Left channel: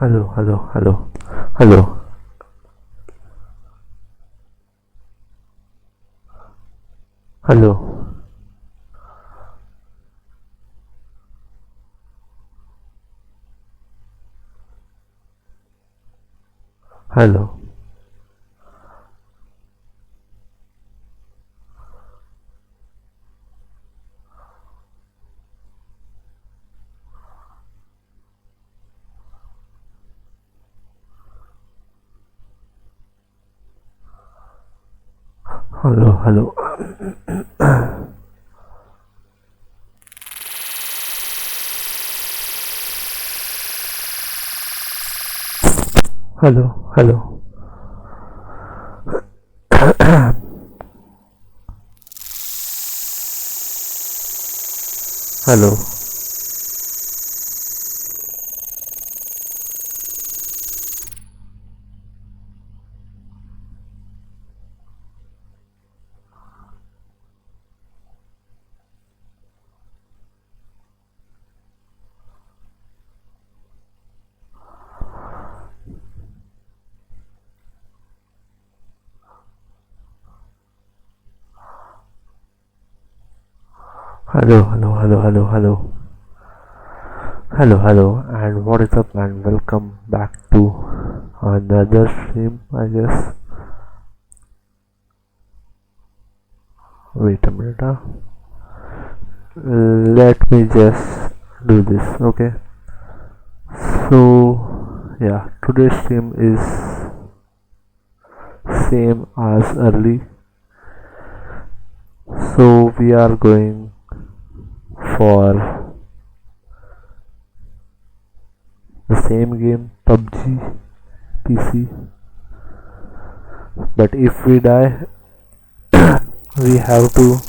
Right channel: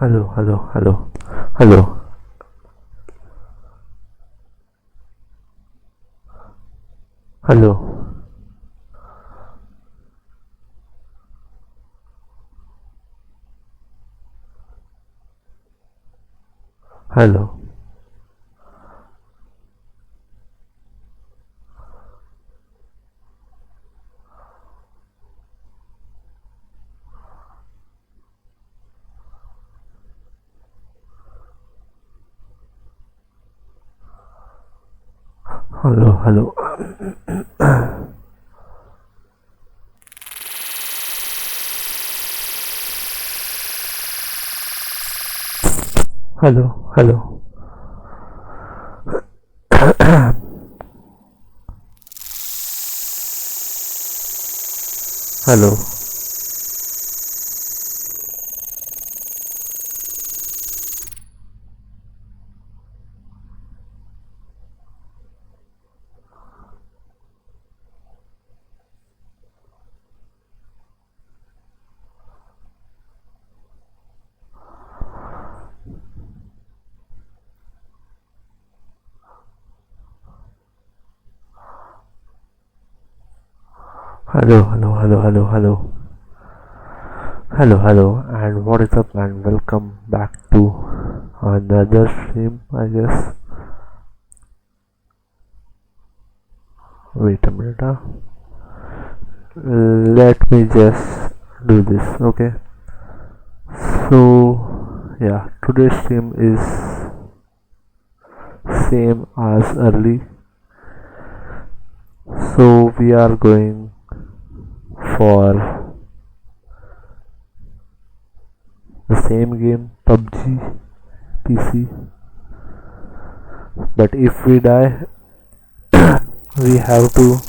Hello, hello, hello, hello, hello, hello, hello, hello, hello, hello, hello, hello, hello, hello, hello, hello, hello, hello, and what is up, and welcome back to another stream, I guess. Wait a minute, let me just do this, okay? So, yeah, today's stream is same as early. So, we are going for the same game, PUBG PC, but if we die, we have to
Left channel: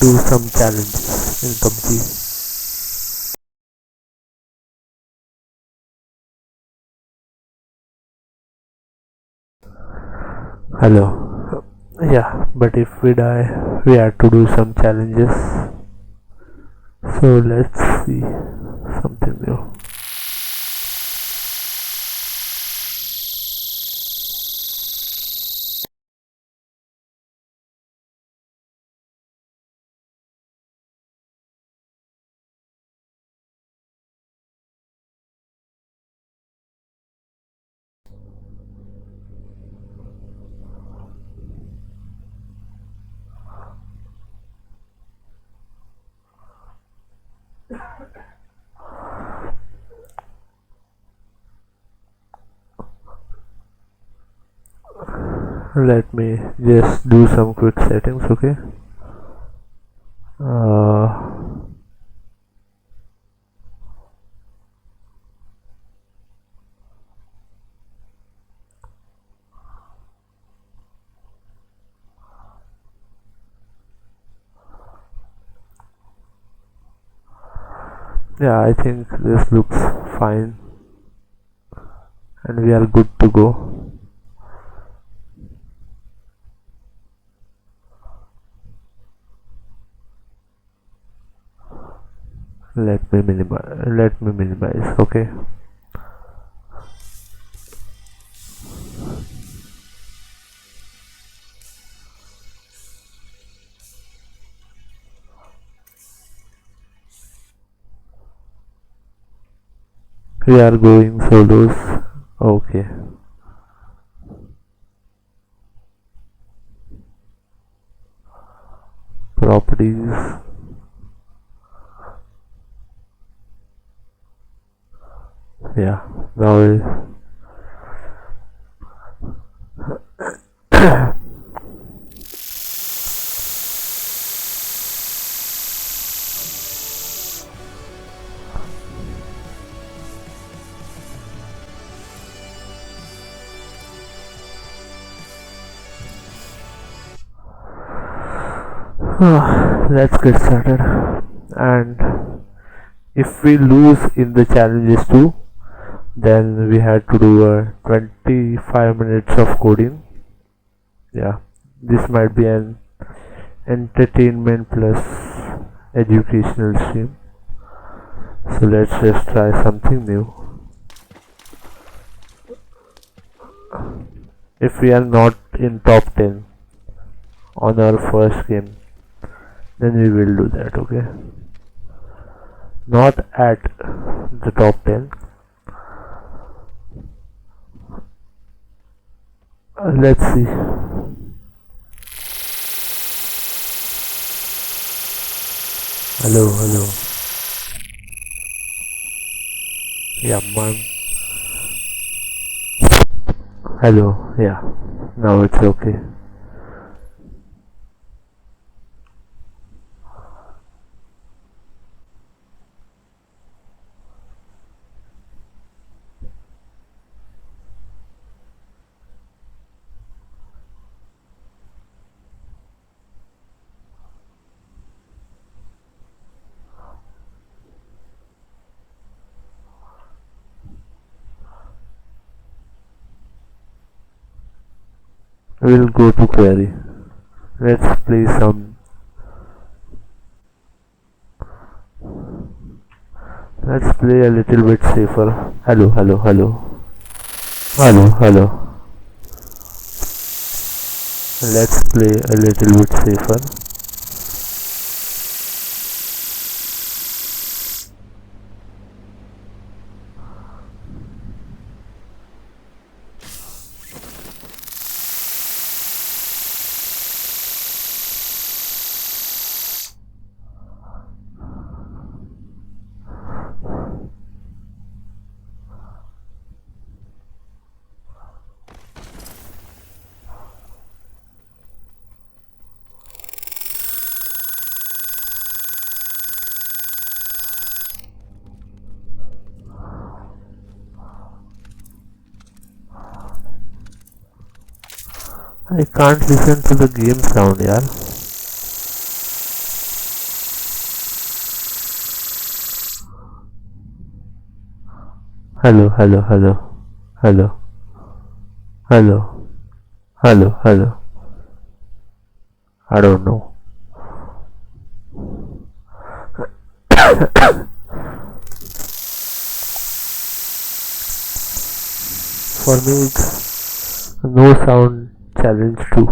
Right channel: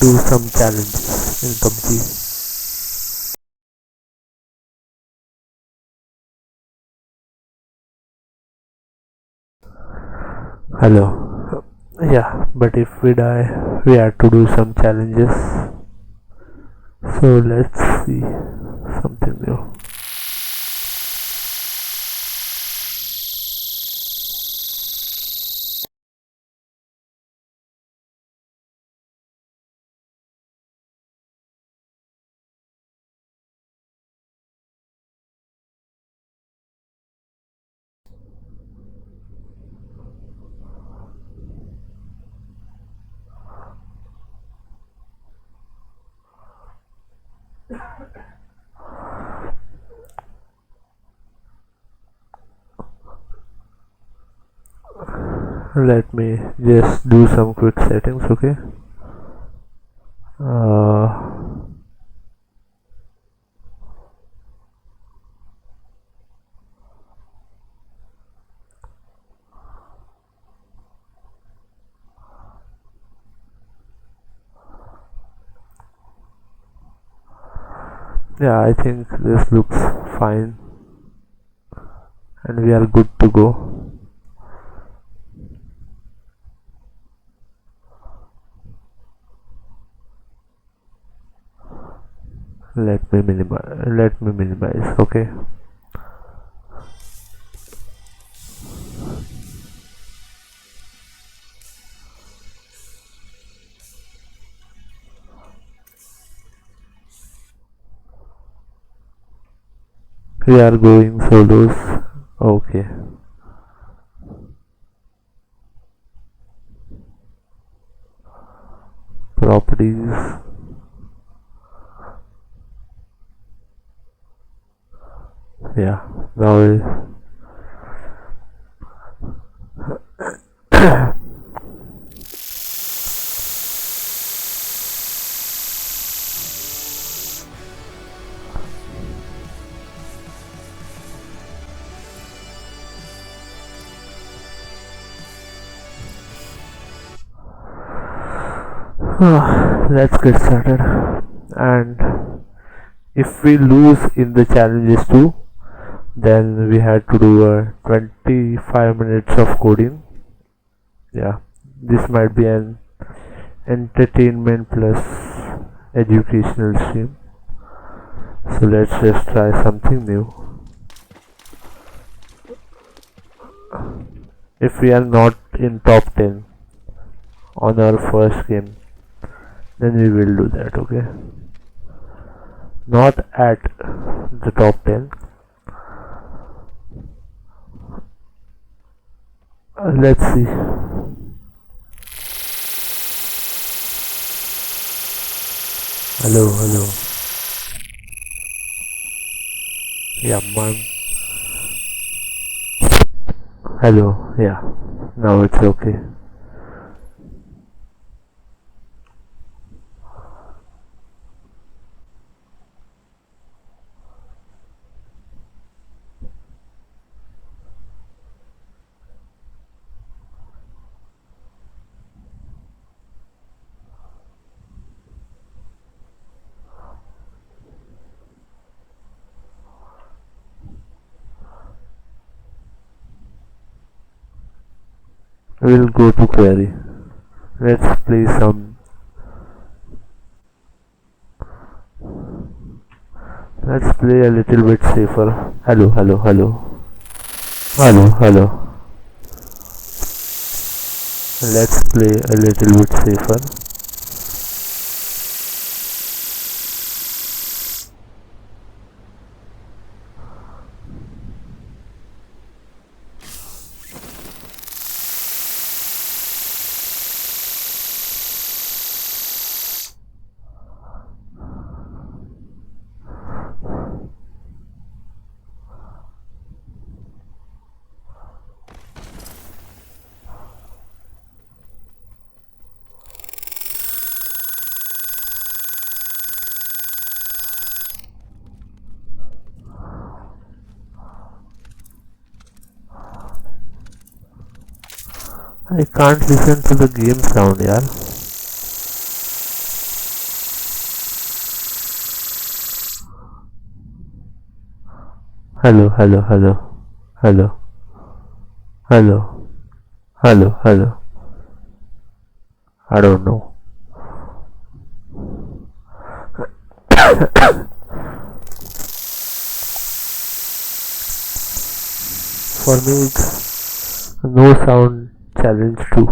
do some challenges in PUBG. Hello. Yeah, but if we die, we have to do some challenges. So let's see something new. Let me just do some quick settings, okay? Uh, yeah, I think this looks fine and we are good to go. Let me minimize, okay? We are going solos, okay. Properties, yeah, now let's get started. And if we lose in the challenges too, then we had to do a 25 minutes of coding. Yeah, this might be an entertainment plus educational stream. So let's just try something new. if we are not in top 10 on our first game, then we will do that. Okay, not at the top 10. Let's see. Hello. Yeah, man. Hello. Yeah. Now it's okay. We'll go to query. Let's play some. Let's play a little bit safer. Hello. Let's play a little bit safer. I can't listen to the game sound, yaar. Hello. Hello. I don't know. For me, it's no sound challenge too.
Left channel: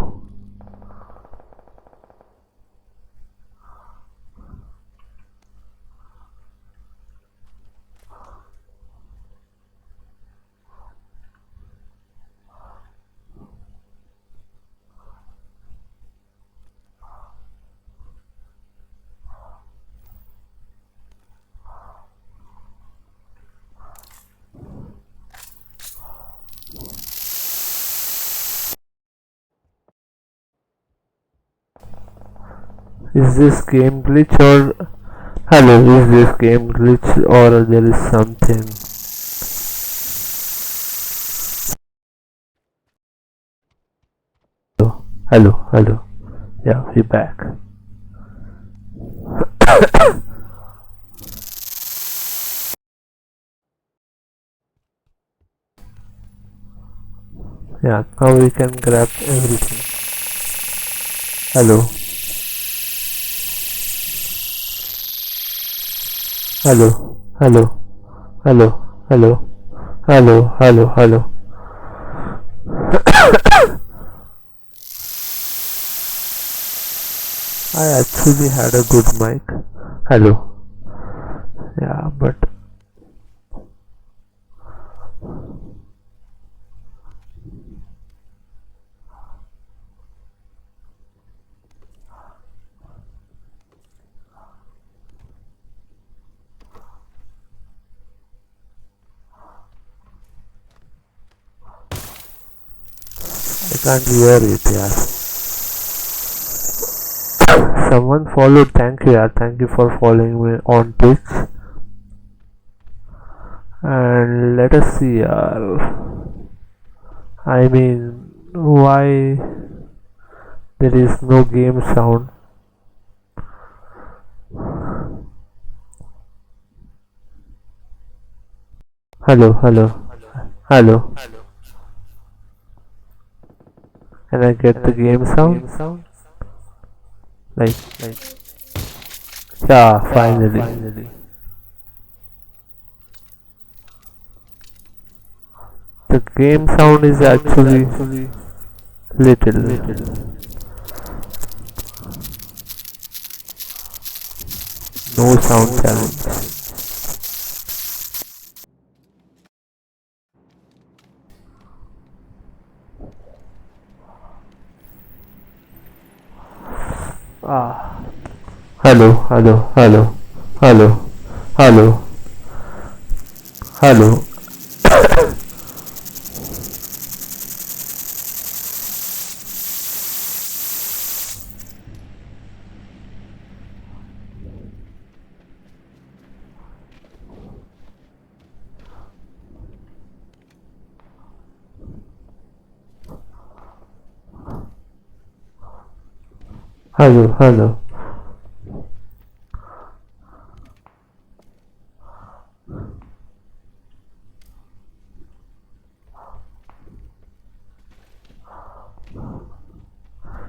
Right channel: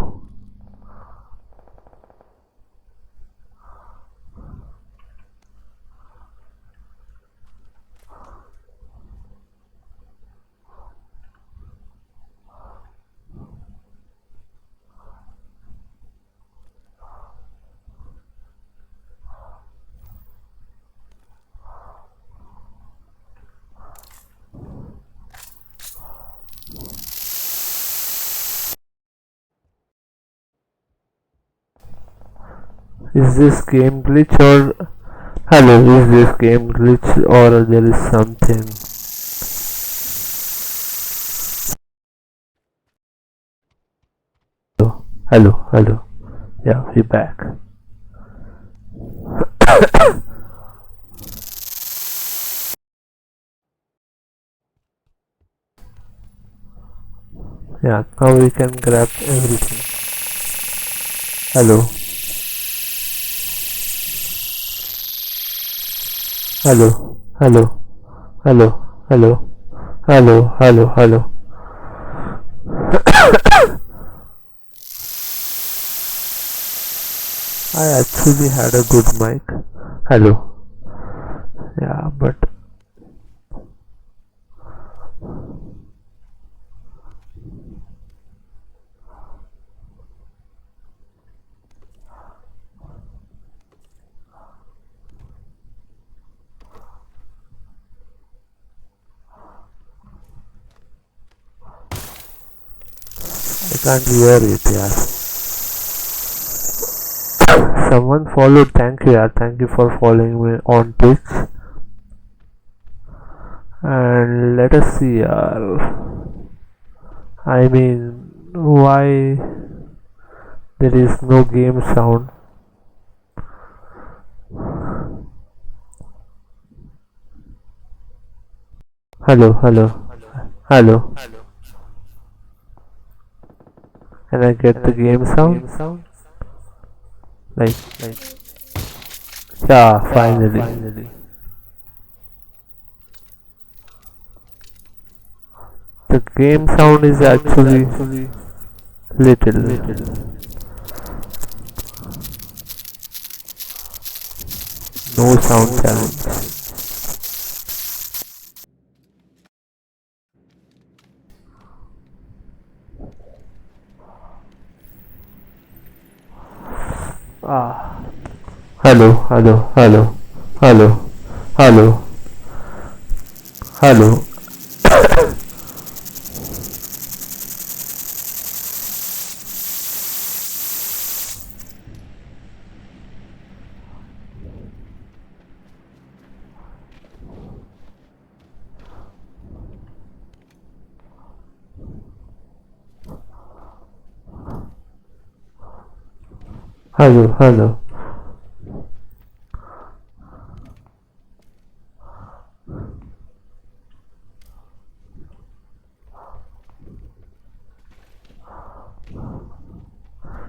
Is this game glitch or hello? Is this game glitch or there is something? Hello. Yeah, we back. Yeah, now we can grab everything. Hello. Hello. I actually had a good mic. Hello. Yeah, but I can't hear it, yeah. Someone followed. Thank you, yeah. Thank you for following me on Twitch. And let us see, I mean, why there is no game sound? Hello. Can I get the game sound? Like, yeah, finally. The game sound is actually Little. No sound challenge. Ah. Hello. Hello. Hello. Hello. Hello.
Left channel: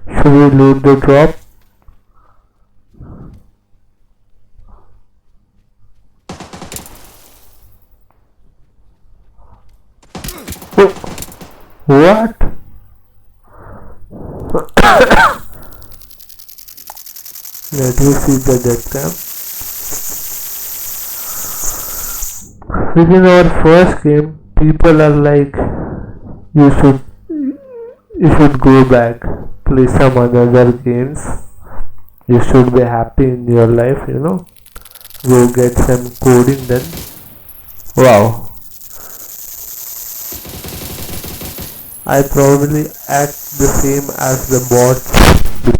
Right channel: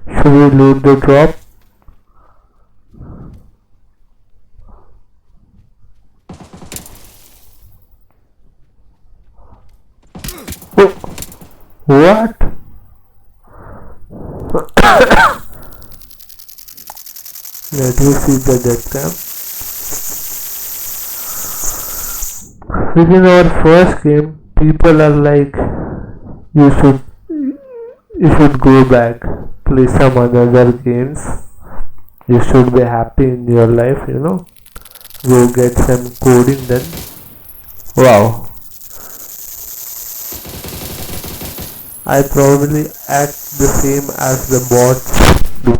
Should we load the drop? Oh, what? Let me see the death cam. Within our first game, people are like, you should you should go back, play some other games. You should be happy in your life, Go get some coding then. Wow. I probably act the same as the bots do.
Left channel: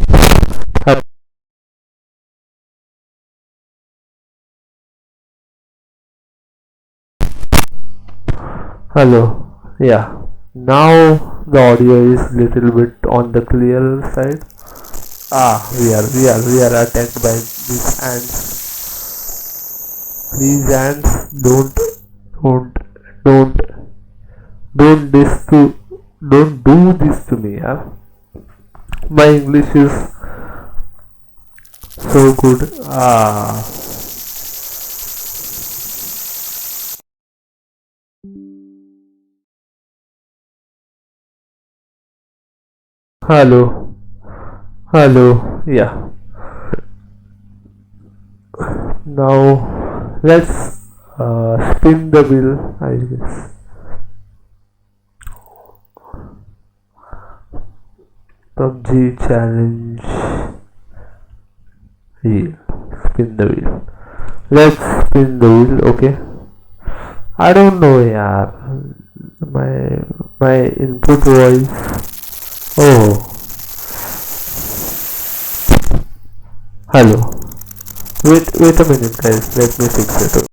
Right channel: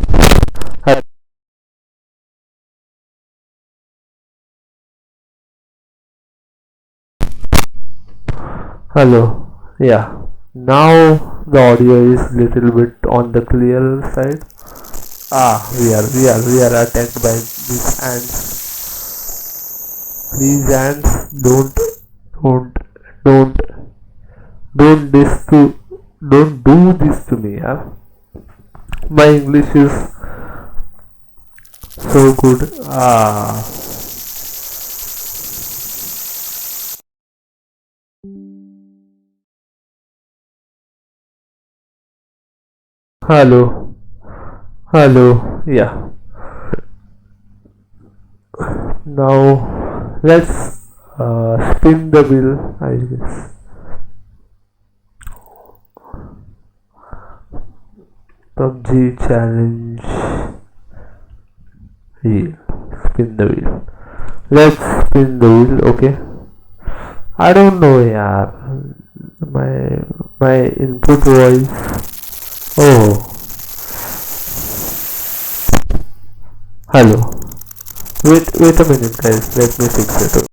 Hello. Yeah. Now the audio is little bit on the clearer side. We are attacked by these ants. These ants don't don't don't this to don't do this to me. Yeah. My English is so good. Hello. Hello. Yeah. Now let's spin the wheel, I guess. PUBG challenge wheel. Spin the wheel. Let's spin the wheel, okay? I don't know, yeah. My input voice. Oh, hello. Wait a minute, guys. Let me fix it.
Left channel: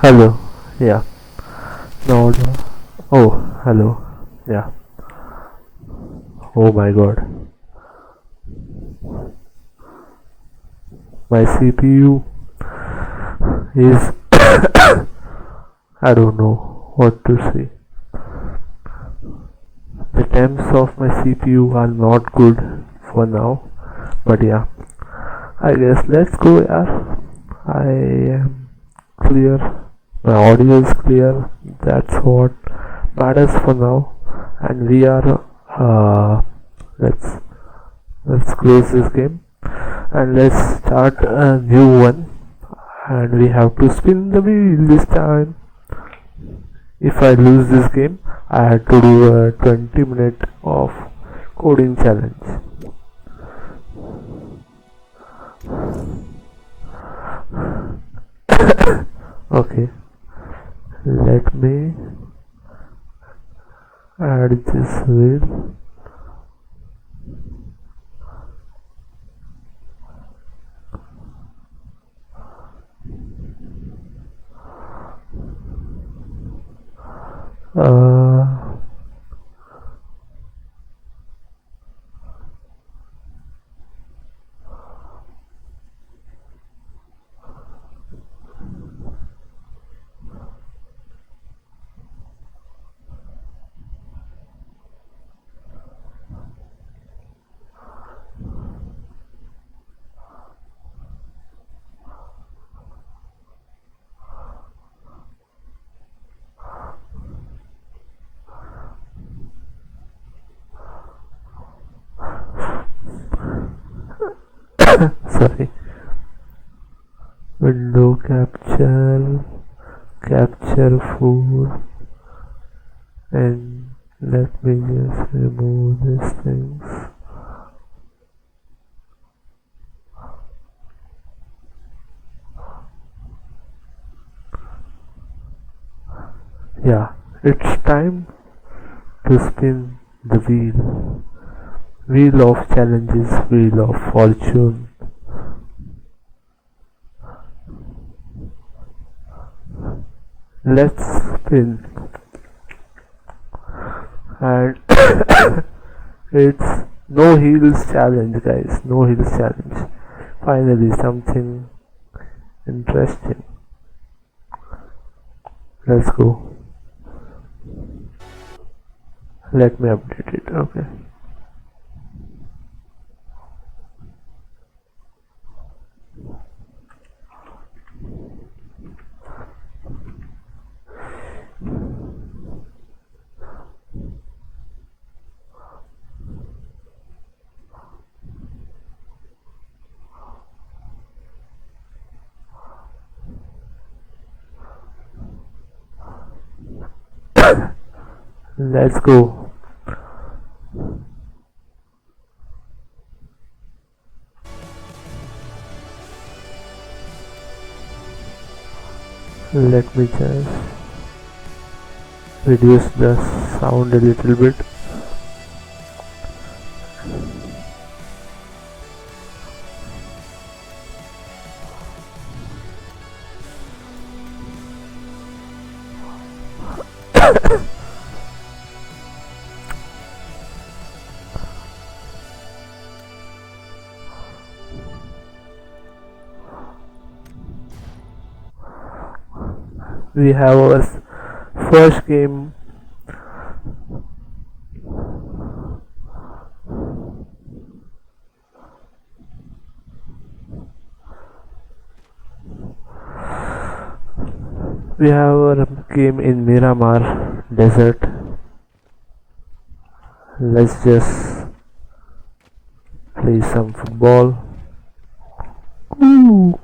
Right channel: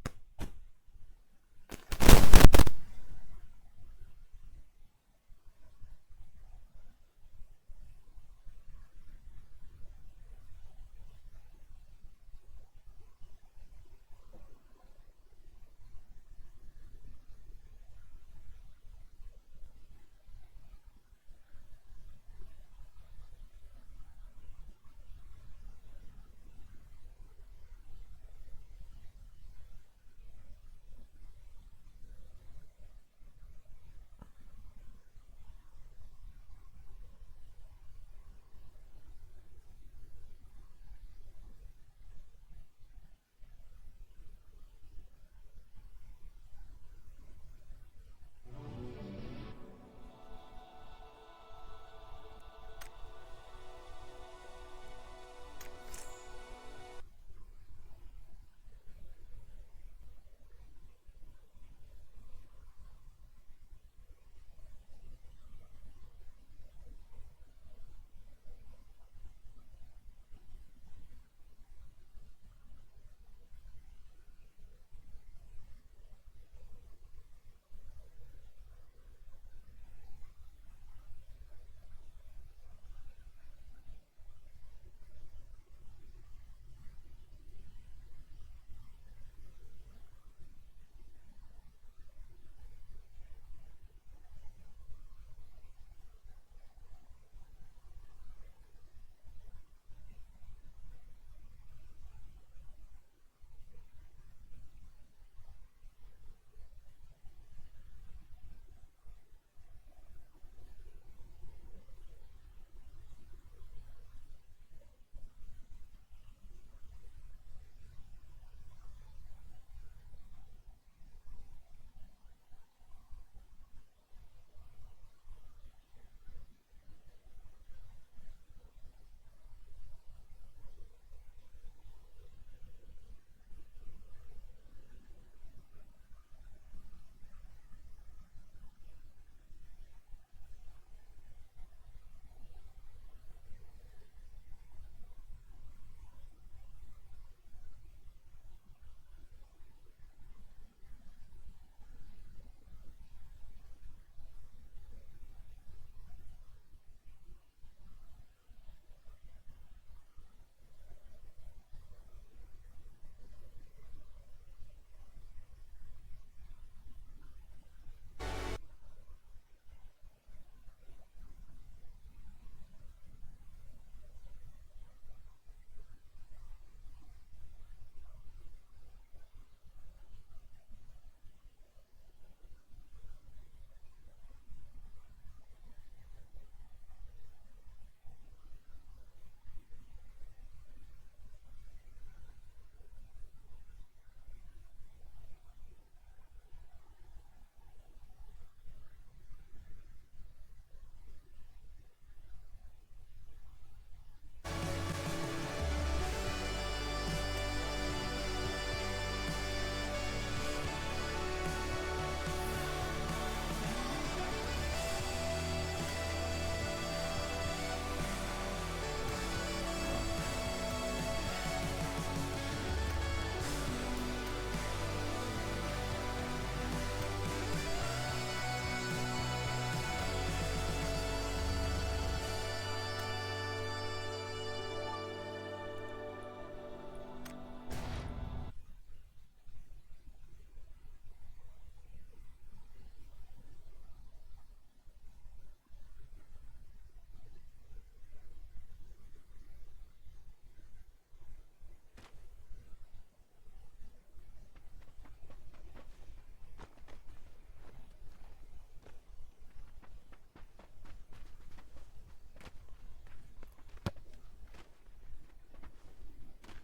Hello. Yeah. No. Oh, hello. Yeah. Oh my god. My CPU is I don't know what to say. The temps of my CPU are not good for now, but yeah, I guess let's go. Yeah, I am clear. My audio is clear. That's what matters for now. and we are let's let's close this game and let's start a new one, and we have to spin the wheel this time. If I lose this game, I had to do a 20-minute of coding challenge. Okay, let me add this wheel. Uh, sorry, window capture 4, and let me just remove these things. Yeah, it's time to spin the wheel of challenges, wheel of fortune. Let's spin, and it's no heels challenge, guys. No heels challenge. Finally, something interesting. Let's go. Let me update it. Okay. Let's go. Let me just reduce the sound a little bit. We have our first game. We have our game in Miramar Desert. Let's just play some football. Ooh.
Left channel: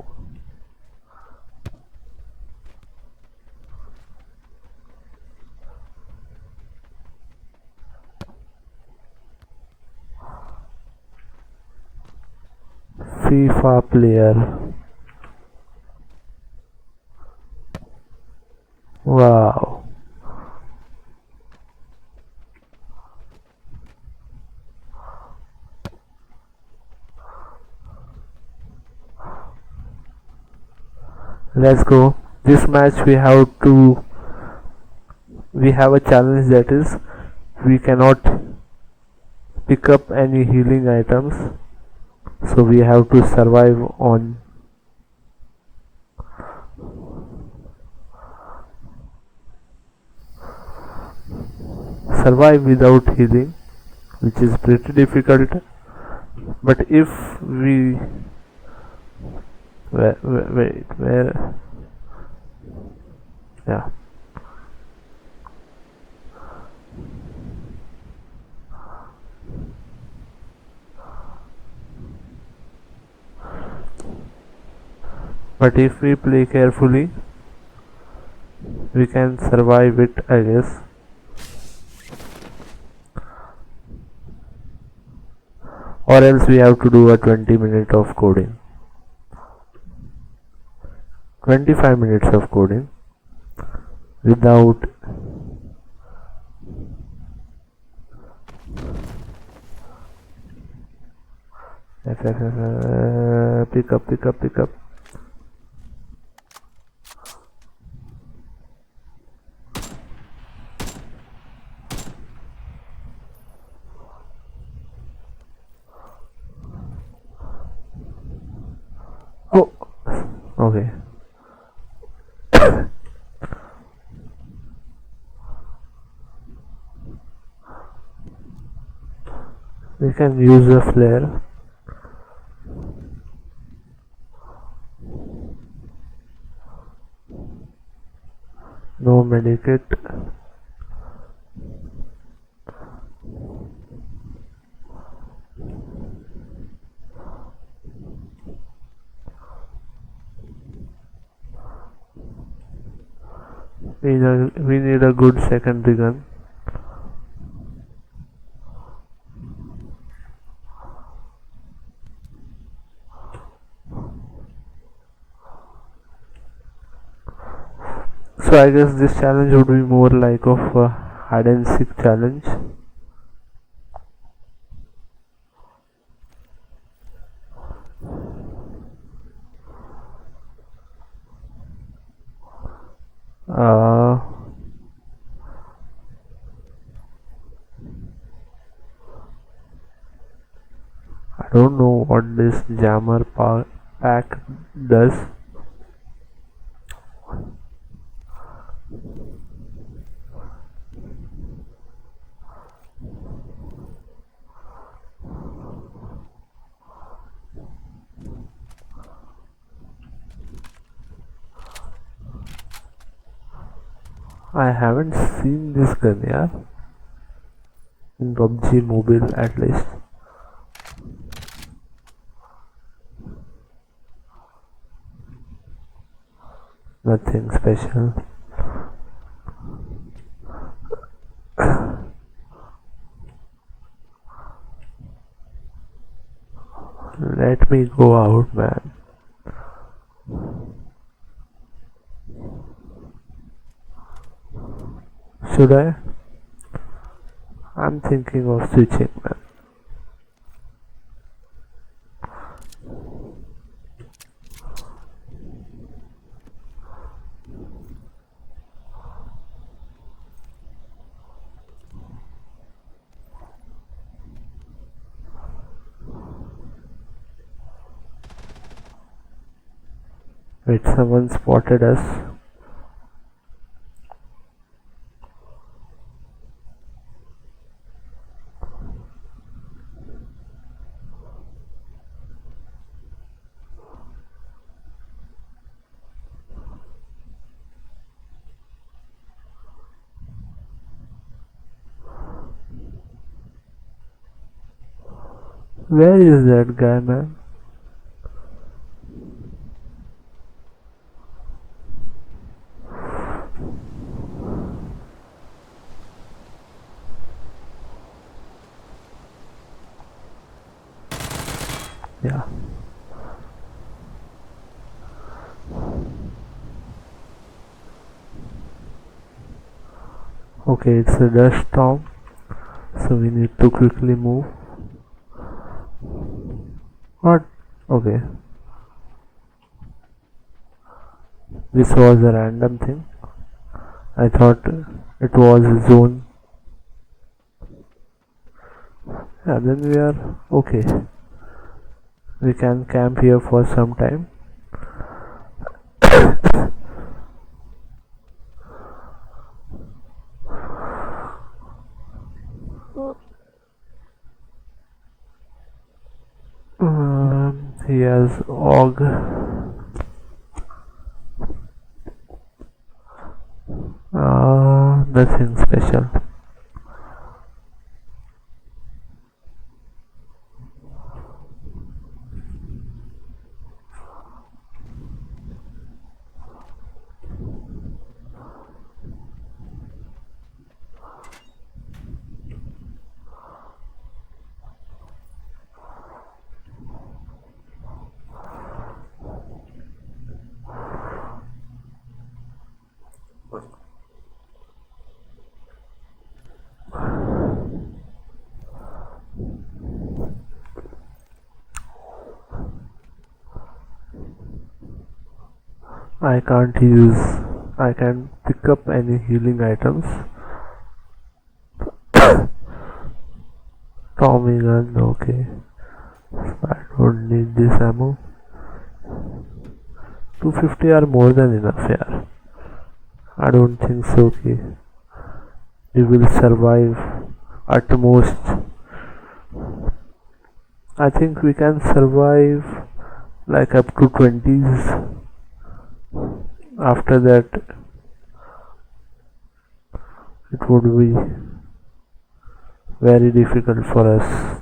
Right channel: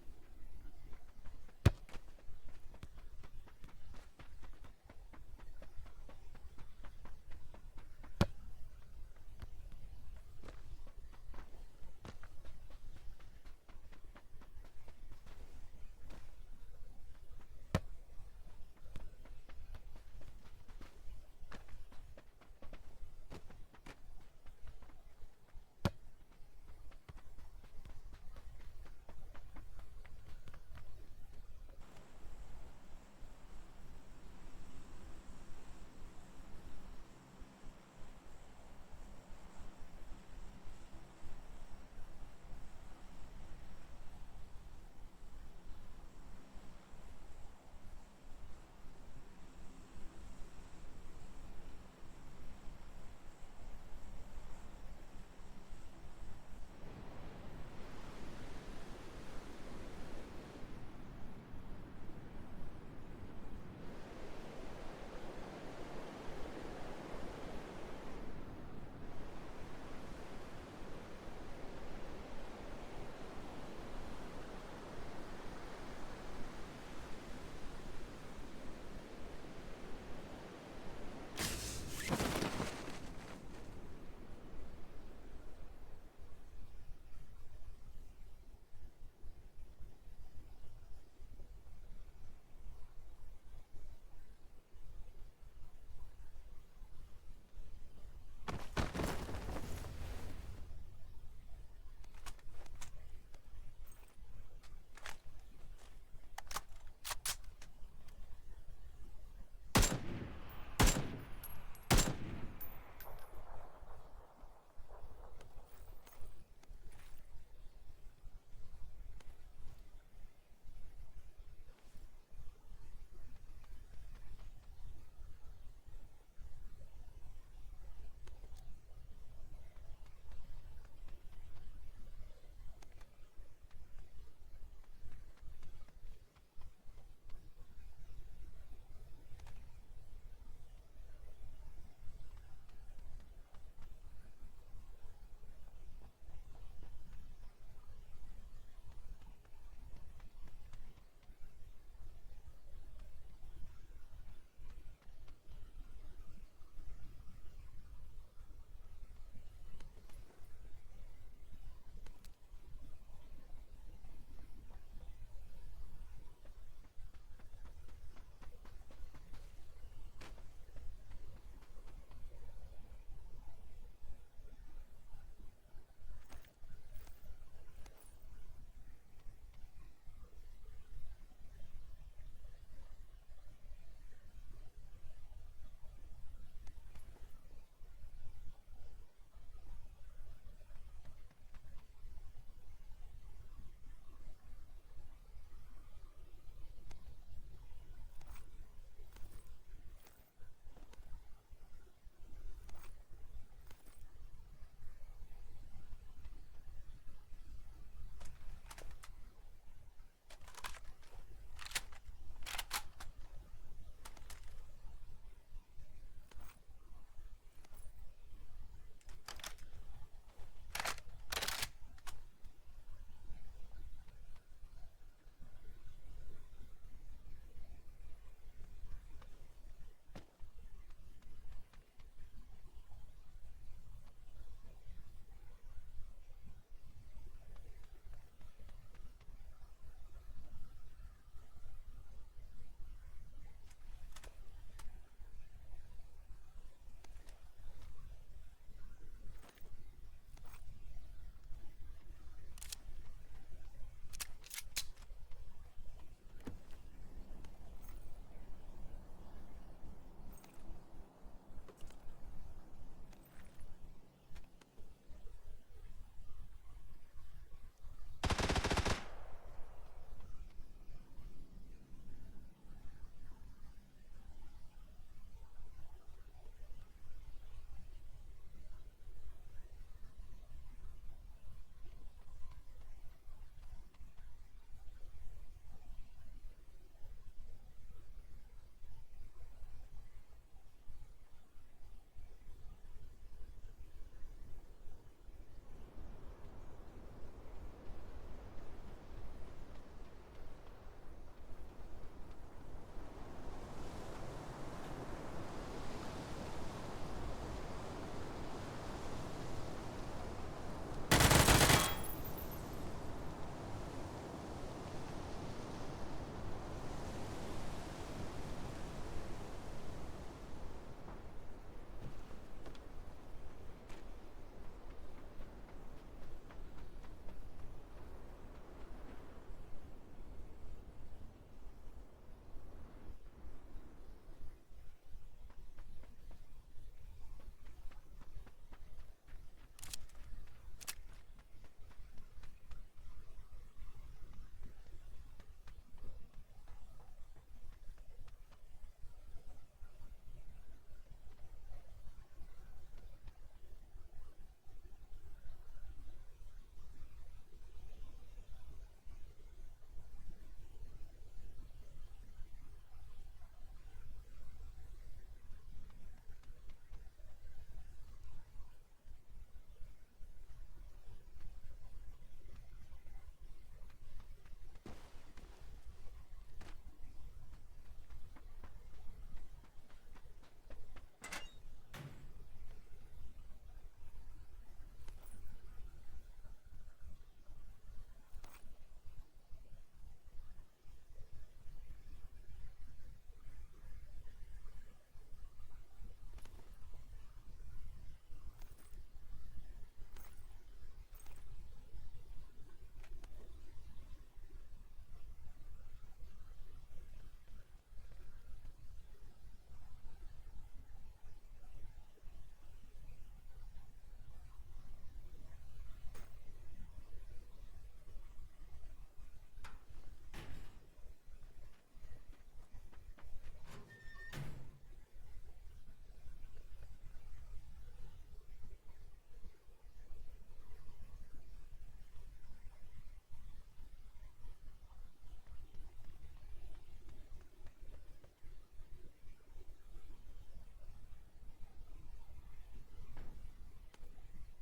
FIFA player. Wow. Let's go. This match we have a challenge, that is we cannot pick up any healing items, so we have to survive without healing, which is pretty difficult. But if we where yeah, but if we play carefully, we can survive it, I guess. Or else we have to do a 20 minute of coding. 25 minutes of coding without pick up. Oh, okay. We can use a flare. No medikit. We need a good secondary gun. So I guess this challenge would be more like of a hide and seek challenge. Uh, I don't know what this jammer pack does. I haven't seen this gun, yeah, in PUBG mobile at least. Nothing special. Let me go out, man. Should I? I'm thinking of switching, man. Wait, someone spotted us. Where is that guy, man? Yeah. Okay, it's a dust storm, so we need to quickly move. What? Okay. This was a random thing. I thought it was a zone. Yeah, then we are okay. We can camp here for some time. He has og. Nothing special. I can't use. I can pick up any healing items. Tommy gun, okay. I don't need this ammo. 250 are more than enough, yeah. I don't think so, okay. We will survive at most. I think we can survive like up to 20s. After that, it would be very difficult for us.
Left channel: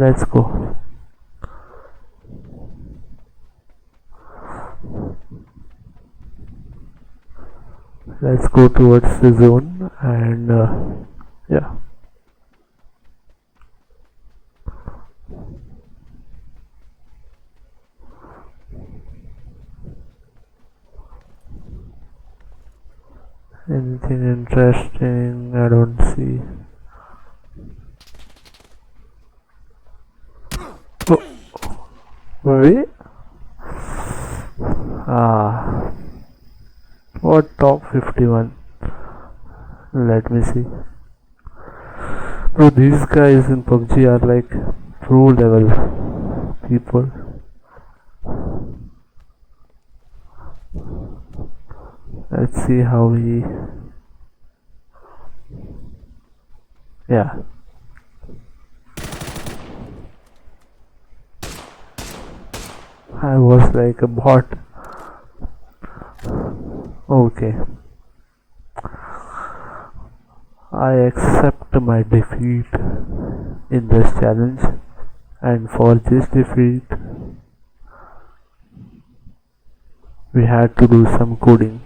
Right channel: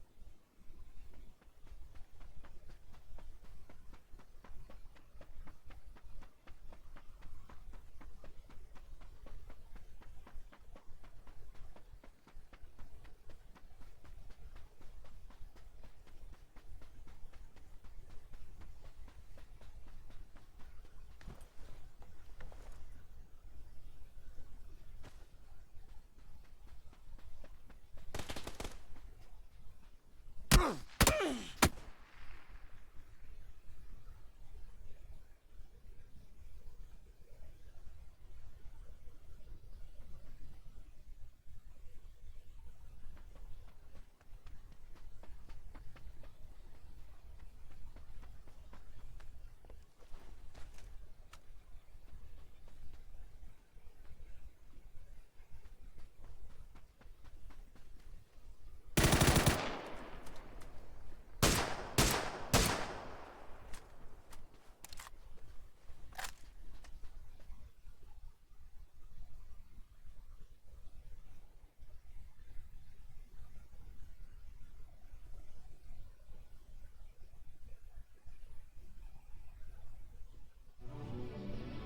Let's go. Let's go towards the zone and yeah. Anything interesting? I don't see. Wait. Ah, what top 51? Let me see. Bro, these guys in PUBG are like pro level people. Let's see how he. Yeah. I was like a bot. Okay. I accept my defeat in this challenge, and for this defeat we had to do some coding.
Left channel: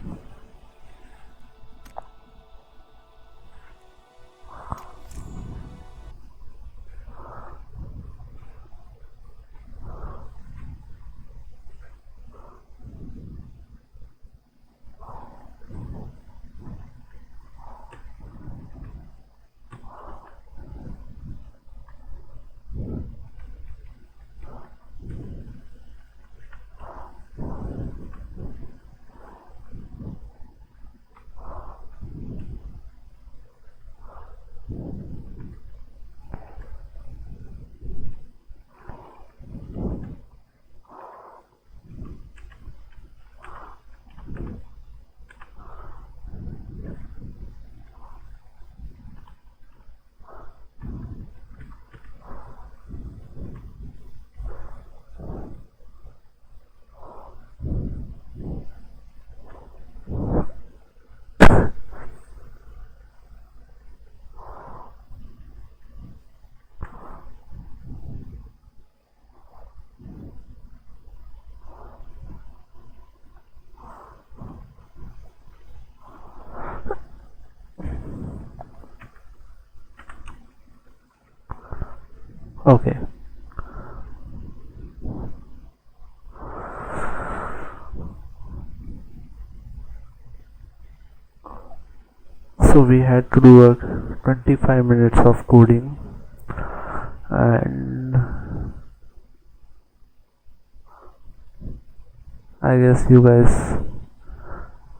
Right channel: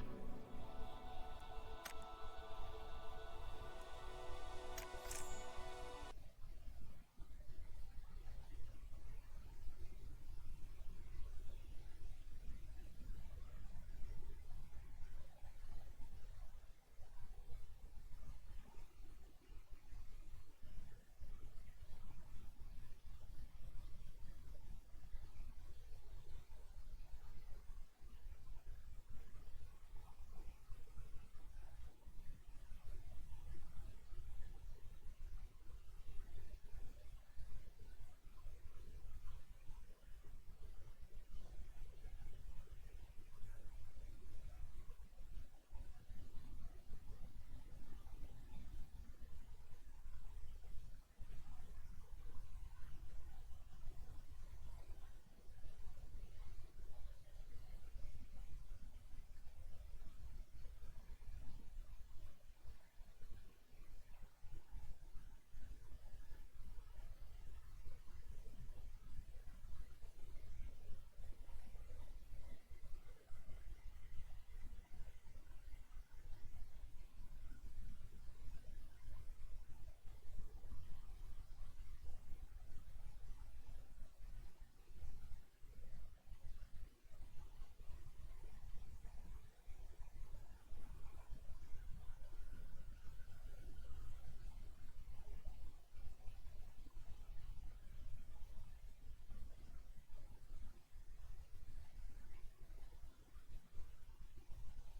Okay. So we had to do a 25 minutes of coding, and I guess you guys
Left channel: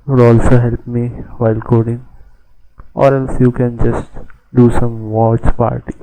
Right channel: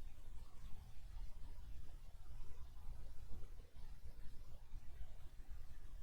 would also help me while coding, or else you can just do some watch party.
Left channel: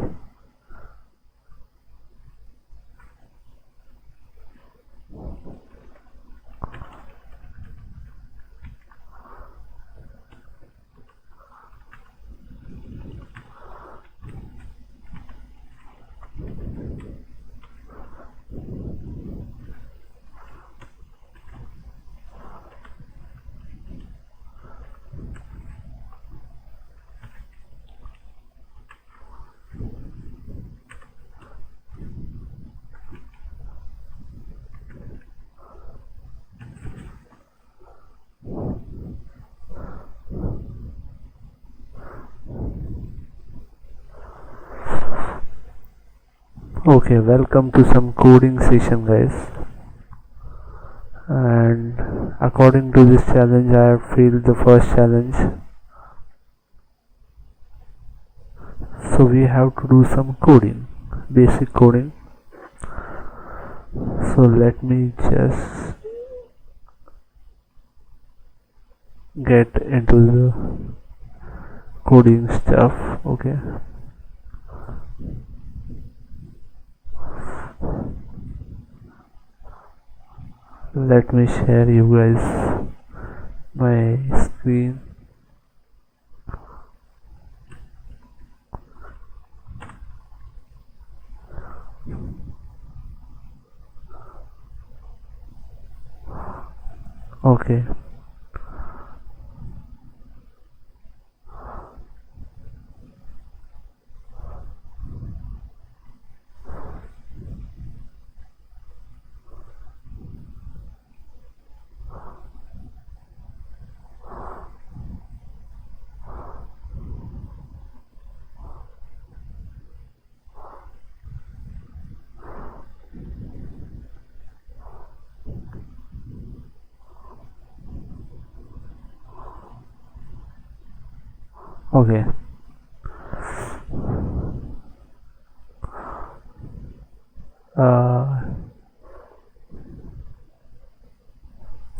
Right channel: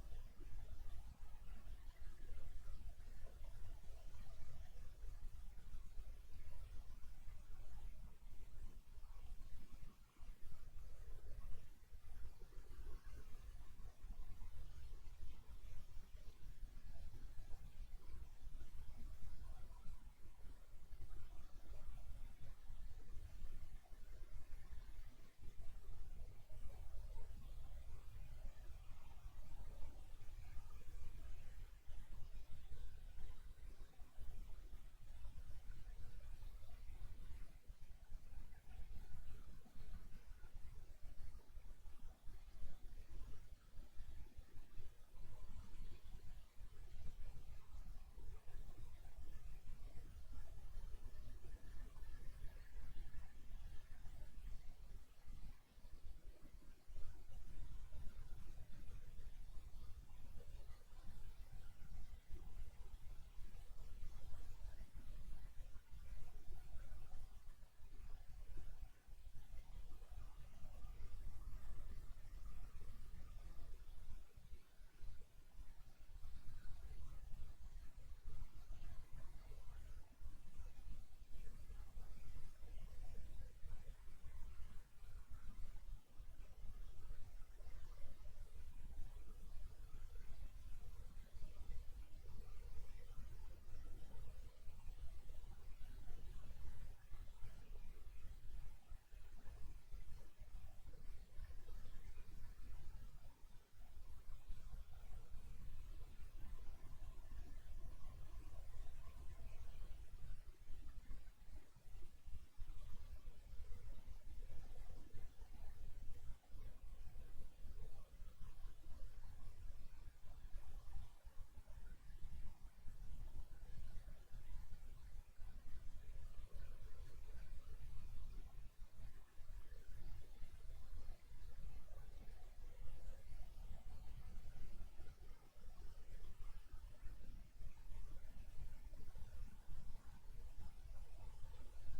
Okay, welcome to some coding session, guys. And according to this challenge, I have failed the first challenge. So we have to do some coding, basic coding. So let me just get into the coding stuff. Okay. Let me share you guys my screen. Okay. Okay.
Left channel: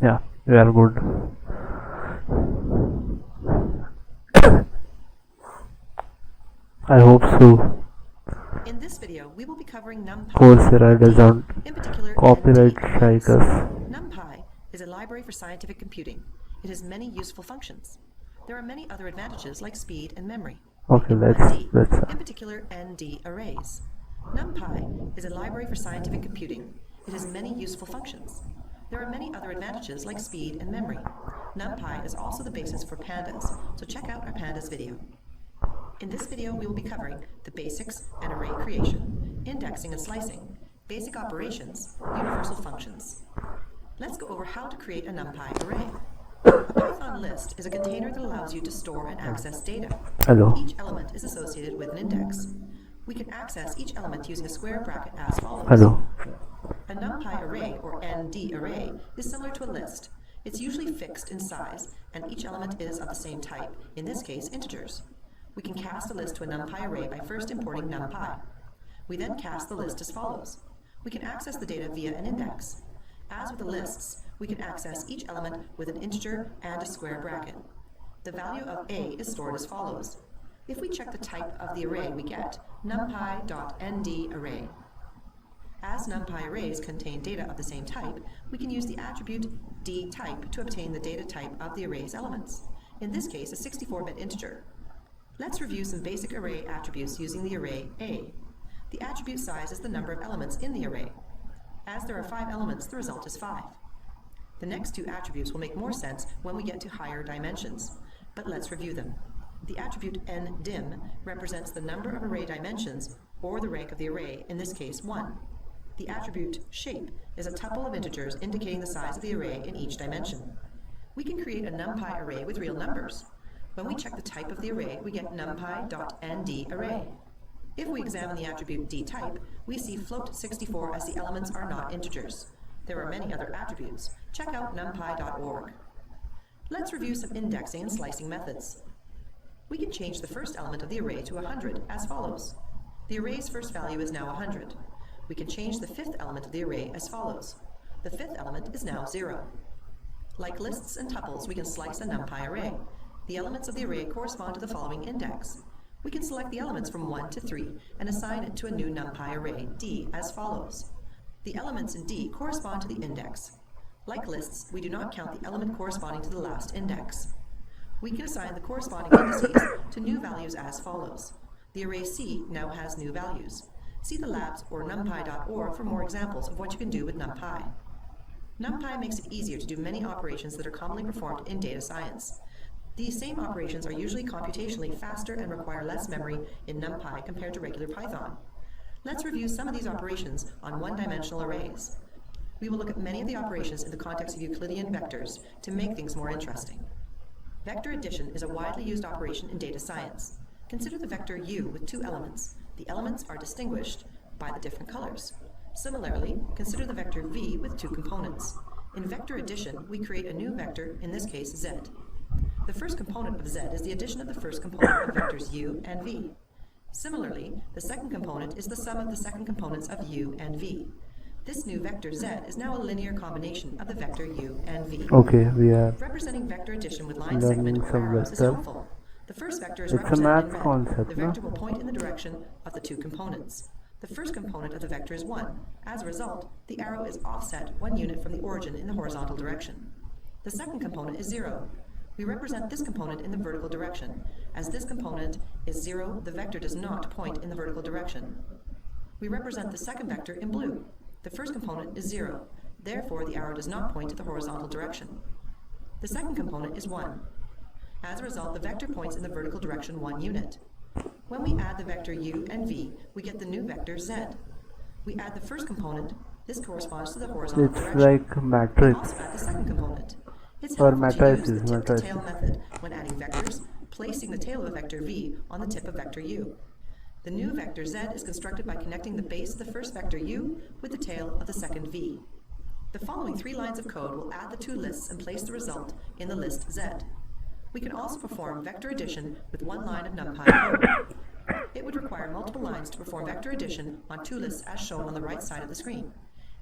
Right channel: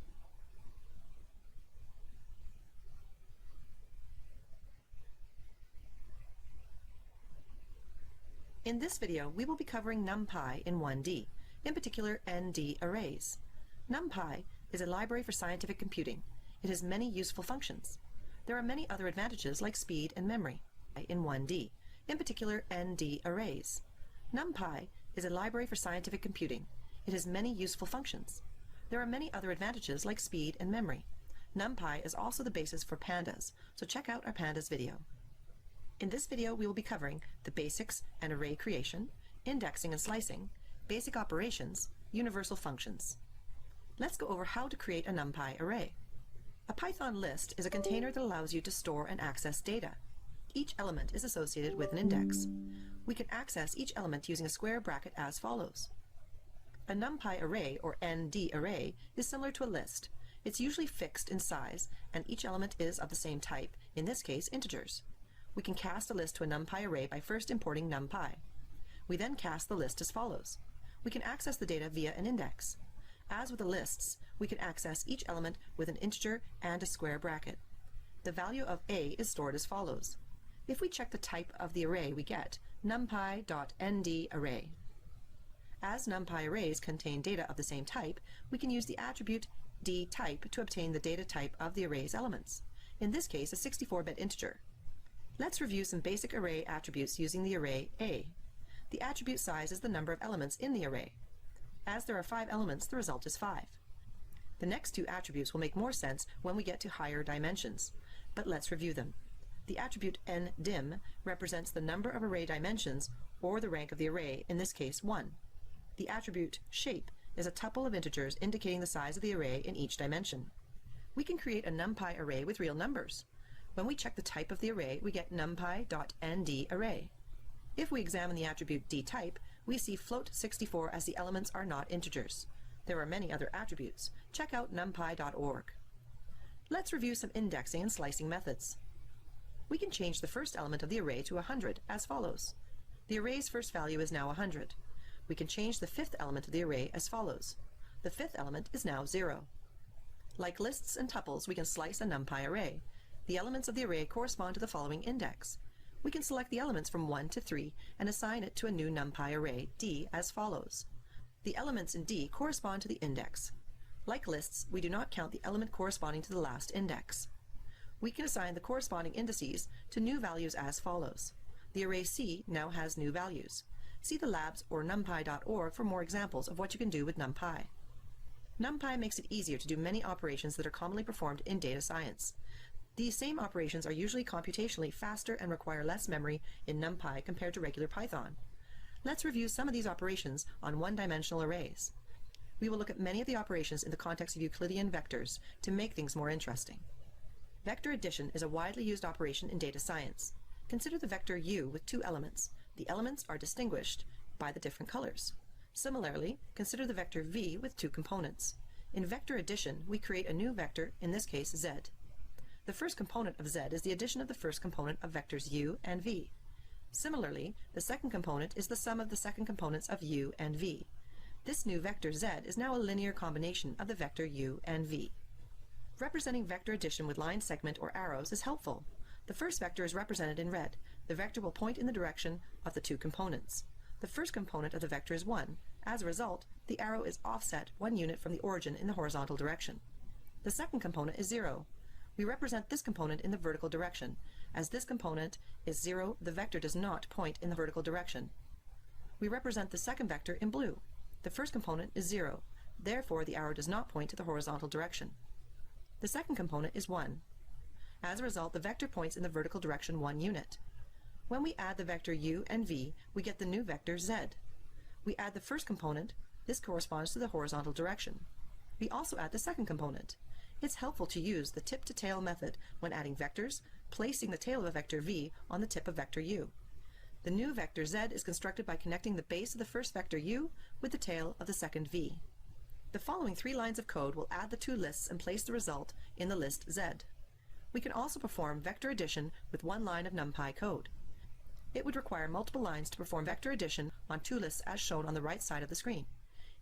Yeah, we are good. I hope so. In this video, we will be covering NumPy, Coursera doesn't in particular copyright ND strike arrays. us. NumPy is a library for scientific computing. It has many useful functions. There are many other advantages like speed and memory. Okay, let's let's in particular ND arrays. NumPy is a library for scientific computing. It has many useful functions. There are many other advantages like speed and memory. NumPy is also the basis for pandas, so check out our pandas video. In this video, we will be covering the basics and array creation, indexing and slicing, basic operations, universal functions. Let's go over how to create a NumPy array. A Python list is a container that allows you to store and access data. Hello. Each element is associated with an index. We can access each element using a square bracket as follows. Hello. A NumPy array, or ND array, is similar to a list. It's usually fixed in size, and each element is of the same type, in this case integers. We can cast a list to a NumPy array by first importing NumPy. We then cast the list as follows. We can access the data via an index. As with the lists, we can access each element with an integer and a square bracket. The value of A is stored as follows. If we check the type of the array, we get numpy.ndArray. As NumPy arrays contain data of the same type, we can use the attribute dType to obtain the data type of the array's elements. In this case, a 64-bit integer. Let's review some basic array attributes using the array A. The attribute size is the number of elements in the array. As there are 5 elements, the result is 5. The next 2 attributes will make more sense when we get to higher dimensions, but let's review them. The attribute ndim represents the number of array dimensions or the rank of the array, in this case 1. The attribute shape is a tuple of integers indicating the size of the array in each dimension. We can create a NumPy array with real numbers. When we check the type of the array, we get numpy.ndArray. If we examine the attribute dType, we see float64 as the elements are not integers. There are many other attributes. Check out numpy.org. Let's review some indexing and slicing methods. We can change the first element of the array to 100 as follows. The array's first value is now 100. We can change the 5th element of the array as follows. The 5th element is now 0. Like lists and tuples, we can slice a NumPy array. The elements of the array correspond to the following index. We can select the elements from 1 to 3 and assign it to a new NumPy array, D, as follows. The elements in D correspond to the index. Like lists, we do not count the element corresponding to the last index. We can assign the corresponding indices to new values as follows. The array C now has new values. See the labs or numpy.org for more examples of what you can do with NumPy. NumPy makes it easier to do many operations that are commonly performed in data science. These same operations are usually computationally faster and require less memory in NumPy compared to regular Python. Let's review some of these operations on one-dimensional arrays. We will look at many of the operations in the context of Euclidean vectors to make things more interesting. Vector addition is a widely used operation in data science. Consider the vector U with 2 elements. The elements are distinguished by the different colors. Similarly, consider the vector v with two components. In vector addition, we create a new vector, in this case z. The first component of z is the addition of the first component of vectors u and v. Similarly, the second component is the sum of the second components of u and v. This new vector z is now a linear combination of the vector u and v. Okay, we are Representing vector addition with line learning segment or some arrows is vector. helpful. The first vector is It's a represented in math red. concept, The no? vector will point in the direction of the two components. The first component of the vector is 1. As a result, the arrow is offset 1 unit from the origin in the horizontal direction. The second component is 0. We represent this component in the vertical direction. As this component is 0, the vector does not point in the vertical direction. We represent the second vector in blue. The first component is 0. Therefore, the arrow does not point to the horizontal direction. The second component is 1. As a result, the vector points in the vertical direction 1 unit. When we add the vector u and v, we get the new vector z. We add the first component. This corresponds to the horizontal it's direction. like We matrix also add the second component. It's or helpful to use the matrices. tip-to-tail method when adding vectors, placing the tail of a vector v on the tip of vector u. The new vector z is constructed by connecting the base of the first vector u with the tail of the second v. The following 3 lines of code will add the two lists and place the result in the list z. We can also perform vector addition with 1 line of NumPy code. It would require multiple lines to perform vector addition on 2 lists as shown on the right side of the screen.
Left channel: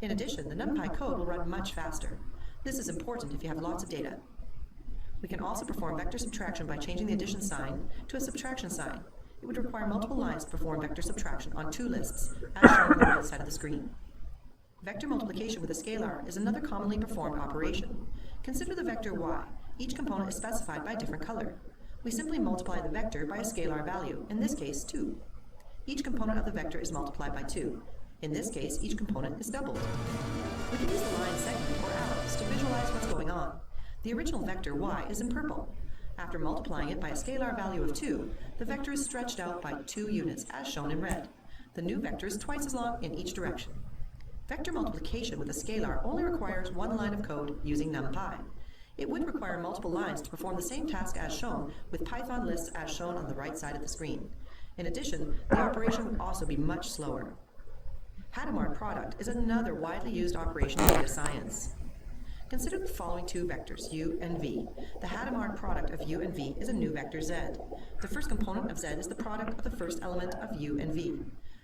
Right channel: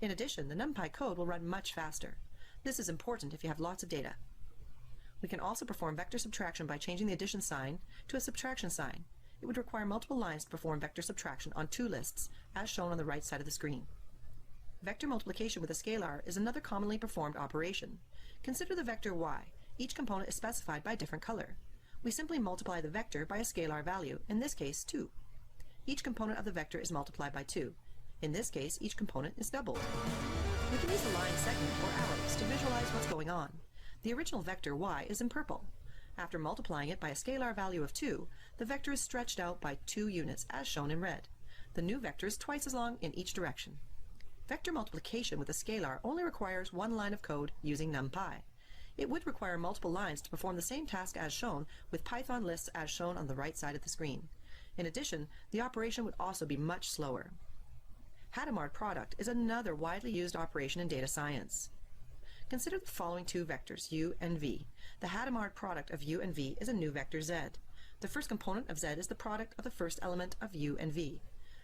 In addition, the NumPy code will run much faster. This is important if you have lots of data. We can also perform vector subtraction by changing the addition sign to a subtraction sign. It would require multiple lines to perform vector subtraction on 2 lists, as shown on the right side of the screen. Vector multiplication with a scalar is another commonly performed operation. Consider the vector y. Each component is specified by a different color. We simply multiply the vector by a scalar value, in this case 2. Each component of the vector is multiplied by 2. In this case, each component is doubled. We can use the line segment or arrows to visualize what's going on. The original vector y is in purple. After multiplying it by a scalar value of 2, the vector is stretched out by 2 units as shown in red. The new vector is twice as long in each direction. Vector multiplication with a scalar only requires 1 line of code using NumPy. It would require multiple lines to perform the same task as shown with Python lists as shown on the right side of the screen. In addition, the operation would also be much slower. Hadamard product is another widely used operation in data science. Consider the following 2 vectors, u and v. The Hadamard product of u and v is a new vector z. The first component of z is the product of the first element of u and v.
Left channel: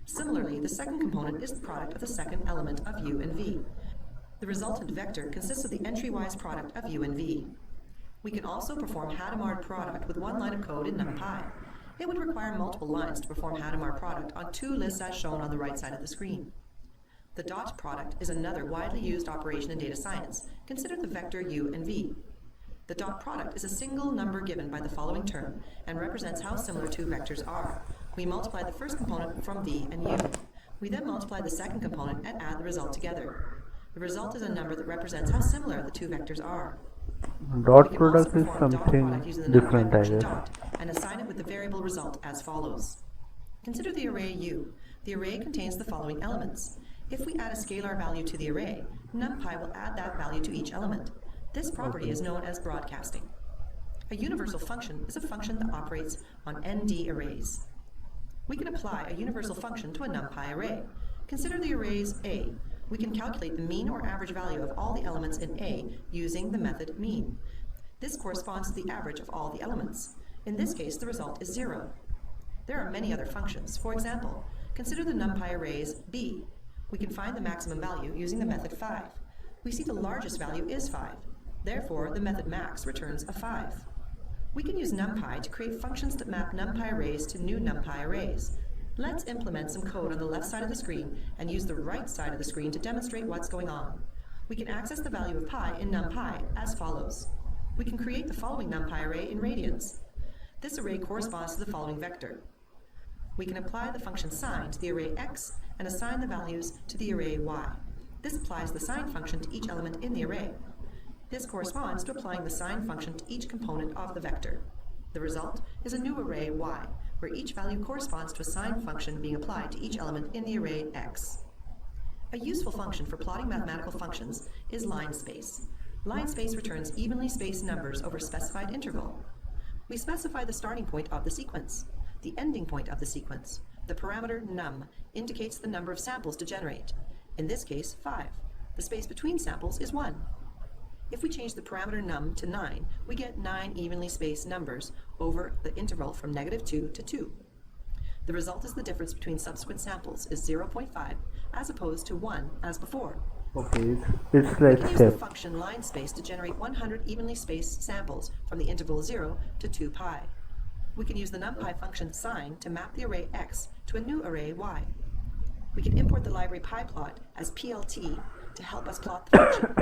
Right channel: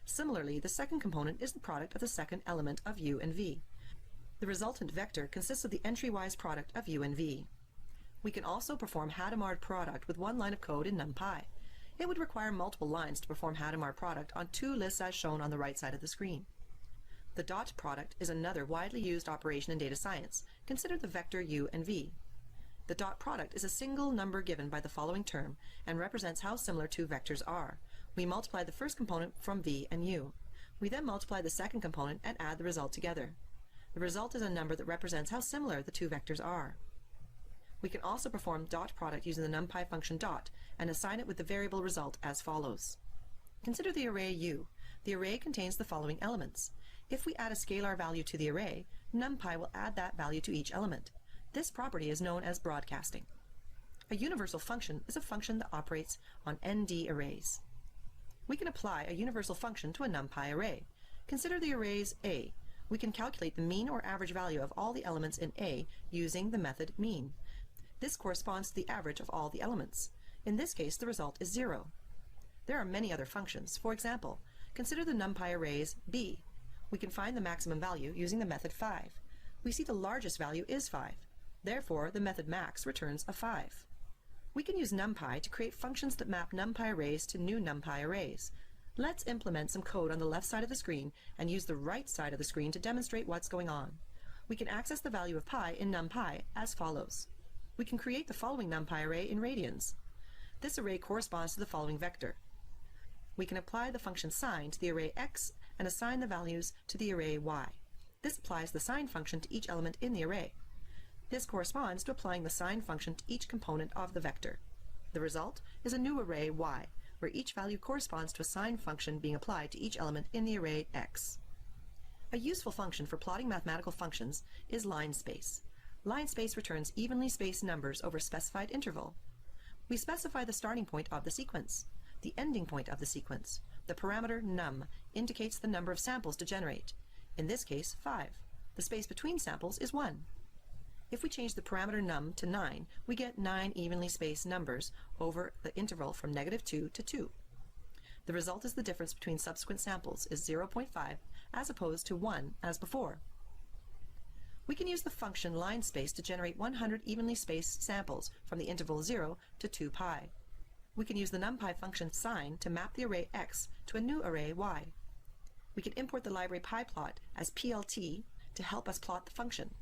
Similarly, the second component is the product of the second element of u and v. The resultant vector consists of the entry-wise product of u and v. We can also perform Hadamard product with 1 line of code in NumPy. It would require multiple lines to perform Hadamard product on 2 lists as shown on the right side of the screen. The dot product is another widely used operation in data science. Consider the vector u and v. The dot product is a single number given by the following term and represents how similar 2 vectors are. We multiply the first component from v and u. We then multiply the second component and add the result together. The result is a number that represents how similar the 2 vectors are. Dot We can also product is perform dot product something using the NumPy different, I function guess. dot and assign it with the variable result as follows. Consider the array u. The array contains the following elements. If we add a scalar value to the array, NumPy will add that value to each element. This property is known as broadcasting. A universal function is a function that operates on ND arrays. We can apply a universal function to a NumPy array. Consider the arrays A. We can calculate the mean or average value of all the elements in A using the method mean. This corresponds to the average of all the elements. In this case, the result is 0. There are many other functions. For example, consider the NumPy arrays B. We can find the maximum value using the method 5. We see the largest value is 5. Therefore, the method max returns a 5. We can use NumPy to create functions that map NumPy arrays to new NumPy arrays. Let's implement some code on the left side of the screen and use the right side of the screen to demonstrate what's going on. We can access the value of pi in NumPy as follows. We can create the following NumPy array in radians. This array corresponds to the following vector. We can apply the function sign to the array x and assign the values to the array y. This applies the sign function to each element in the array. This corresponds to applying the sign function to each component of the vector. The result is a new array y, where each value corresponds to a sign function being applied to each element in the array x. A useful function for plotting mathematical functions is line space. Line space returns evenly spaced numbers over a specified interval. We specify the starting point of the sequence, the ending point of the sequence, The parameter num indicates the number of samples to generate. In this case, 5. The space between samples is 1. If we change the parameter num to 9, we get 9 evenly spaced numbers over the interval from -2 to 2. The result is the difference between subsequent samples is 0.5 as opposed to 1 as before. Okay, it's We like can use the step. function line space to generate 100 evenly spaced samples from the interval 0 to 2 pi. We can use the numpy function sign to map the array x to a new array y. We can import the library pyplot as plt to help us plot the function.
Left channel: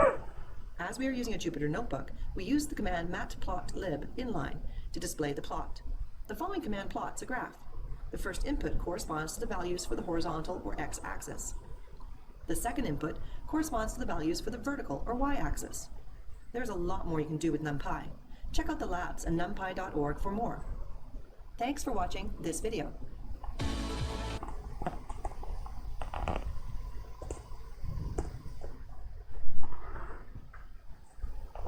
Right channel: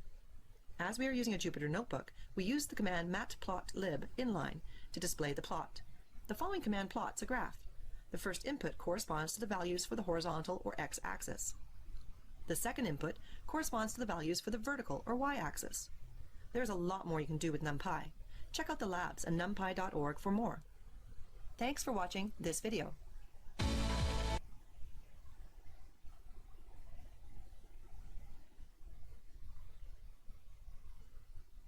As we are using a Jupyter notebook, we use the command matplotlib inline to display the plot. The following command plots a graph. The first input corresponds to the values for the horizontal or x-axis. The second input corresponds to the values for the vertical or y-axis. There's a lot more you can do with NumPy. Check out the labs at numpy.org for more. Thanks for watching this video.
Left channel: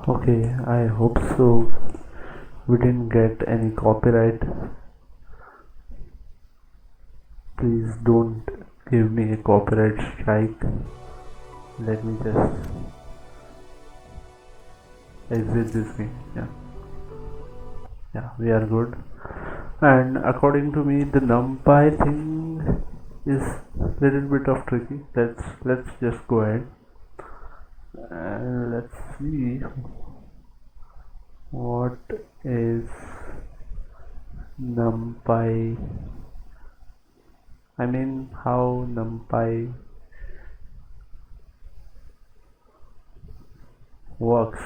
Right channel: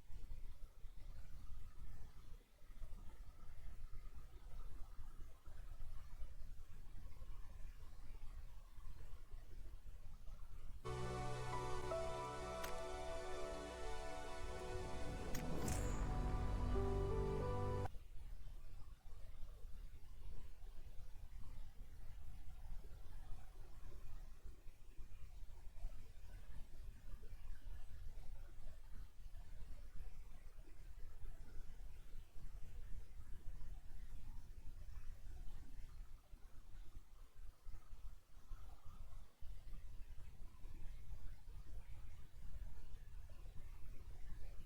Okay, I hope so. We didn't get any copyright. Please don't give me a copyright strike. Let me just exit this game. Yeah, we are good. And according to me, the numpy thing is little bit of tricky. Let's just go ahead and let's see what is numpy. I mean, how numpy works.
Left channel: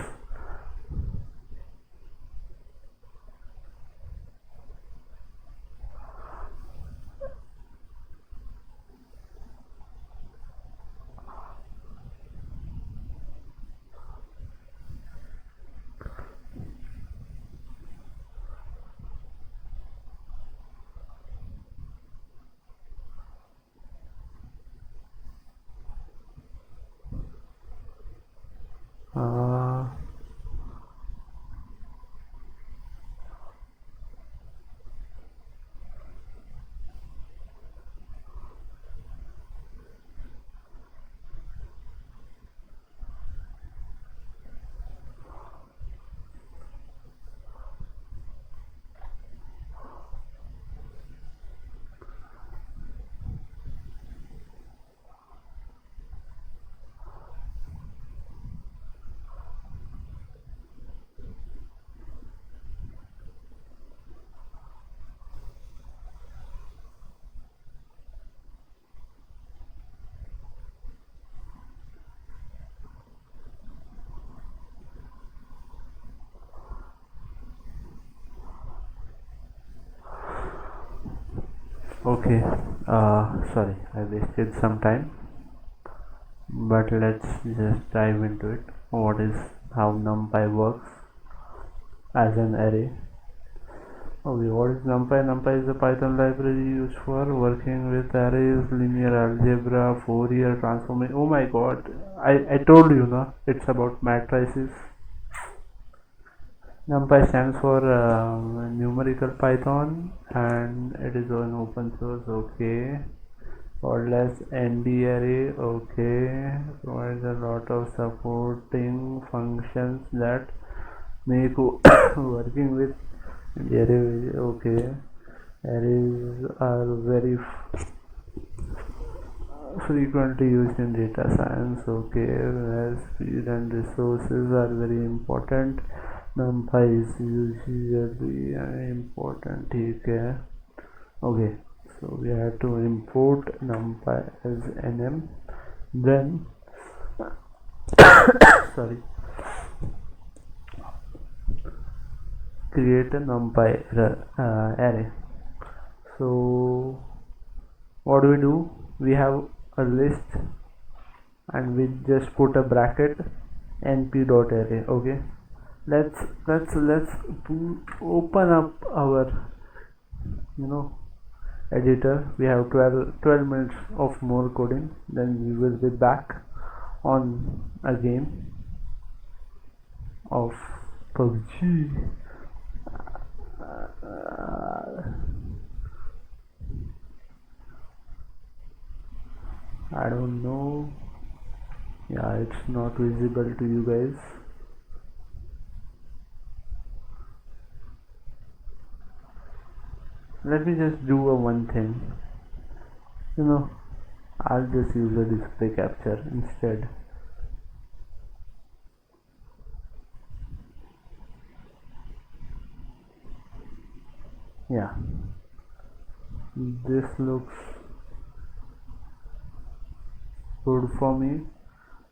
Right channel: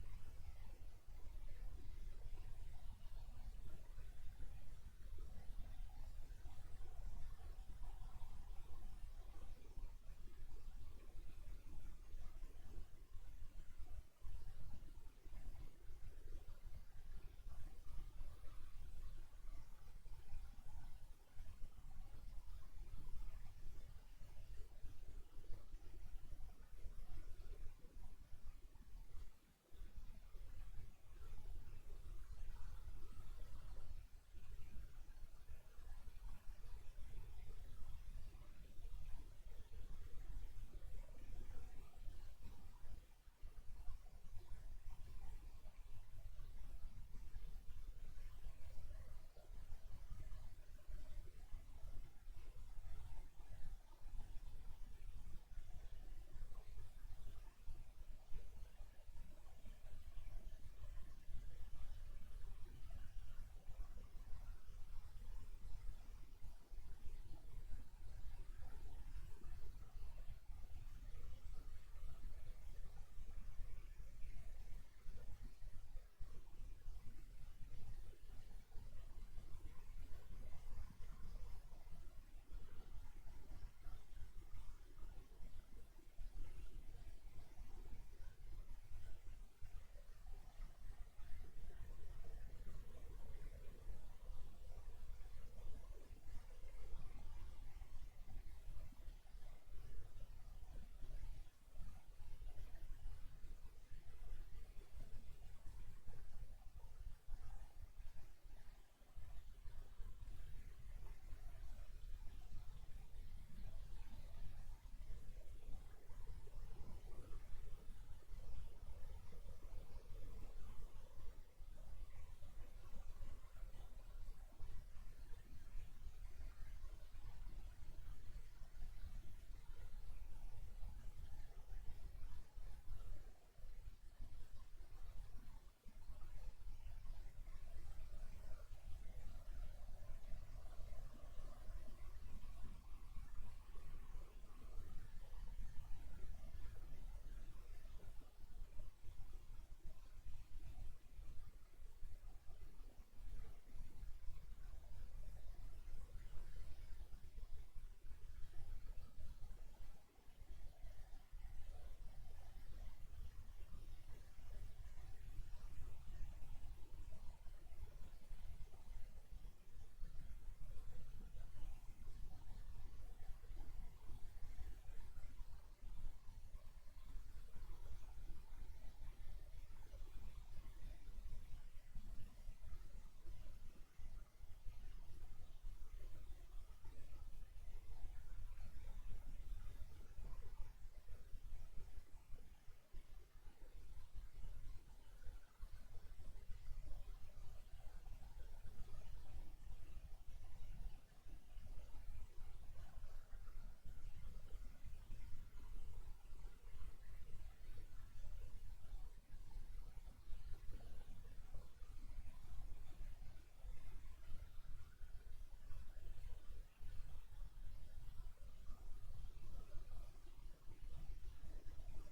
Uh, okay, sorry, I wasted some time, but let's just dive into it. What is how numpy works as an array? Okay, what is NumPy? NumPy is a Python library used for working with arrays, linear algebra, Fourier transformation. Oh my god, I told you, no? It's about matrices. NumPy stands for numerical Python and it is an open source. Okay. Called as ND array. Okay. Provides a lot of supporting functions that make working with array. Okay. Arrays are very frequently used in data science. Okay, where speed and resources are very important. NumPy is usually important. Okay, okay, so we have to import NumPy as nm, then sorry, create a NumPy array. So what do? We have a list and we just put a bracket np.array. Okay, let's open up our editor. We have 12 minutes of more coding, then we will be back on a game of PUBG. I don't know. Yeah, it's not visible to you guys. Let me just do a one thing. You know, I'll just use a display capture instead. Yeah, this looks good for me.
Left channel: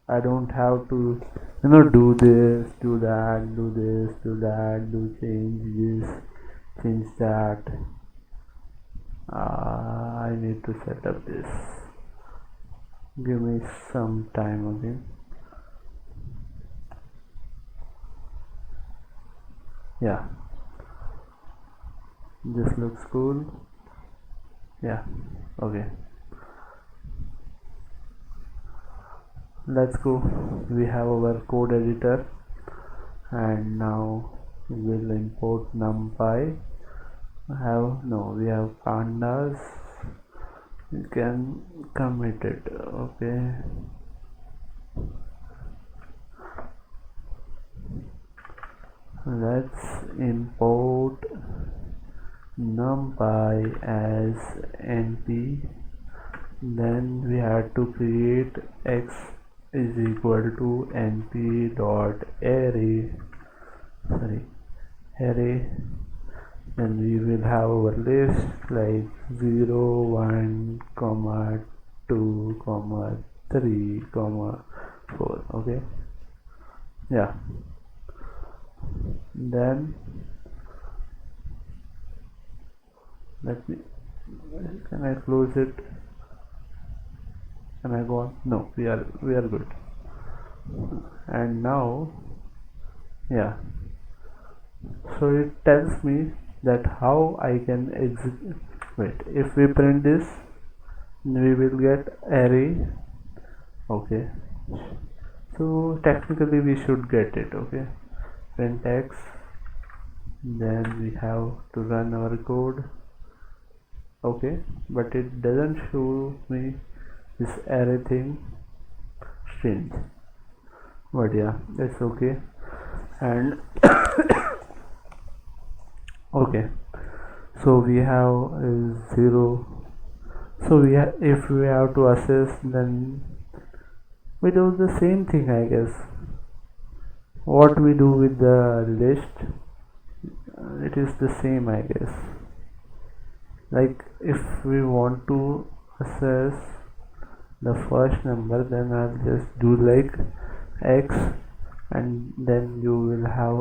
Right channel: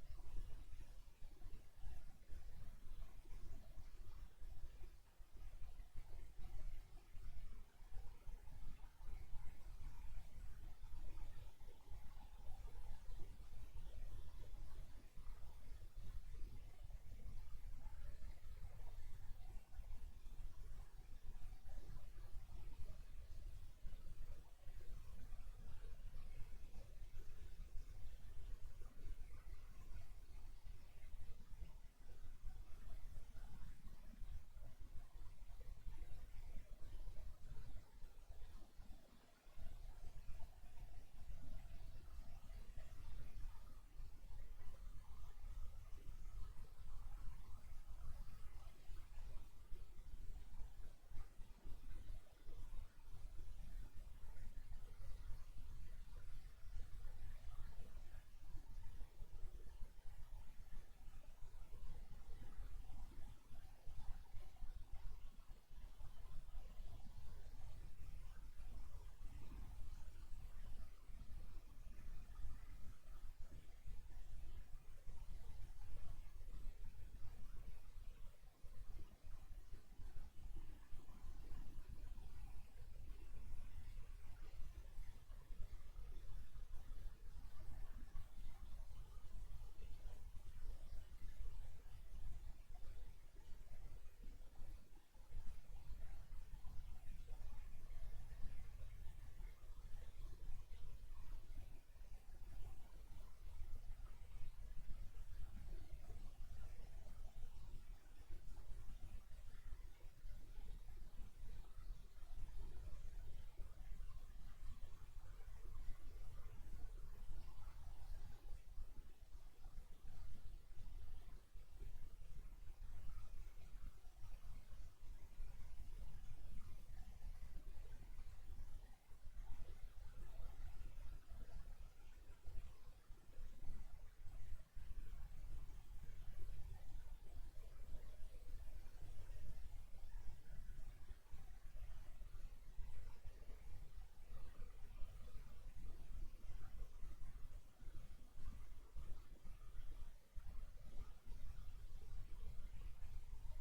I don't have to, do this, do that, do this, do that, do change this, change that. I need to set up this. Give me some time again. Yeah, this looks cool. Yeah, okay. Let's go. We have our code editor, and now we will import numpy. We have pandas. We can commit it. Okay. Let's import numpy as np. Then we had to create x is equal to np dot array. Array. Then we will have our list like 0, 1, comma 2, comma 3, comma 4. Okay. Yeah. Then let me. Can I close it? Can I go on? No, we are good. And now, yeah. So it tells me that how I can execute. Wait, if we print this, we will get array. Okay. So technically we should get it. Okay. Print x. Then we have to run our code. Okay, but it doesn't show me this array thing. Strange, but yeah, that's okay. And okay, so we have 0. So if we have to assess, then we do the same thing, I guess. What we do with the list, it is the same, I guess. Like if we want to assess the first number, then I'll just do like x, and then you will have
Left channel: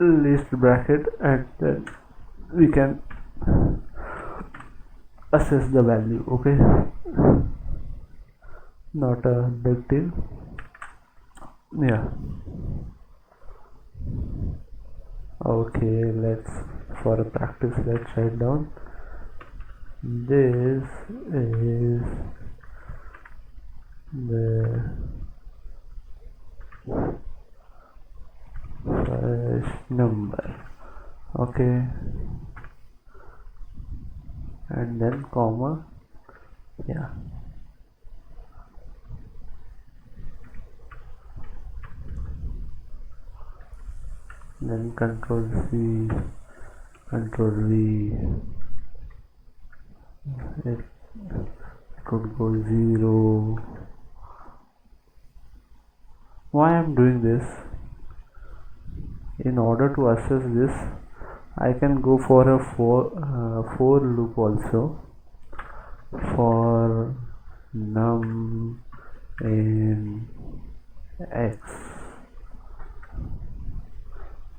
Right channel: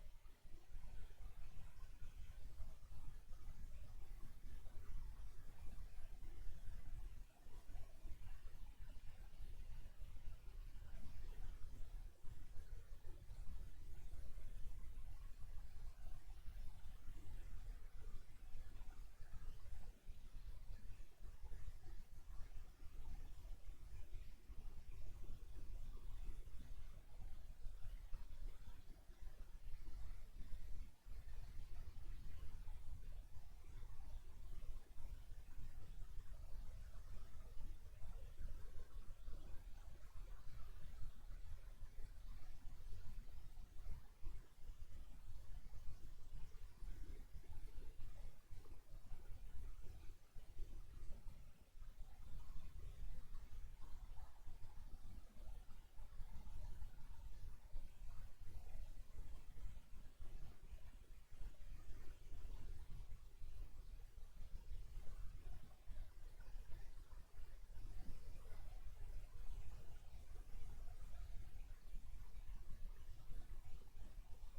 a list bracket, and then we can assess the value. Okay, not a big deal. Yeah, okay, for a practice, let's write down this is the first number. Okay, and then comma. Yeah, then control C, control V. It could go 0. Why I'm doing this? In order to assess this, I can go for a for loop also. For num in x,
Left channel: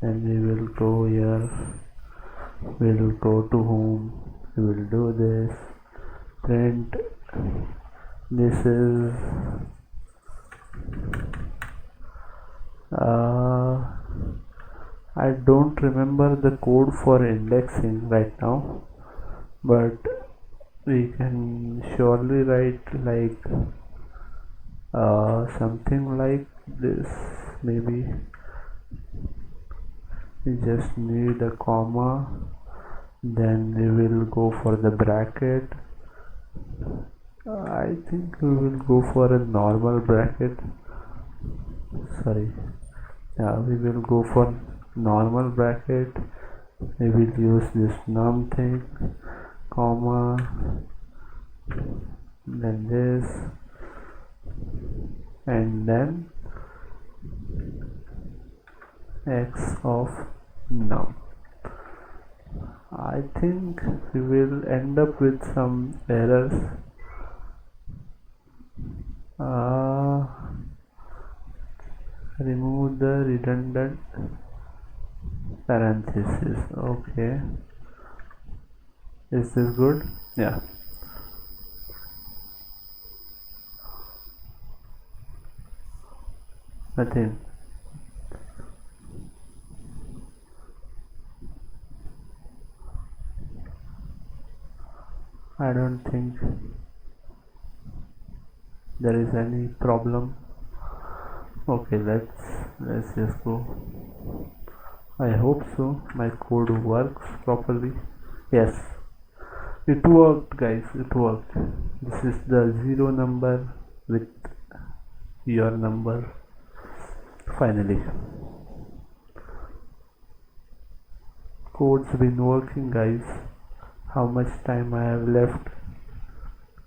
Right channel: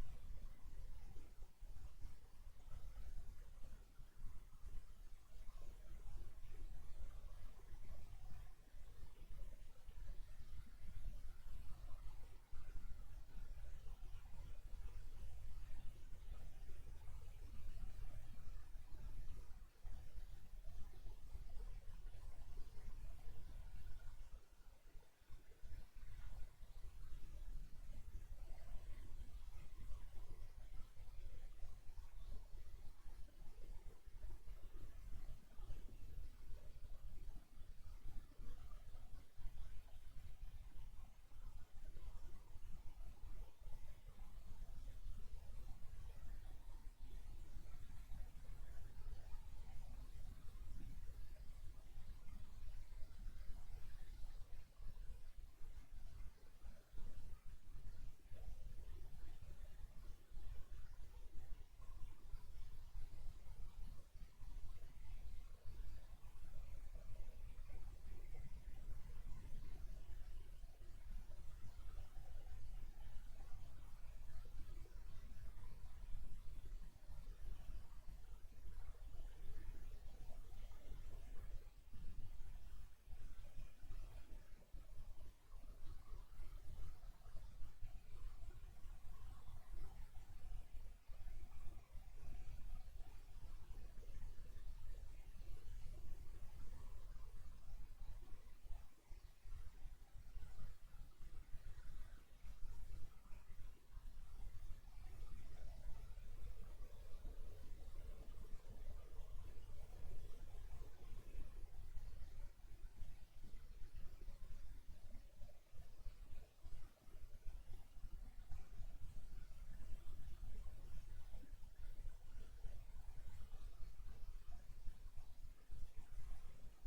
then we will go here, we will go to home, we will do this, print, this is I don't remember the code for indexing right now, but we can surely write like something like this. Maybe we just need a comma, Then we will go for the bracket. I think we will go for a normal bracket. Sorry, yeah, we will go for normal bracket. We will use this num thing, comma, then this, and then x of num. I think we will end up with some errors. Remove the redundant parenthesis. Okay, is this good? Yeah. Nothing. I don't think there is any problem. Okay, let's just go. I hope so. My code works properly. Yes, it worked, guys. It worked. This is the zero number with your number. Finally, code's been working, guys. How much time I have left?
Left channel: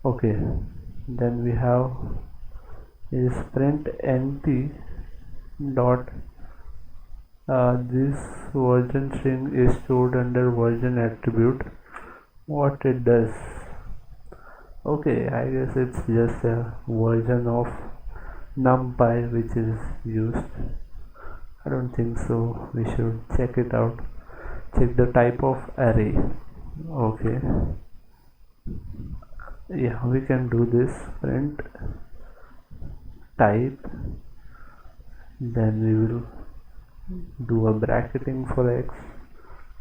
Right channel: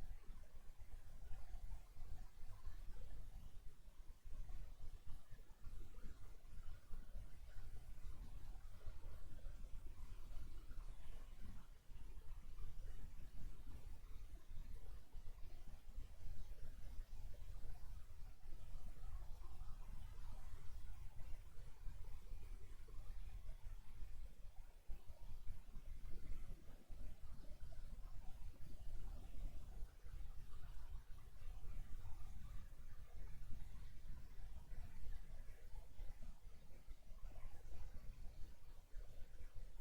Okay, then we have is print nt dot this version string is stored under version attribute. What it does? Okay, I guess it's just a version of numpy which is used. I don't think so. We should check it out. Check the type of array. Okay, yeah, we can do this. Print type, then we will do a bracketing for x,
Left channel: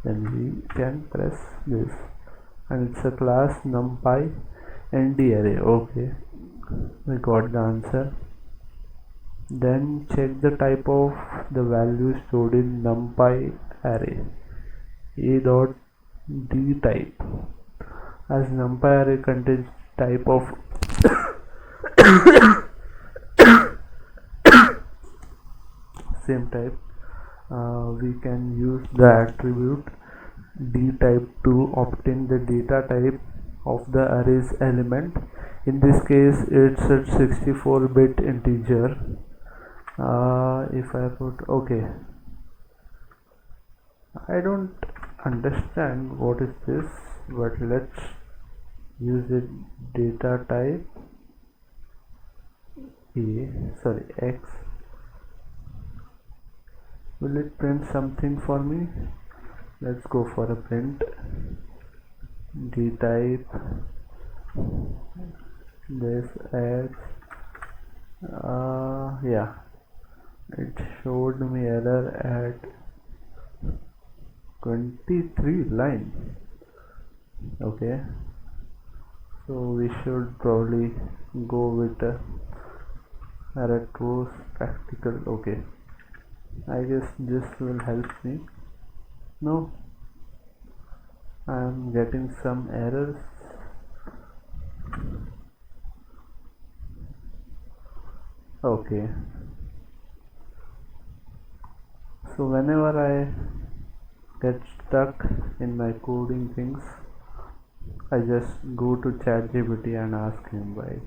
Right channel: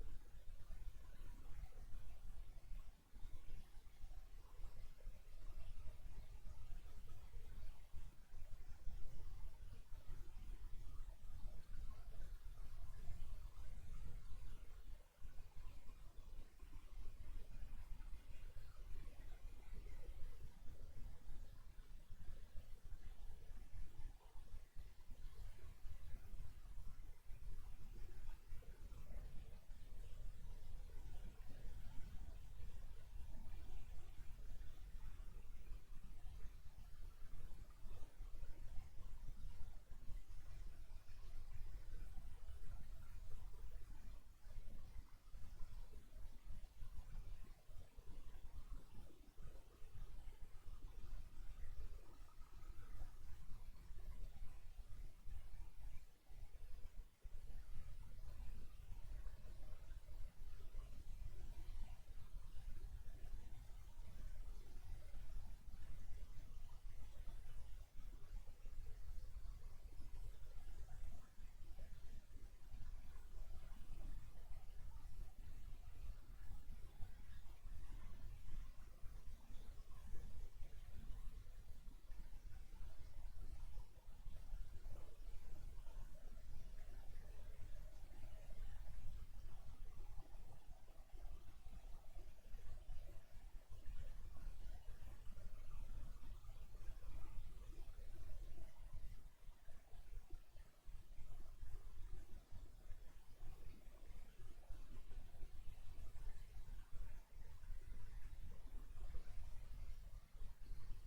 then we can press this, and it's a class numpy nd array. Okay, we got the answer. Then check the type of the value stored in numpy array. A dot d type, as numpy array contains type of same type, we can use the attribute d type to obtain the data type of the array's element. In this case it's a 64-bit integer. If I put okay, I don't understand what is this, but let's use it. Data type x. Will it print something for me? Let's go for a print d type this x. Yeah, it showed me error at 23 line. Okay, so we should probably go with a retrospectical. Okay, I guess this will help me. No, I am getting some errors. Okay, so whenever I get stuck in my coding things, I just go to ChatGPT and ask him why.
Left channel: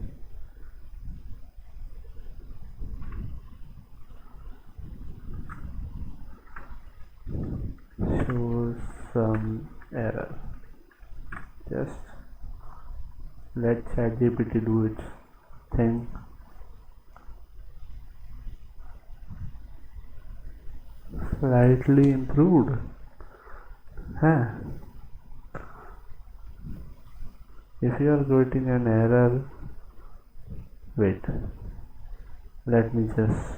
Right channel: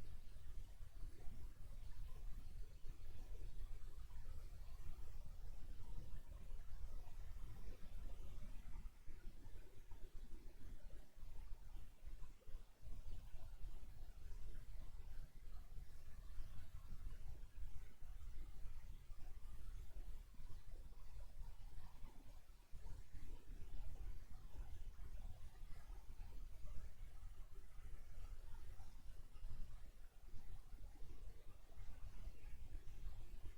Shows some error. Just let ChatGPT do its thing. Slightly improved. Huh? If you are getting an error, wait. Let me just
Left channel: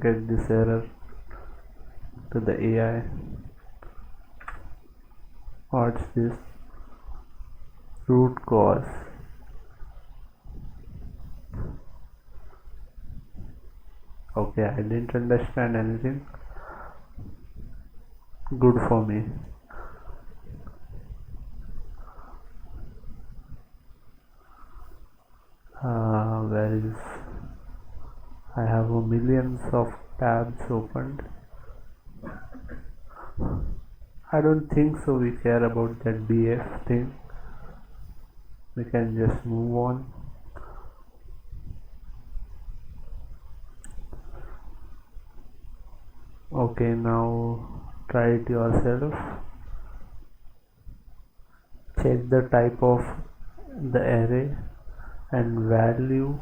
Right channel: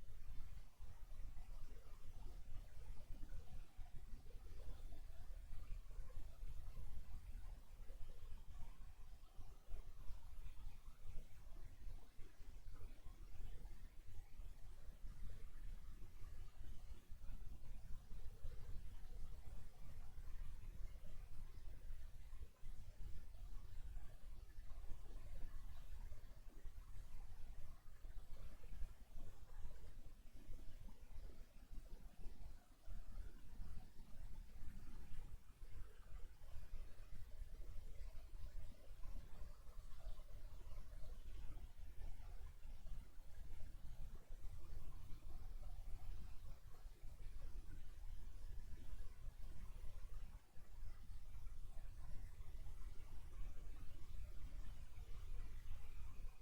get this error to the AI. What's this? Root cause. Okay, I didn't understand anything. good for me. Where is, I have a millions of tabs opened. I don't think so we care about that df thing. We can just move on. Okay, now try it yourself. Check the type of the array and value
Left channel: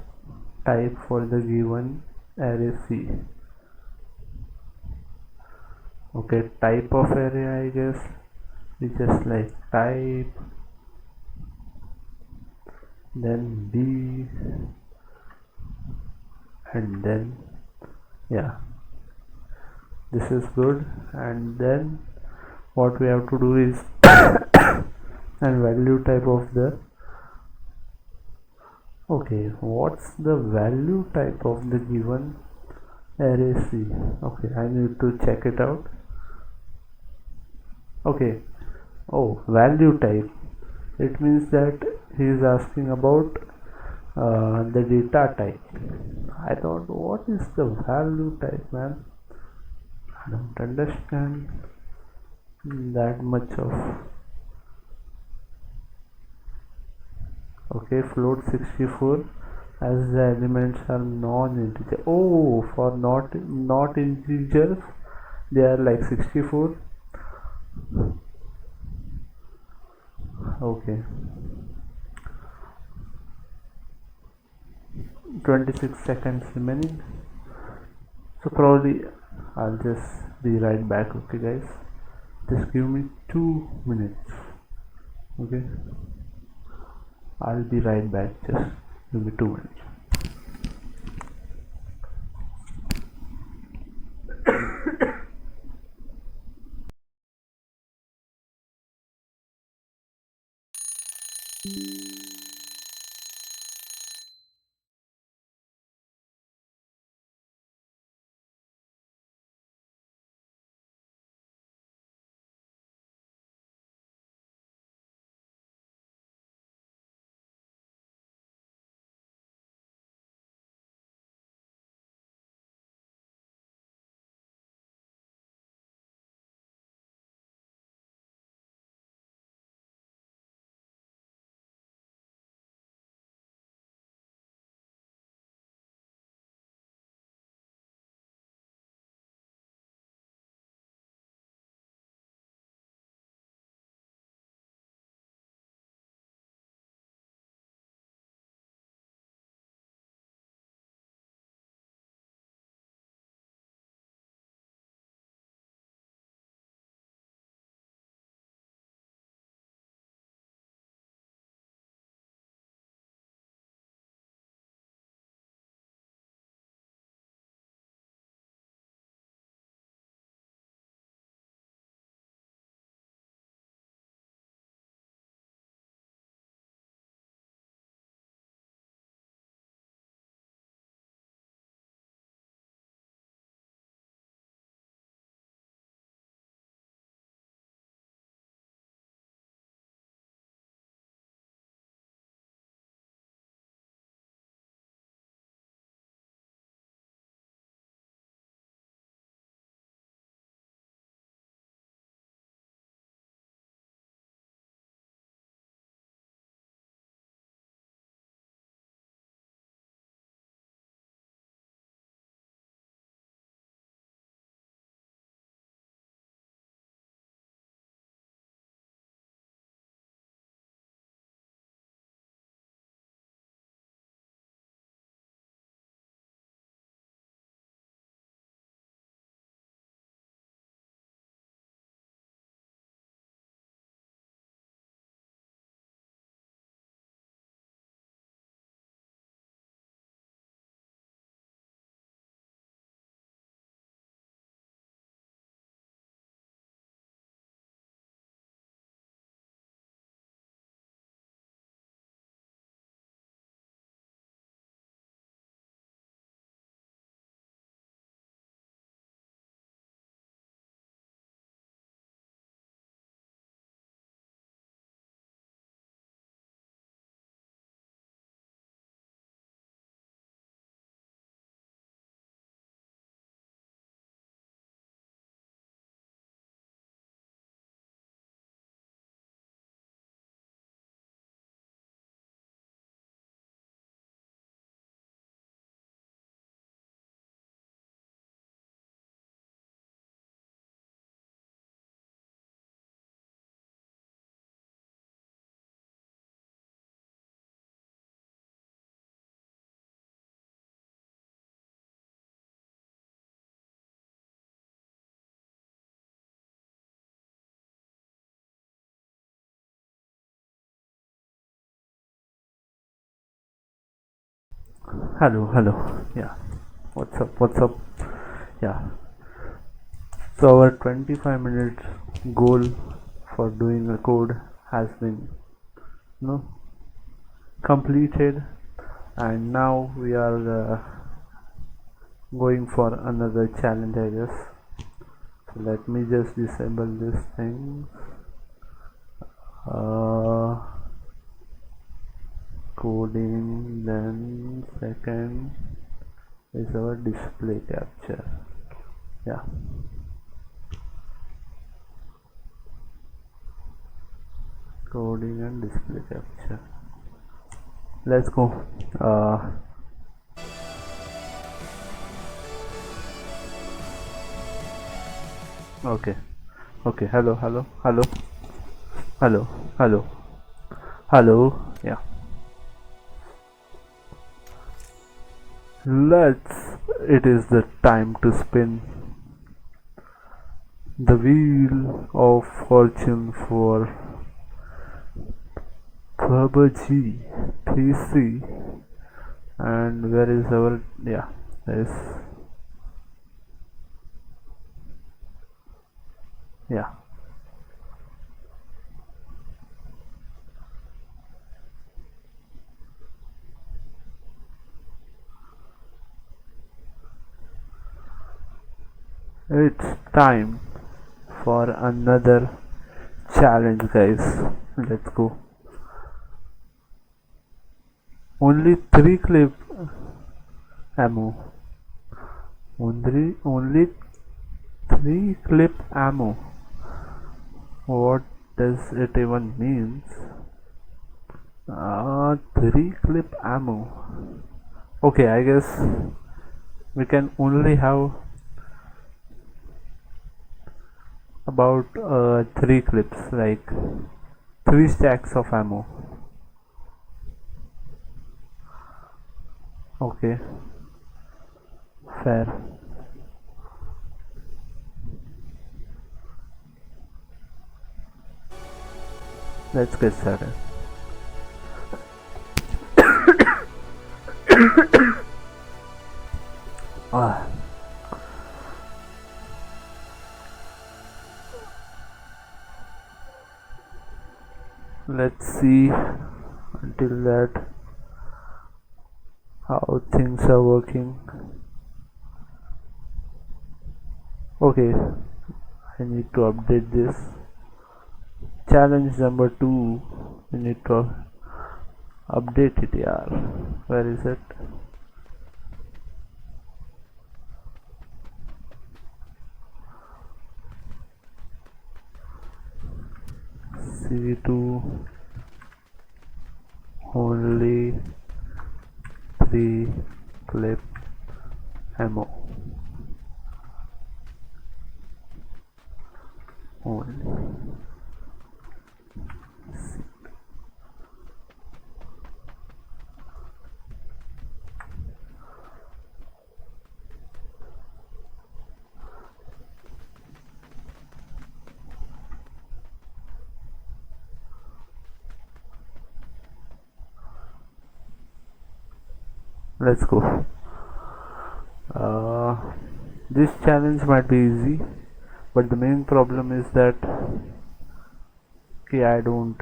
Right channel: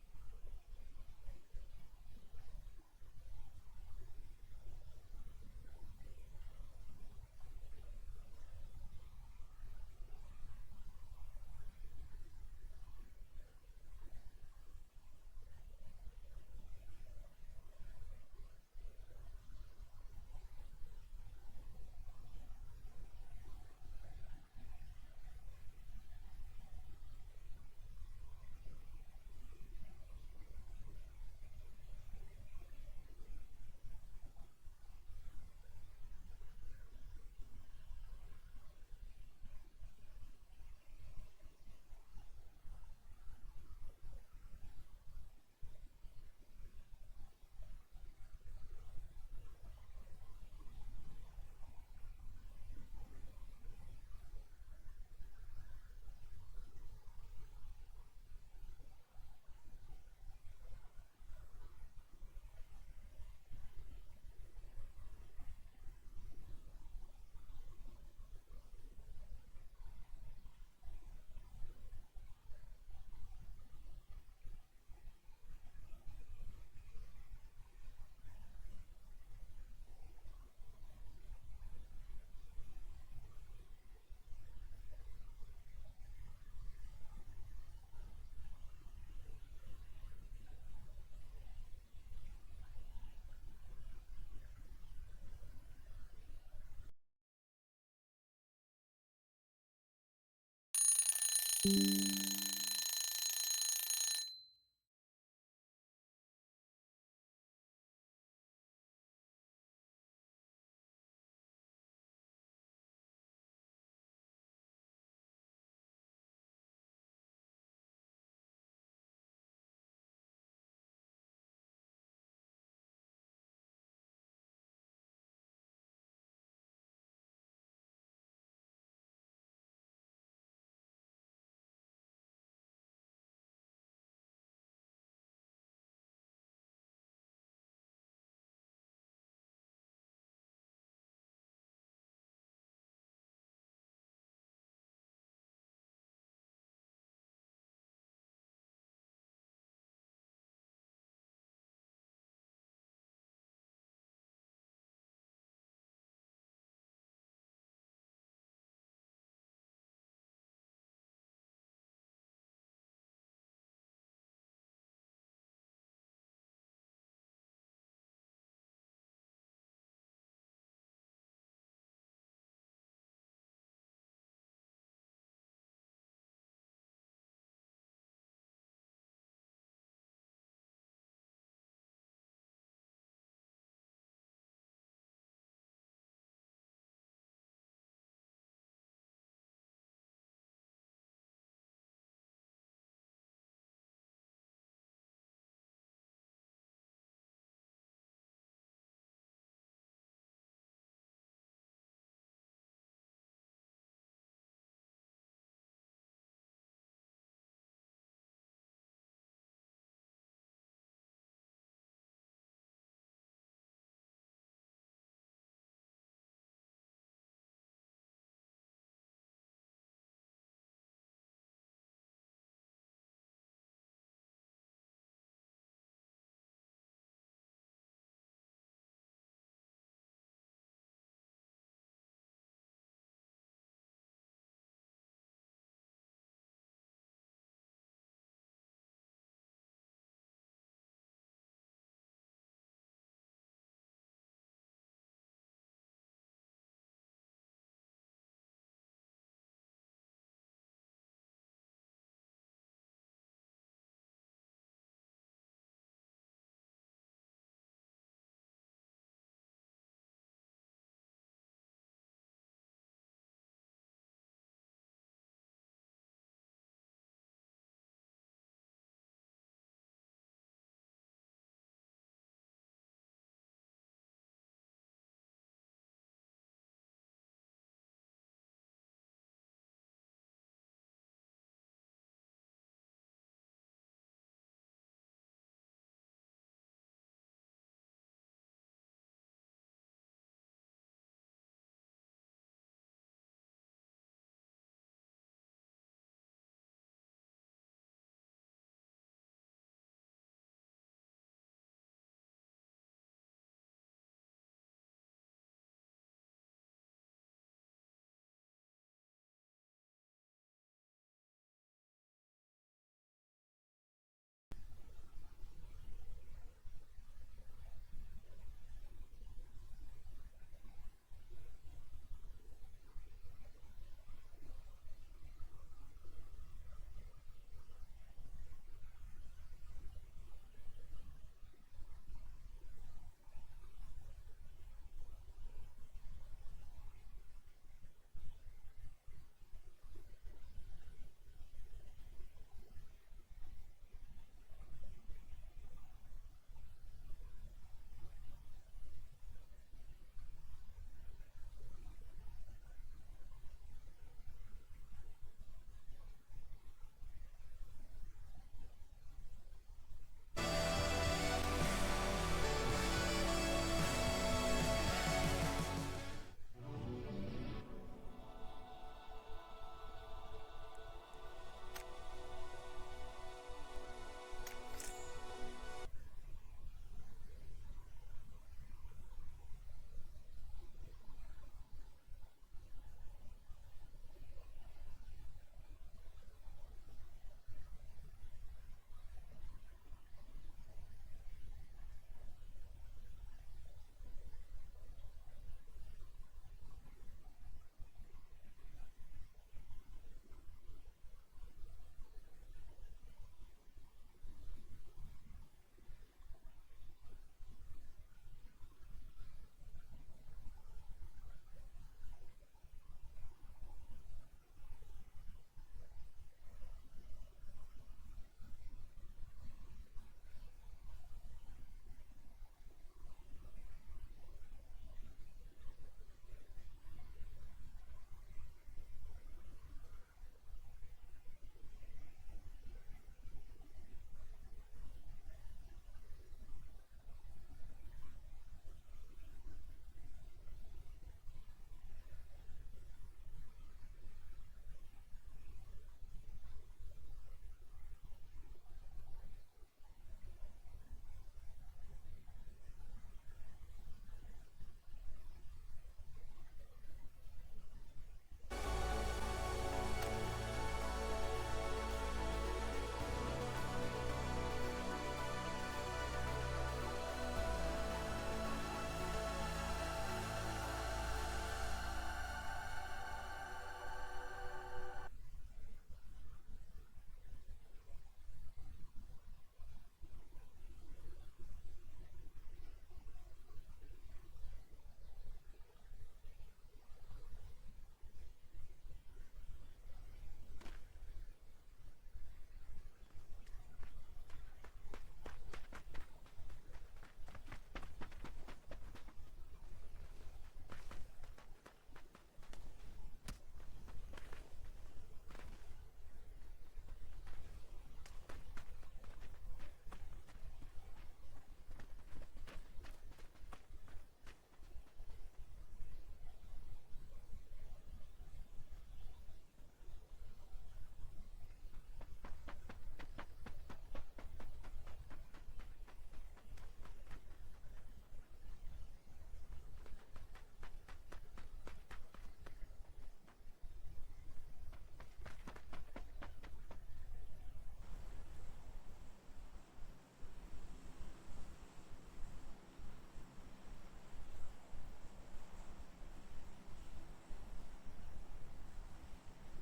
type for the given array C. Okay, type of array, I guess we just like type, then B, and then yeah, this is good. And then what we have to do is and value type of the, okay, what's the value type of the given array C? Okay, I need to check it out. Okay, oh, value type, it means that he is asking about the data type. I thought, what is the value type, man? I don't understand that much of. Okay, float 64 as the elements are non-integer. Oh, for not integers they are like 64. Okay, 26 seconds remaining, so probably I'll just be right back. Okay guys, just give me 2 minutes. Okay, I'll be right back, just give me 2 minutes. Hello, hello. Yeah. What's up? What's up? Yeah. So our 25 minutes goal for doing a code has been, you know, completed, and now we are going for another challenge, I guess. So let me just disable this thing. Uh, Coding, then second is our display capture. Yeah. Coding and display capture. Let's go. uh, okay. Okay. Hello, hello, hello, hello, hello, hello. Yeah. Let's It is the time to spin the wheel of fortune for PUBG PC. And where is our, yeah, this, yeah. It's time for another challenge, guys. Let's go. Only 3 clip ammo. Only 3 clip ammo. What does it even means? 3 clip ammo. Okay, I guess we can only have about 3 clips, like 3 stacks of ammo. Okay, fair. Let's get started. Ah, let's see until that how things are working. Okay, I need to update this. Challenge number 2. We need to update it, yeah. Where is it? C2 only 3 clip ammo only. Let's go. uh, this challenge might be easy, but the main problem is that, okay, I don't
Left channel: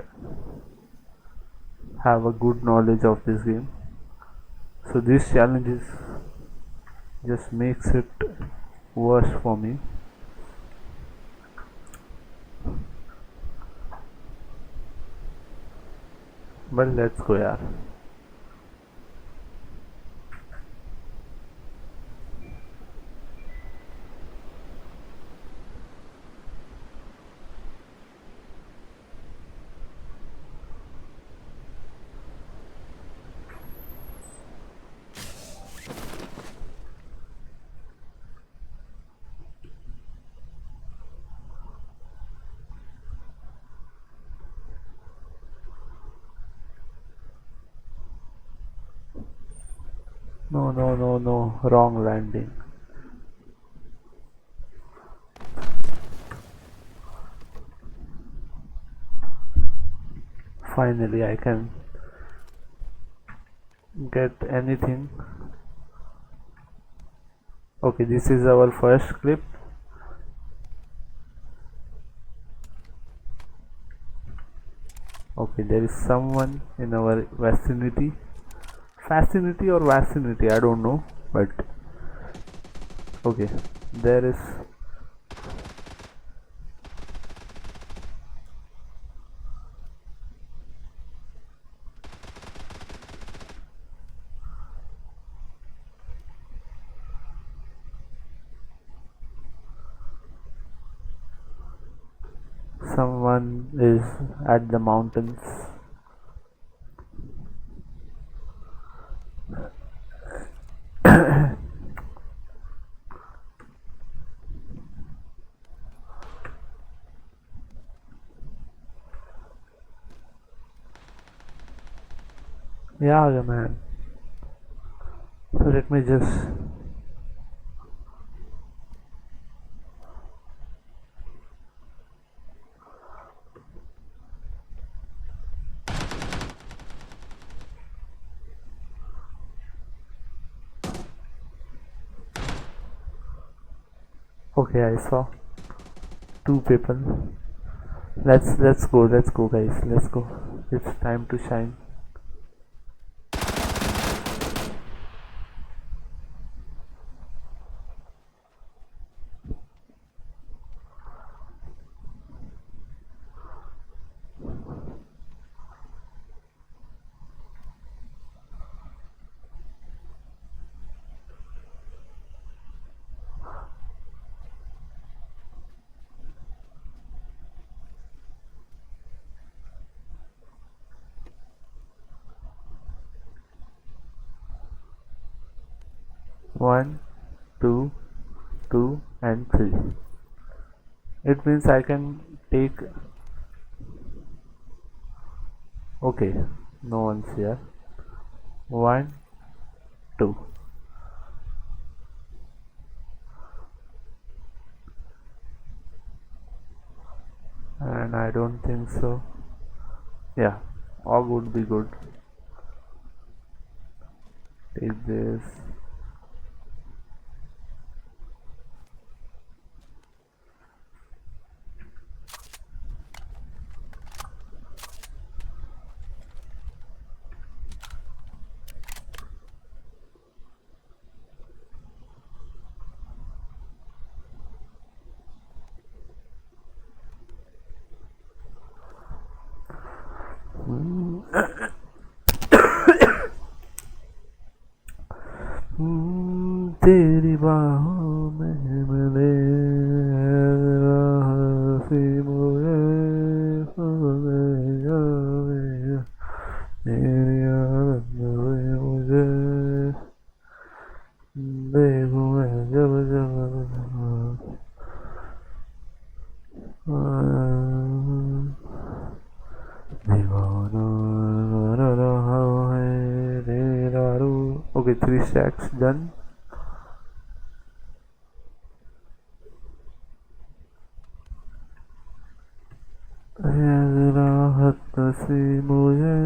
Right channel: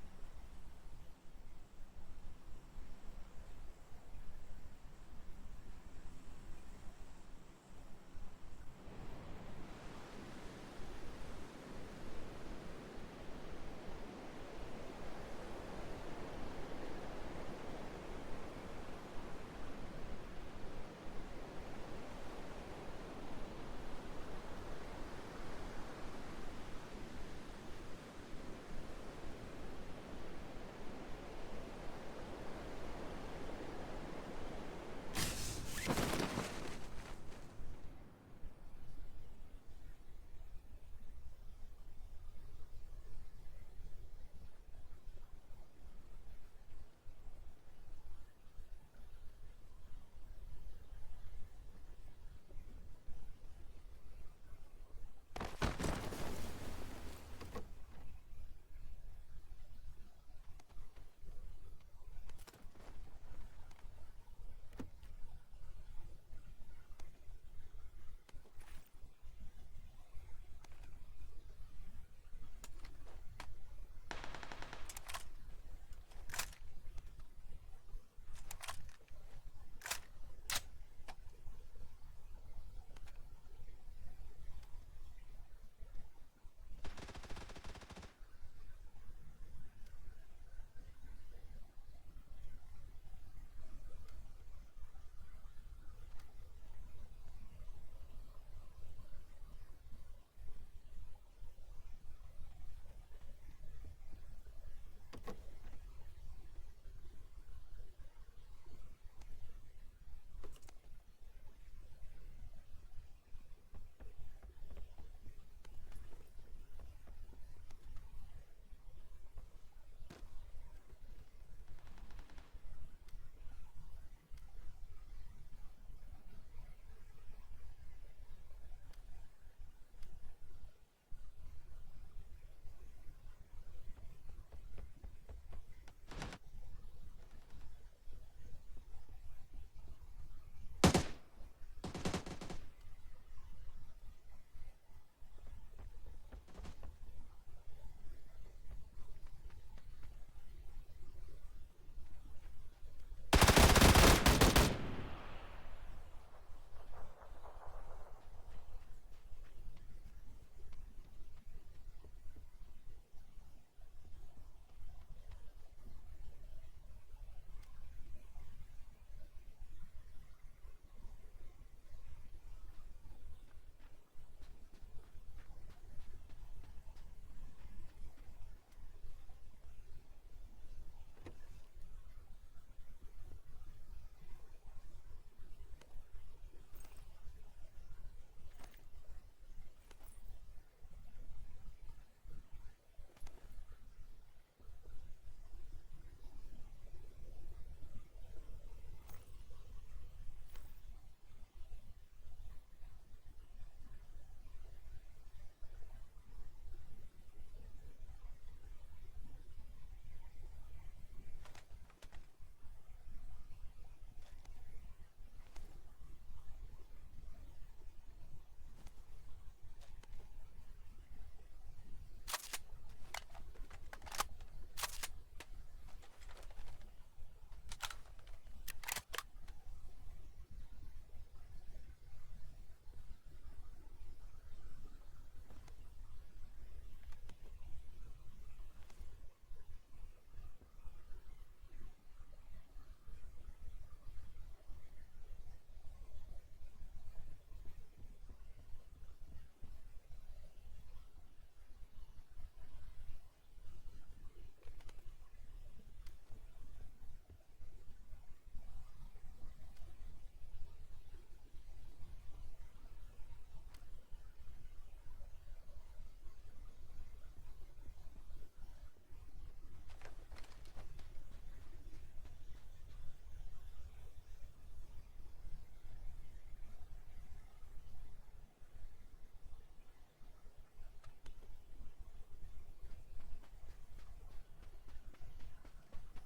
have a good knowledge of this game, so this challenge is just makes it worse for me. But let's go, yeah. No, no, no, no, wrong landing. Finally I can get anything. Okay, this is our first clip. Okay, there is someone in our vicinity. Vicinity or vicinity, I don't know, but okay, there is someone is at the mountains. Yeah, man. So let me just. Okay, I saw two people. Let's go, guys. Let's go. It's time to shine. One, two, two, and three. It means I can take. Okay, no one's here. One, two, and I don't think so. Yeah, all would be good. Take this. तेरी बाहों में मिले हंसी मुझे तेरी याद में मुझे देखूं मैं जब जब दीवाना रहा है तेरा रूप. Okay, 3 stacks done. राहत सी मुझे.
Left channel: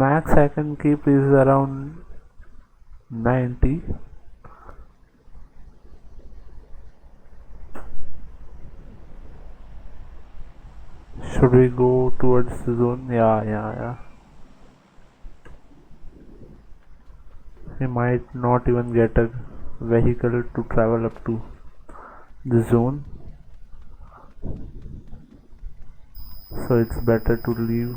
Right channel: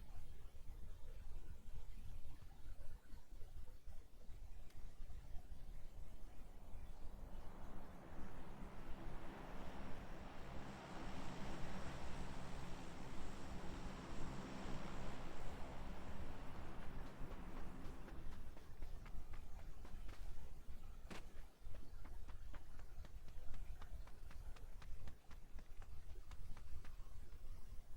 Max I can keep is around 90. Should we go towards the zone? Yeah. We might not even get a vehicle to travel up to the zone. So it's better to leave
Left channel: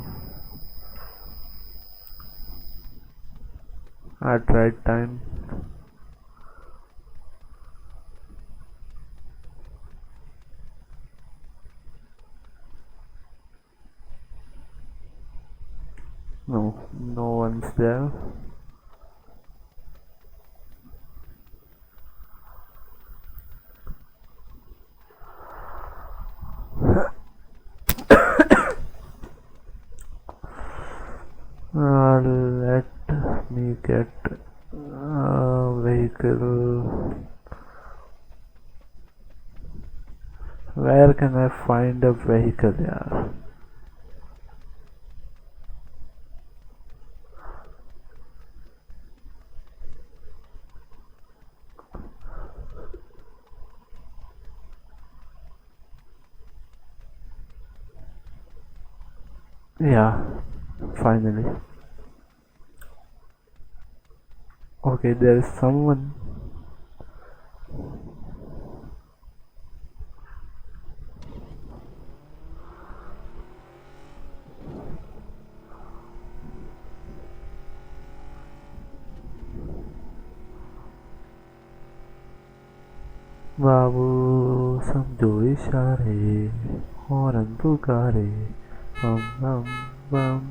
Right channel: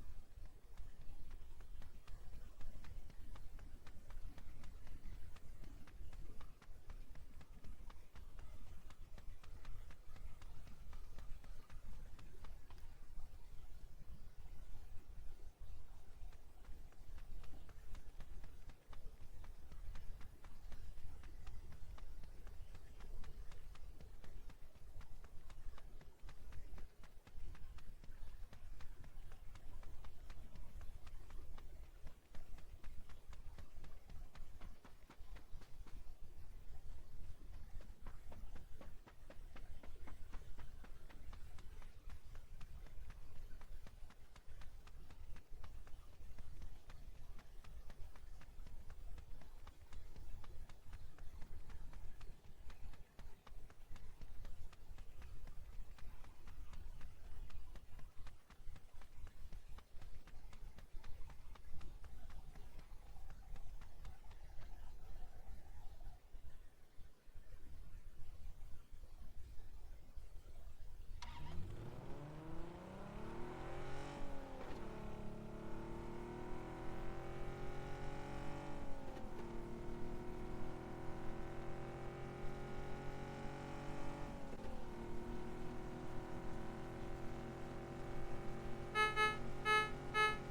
at right time. No, no one's there. Let me get a vehicle. Where can I find a vehicle? Yeah. Yeah, finally. Okay, there is someone. बाबू समझो इशारे horn पुकारे बम बम बम.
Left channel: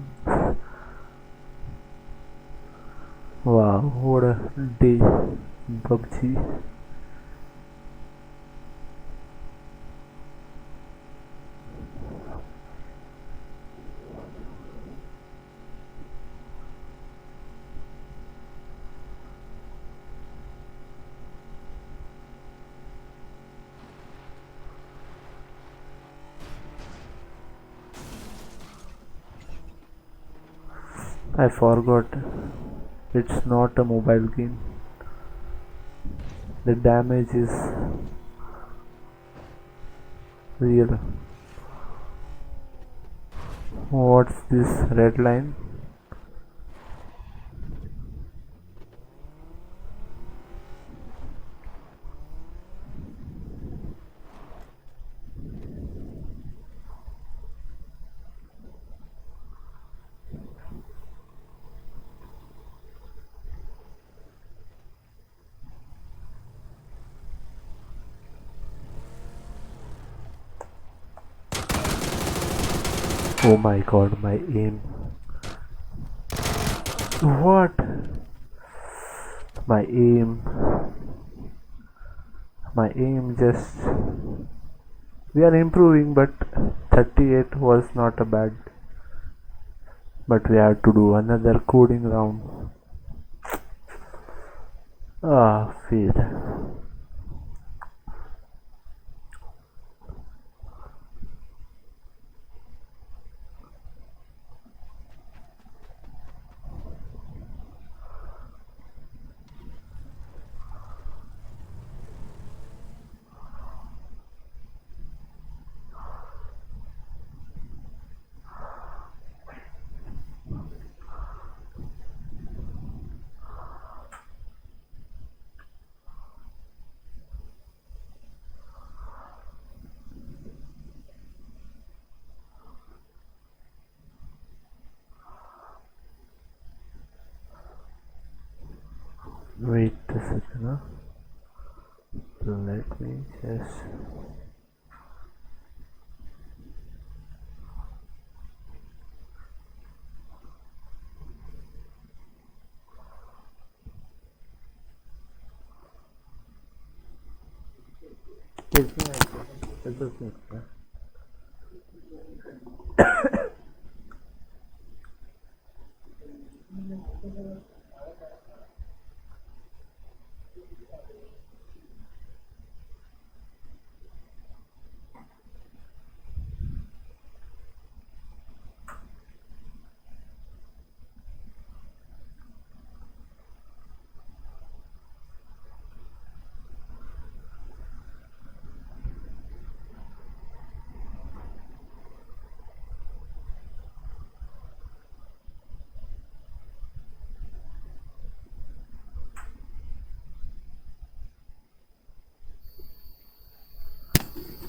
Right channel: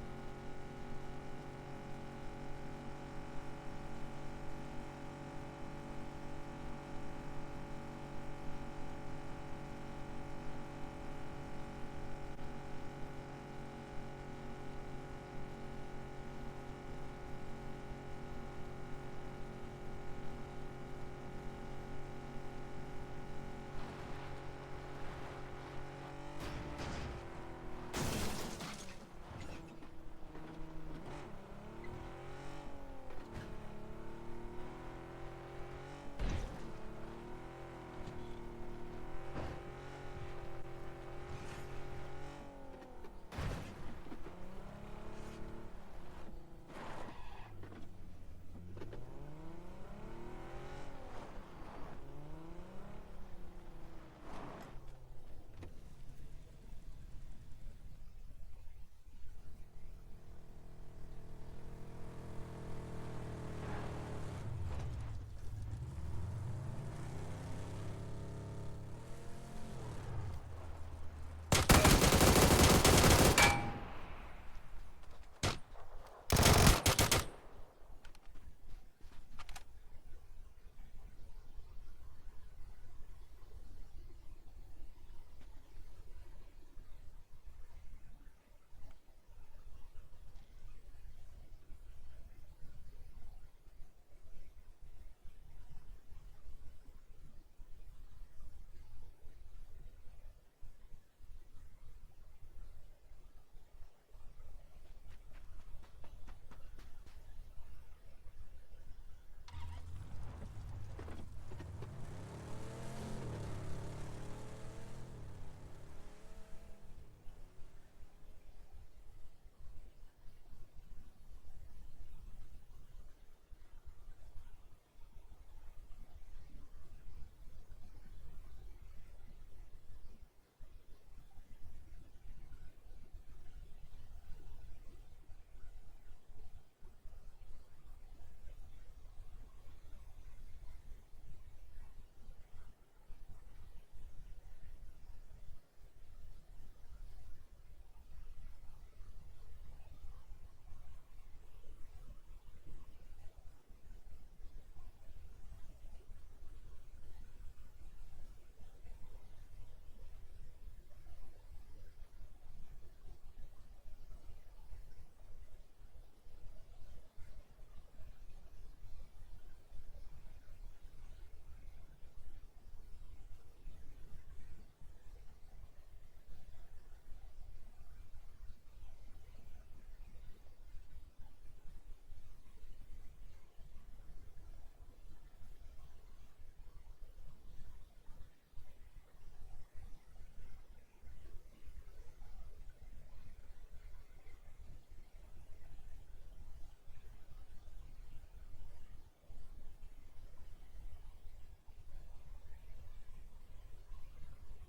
Wow, what a day in PUBG. I forgot, it's not a mobile game. The damage is real. What's this red line? Oh my god, my aim. What? My aim. My aim just. We are improving, but 38 was not a bad. But we have to do another coding round. Ah, fail. Wait a second, huh? Let me just.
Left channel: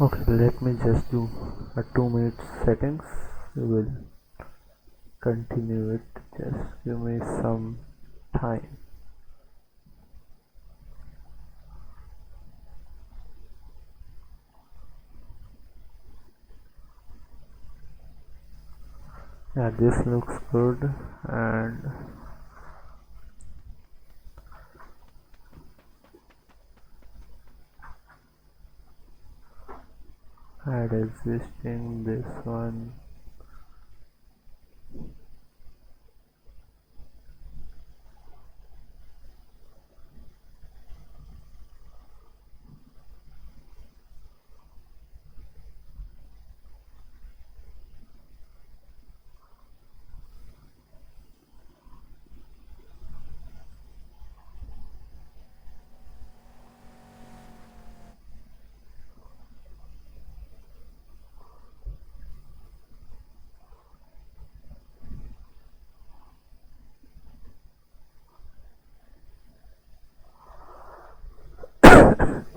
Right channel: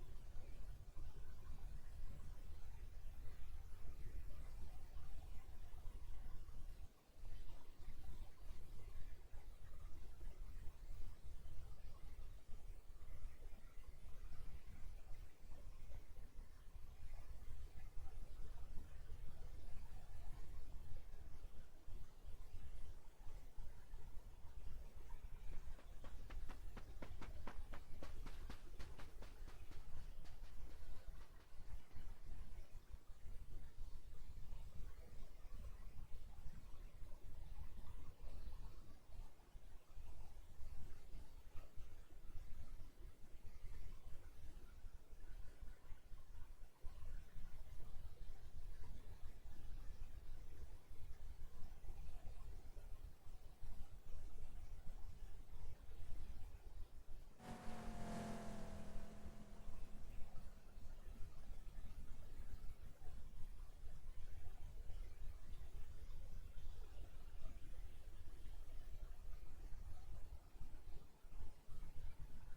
Okay, let me just do a 2 minute settings. We will continue it. Just give me some time. Yeah, this looks good. And add existing this one.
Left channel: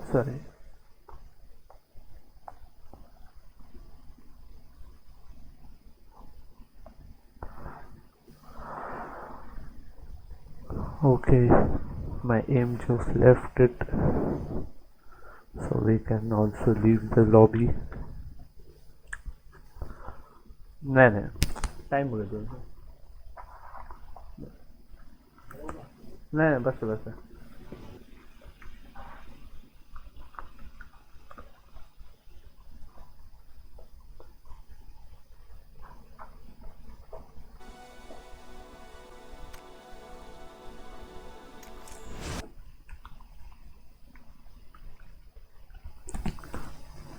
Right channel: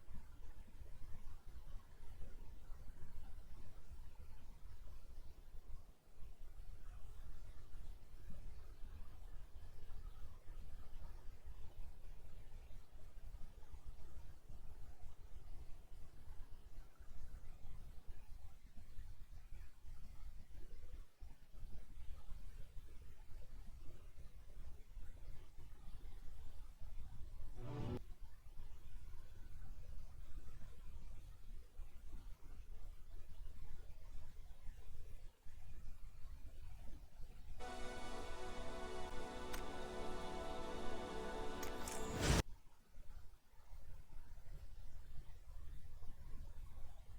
Sorry. Okay, my aim just left it, so we can also leave the lobby. नहीं नहीं time हो गया नहीं नहीं बस बस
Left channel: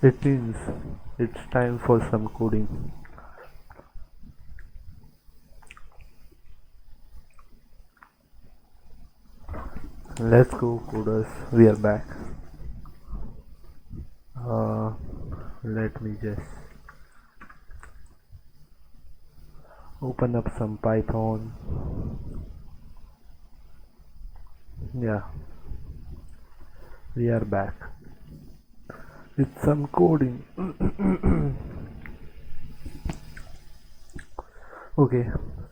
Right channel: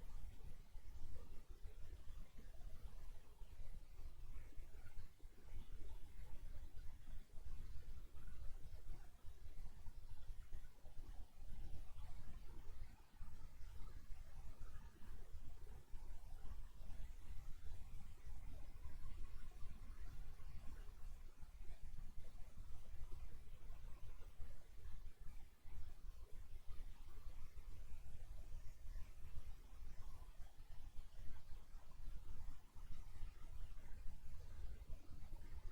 it means it's time for some coding. Let's go coders, we are back. uh, Let me just open up some Python. Yeah, we are back with some coding. Okay,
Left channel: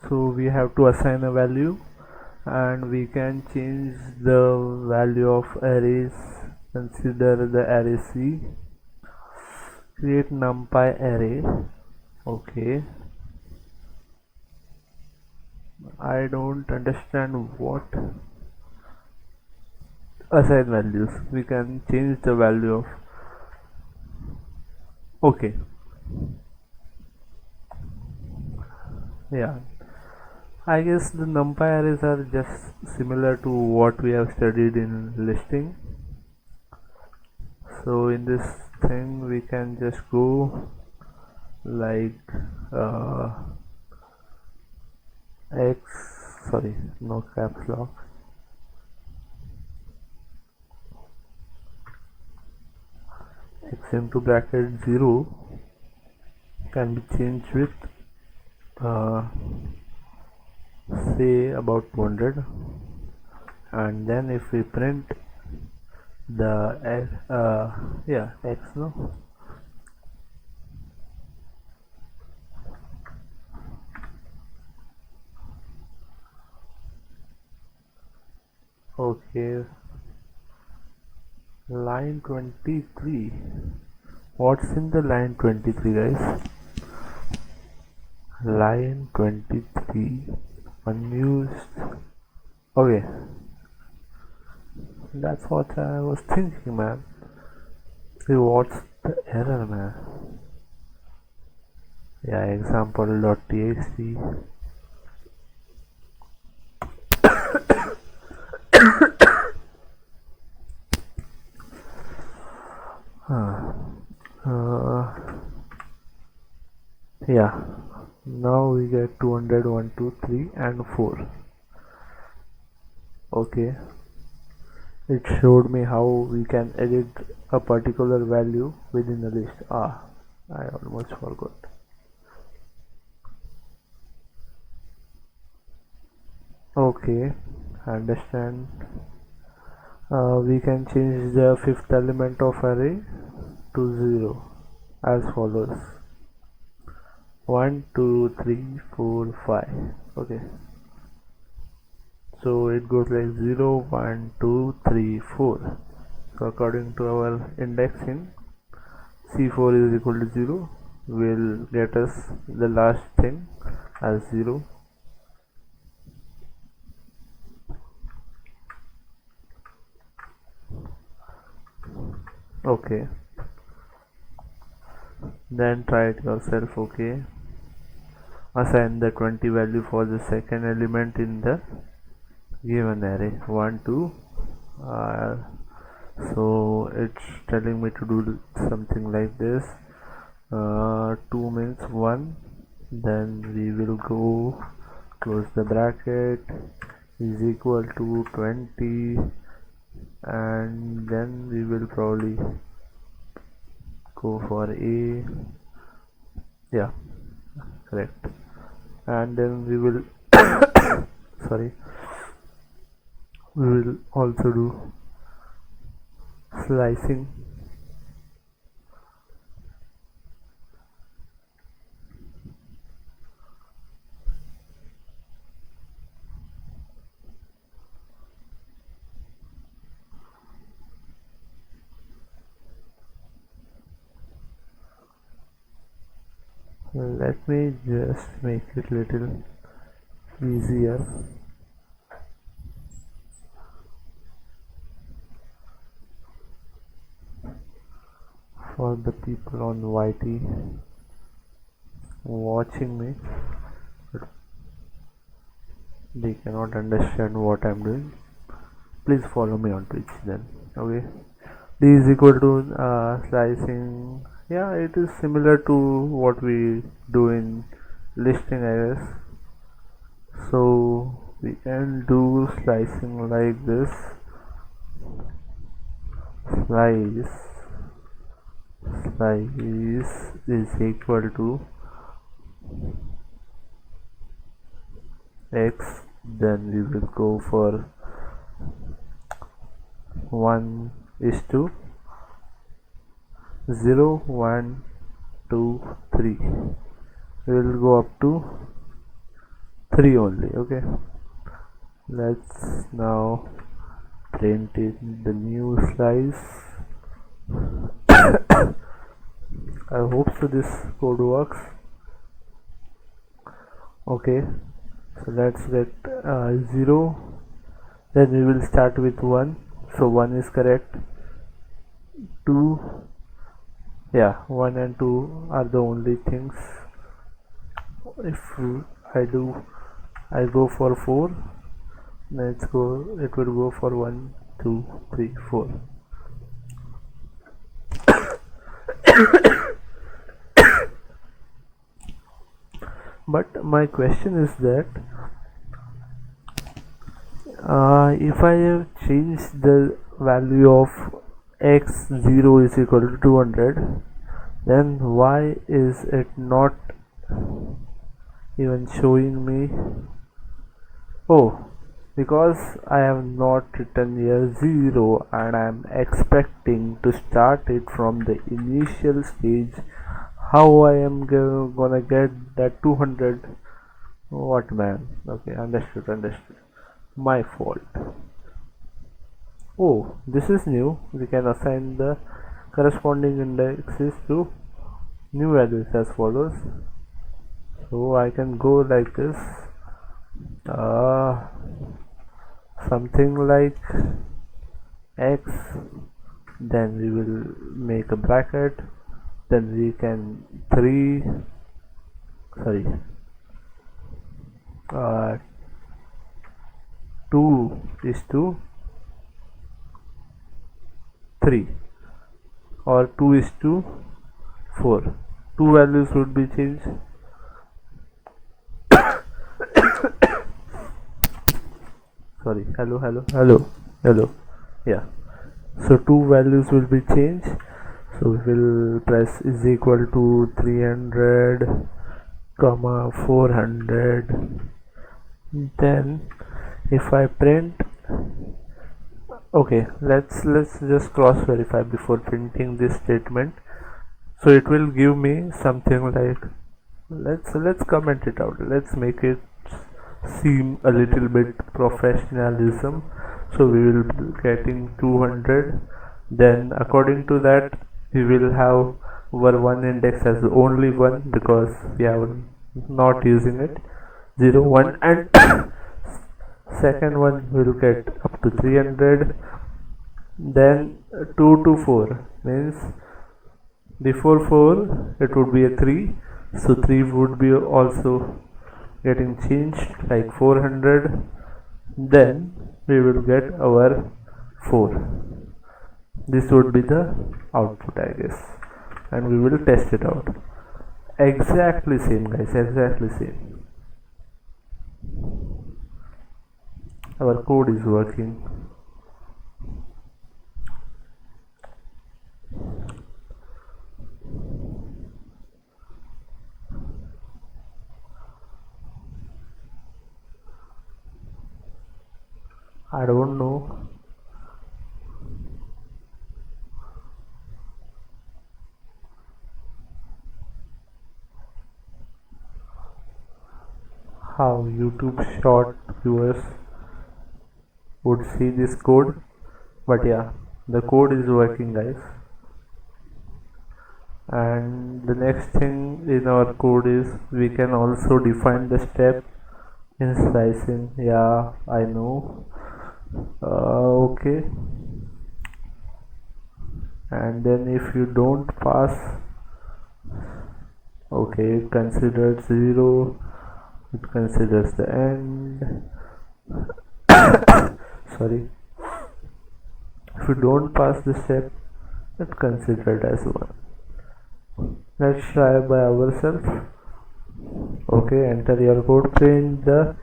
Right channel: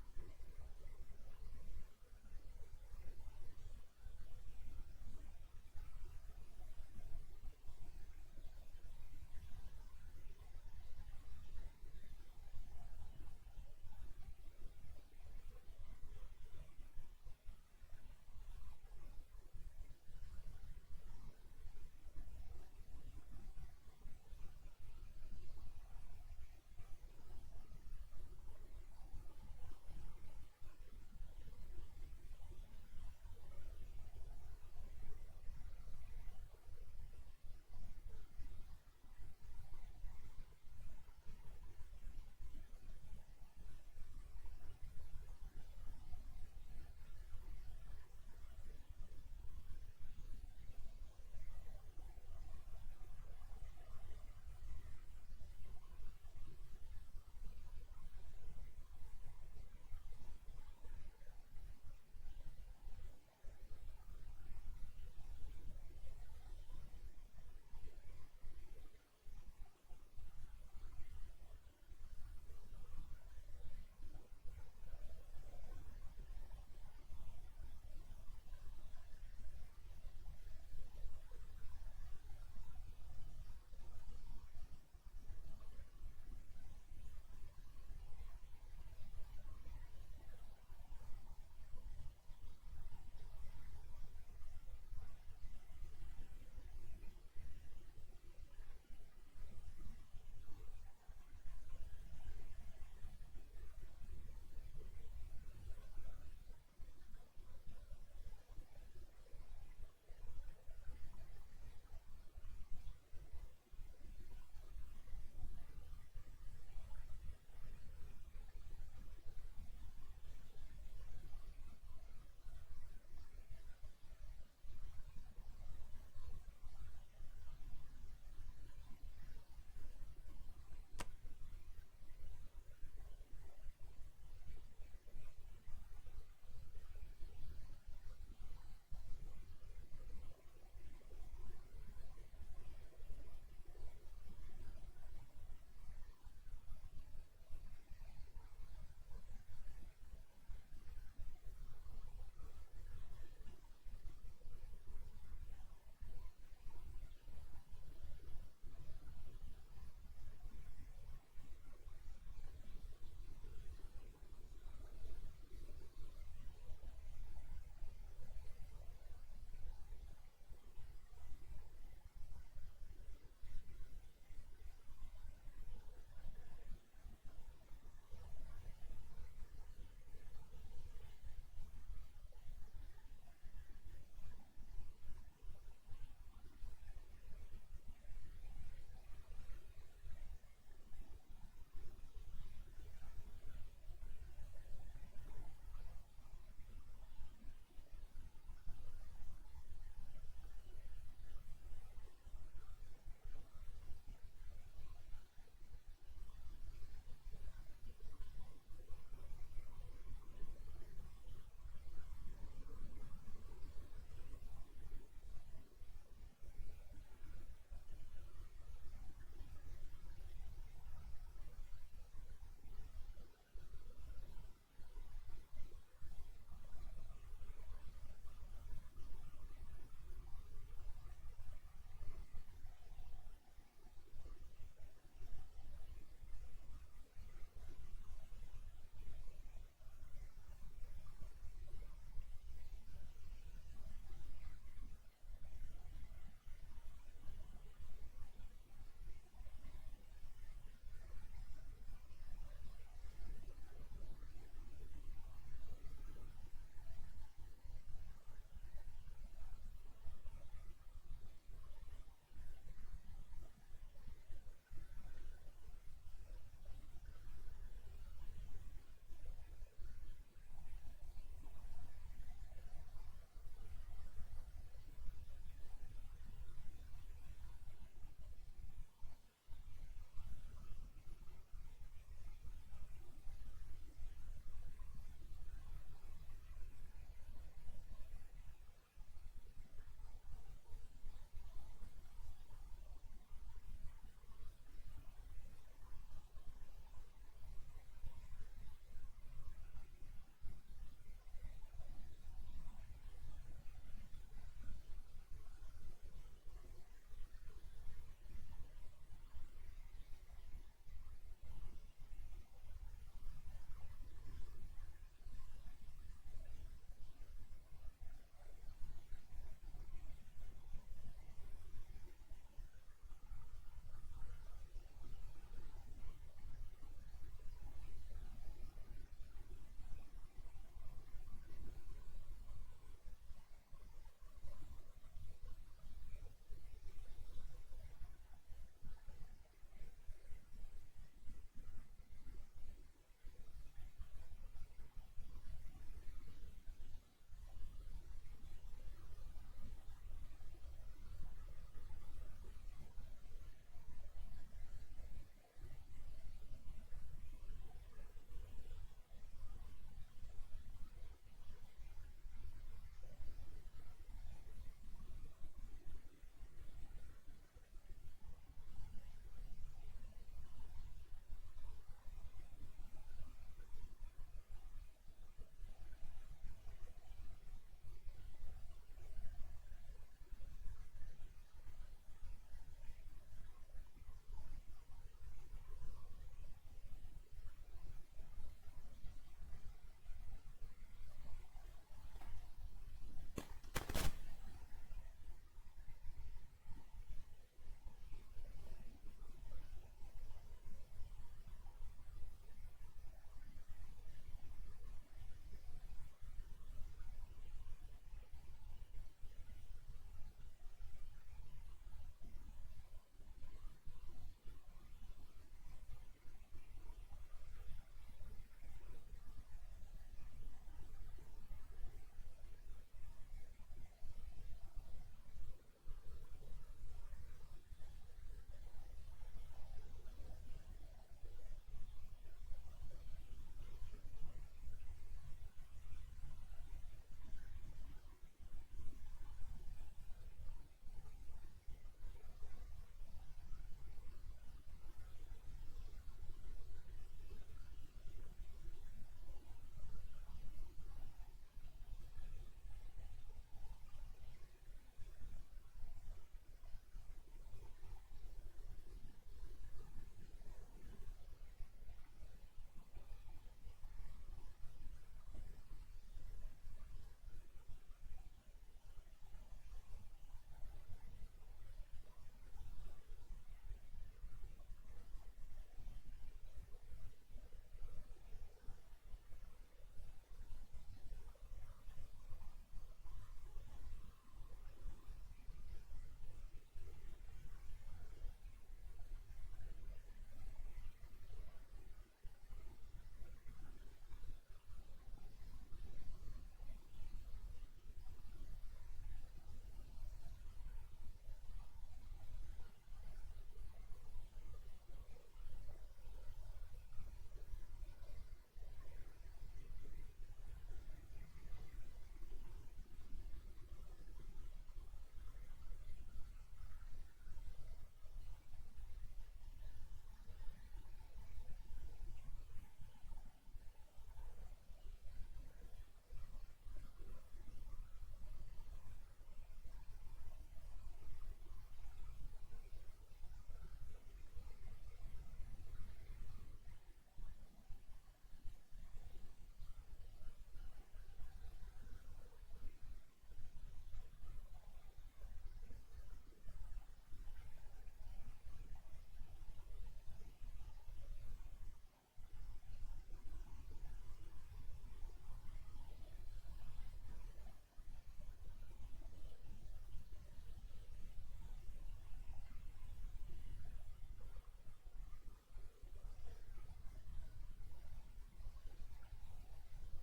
so we have to assign a value, and we can change the value of arrays. Consider the array C. Create numpy array. Okay, I don't understand what assign values. We can change the value of. Okay, yeah, I guess the numpy arrays are just similar to what we have studied in listing. So in this thing we can just go like uh, x, sorry, no caps lock, x into bracket 0 can be changed with uh, say about 200, and then if we print the yeah, x, no, okay, line 23. What's in the line 23, guys? Line 23 unused. Okay, that's what I was thinking, man. See, what's the error, man? Yeah, example.txt. Huh. Uh, yeah, now we get 200, 1, 2, 3, and 4. Okay, it showed me how we can edit a particular value within a list. I almost forgot. Okay, understand. We can change the fifth element of array to 0 as follows: 1, 2, 3, 4, 5. Okay, so it goes like 0, 1, 2, 3, 4. So according to our indexing, c4 is equal to 0 will get us the last thing, as 0. Okay, then try it yourself. Okay, assign the 20 value for the second element in the given array 1 2. uh, so it's telling me to do something like this. 2 means 1, then we will go close the bracket is equal to 20, and then we will probably go for a, yeah, correct, and then we will sorry, we will also do slicing. Let me just make it little easier. For the people on YT watching me, but they cannot understand what I'm doing, please follow me on Twitch then. Okay, d is equal to slicing. Yeah, it is similar to what we do in listing, I guess. So we can do slicing like this. Slice is equal to x, then we will go for 1 is to 0 1 2 3. We will go up to 3 only. Okay, let's now print in the new slice. I hope so this code works. Okay, so let's get 0, then we will start with 1, so 1 is correct. 2, yeah, 1 and 2 are the only things. If I go for 4, let's go, it will go for 1 2 3 4. But my question is that if I have changed the value of x0 is equal to 200, then why is it not even showing me? Oh, because I have not written here 0 and I am expecting to start it from the initial stage. How I am gonna get that 200? What, man? Okay, understood. My fault. Oh, this is new. We can assign the corresponding indexes to new values as follows. So I can go like this. Something like x, then we will make a bracket, then we can 2 is to 3 or 2 is to 4. Two values would be changed. Sorry, hello, yeah, so two values will be changed. So we will press is equal to 300 comma 400. Then if I print, okay, let's just cross verify before printing this statement. So it will give me something like, let's comment it out, let's make it seem a little bit professionalism. So we will be getting 200, then according to that we will have our one index as only one because we have not using it. 0 1 and second one will get up to 300. Then 2 to 4 means before 4 it would be a 3, so 3 would be also getting changed like 400. Then we will get our 4. This would be the output, I guess, and we will test it out. Exactly same, guys, exactly same. Our code is working. I don't know how YouTube short viewers would see this code, but yeah, the code is working, guys. And the next thing in our code is we can also define the step in slicing. Yeah, I know. Okay, and then if you don't pass, okay, it considers 0, it considers the end. Sorry, if you don't pass the step, it's considered as 1. Let's try by ourselves. Okay, enter your code. Print the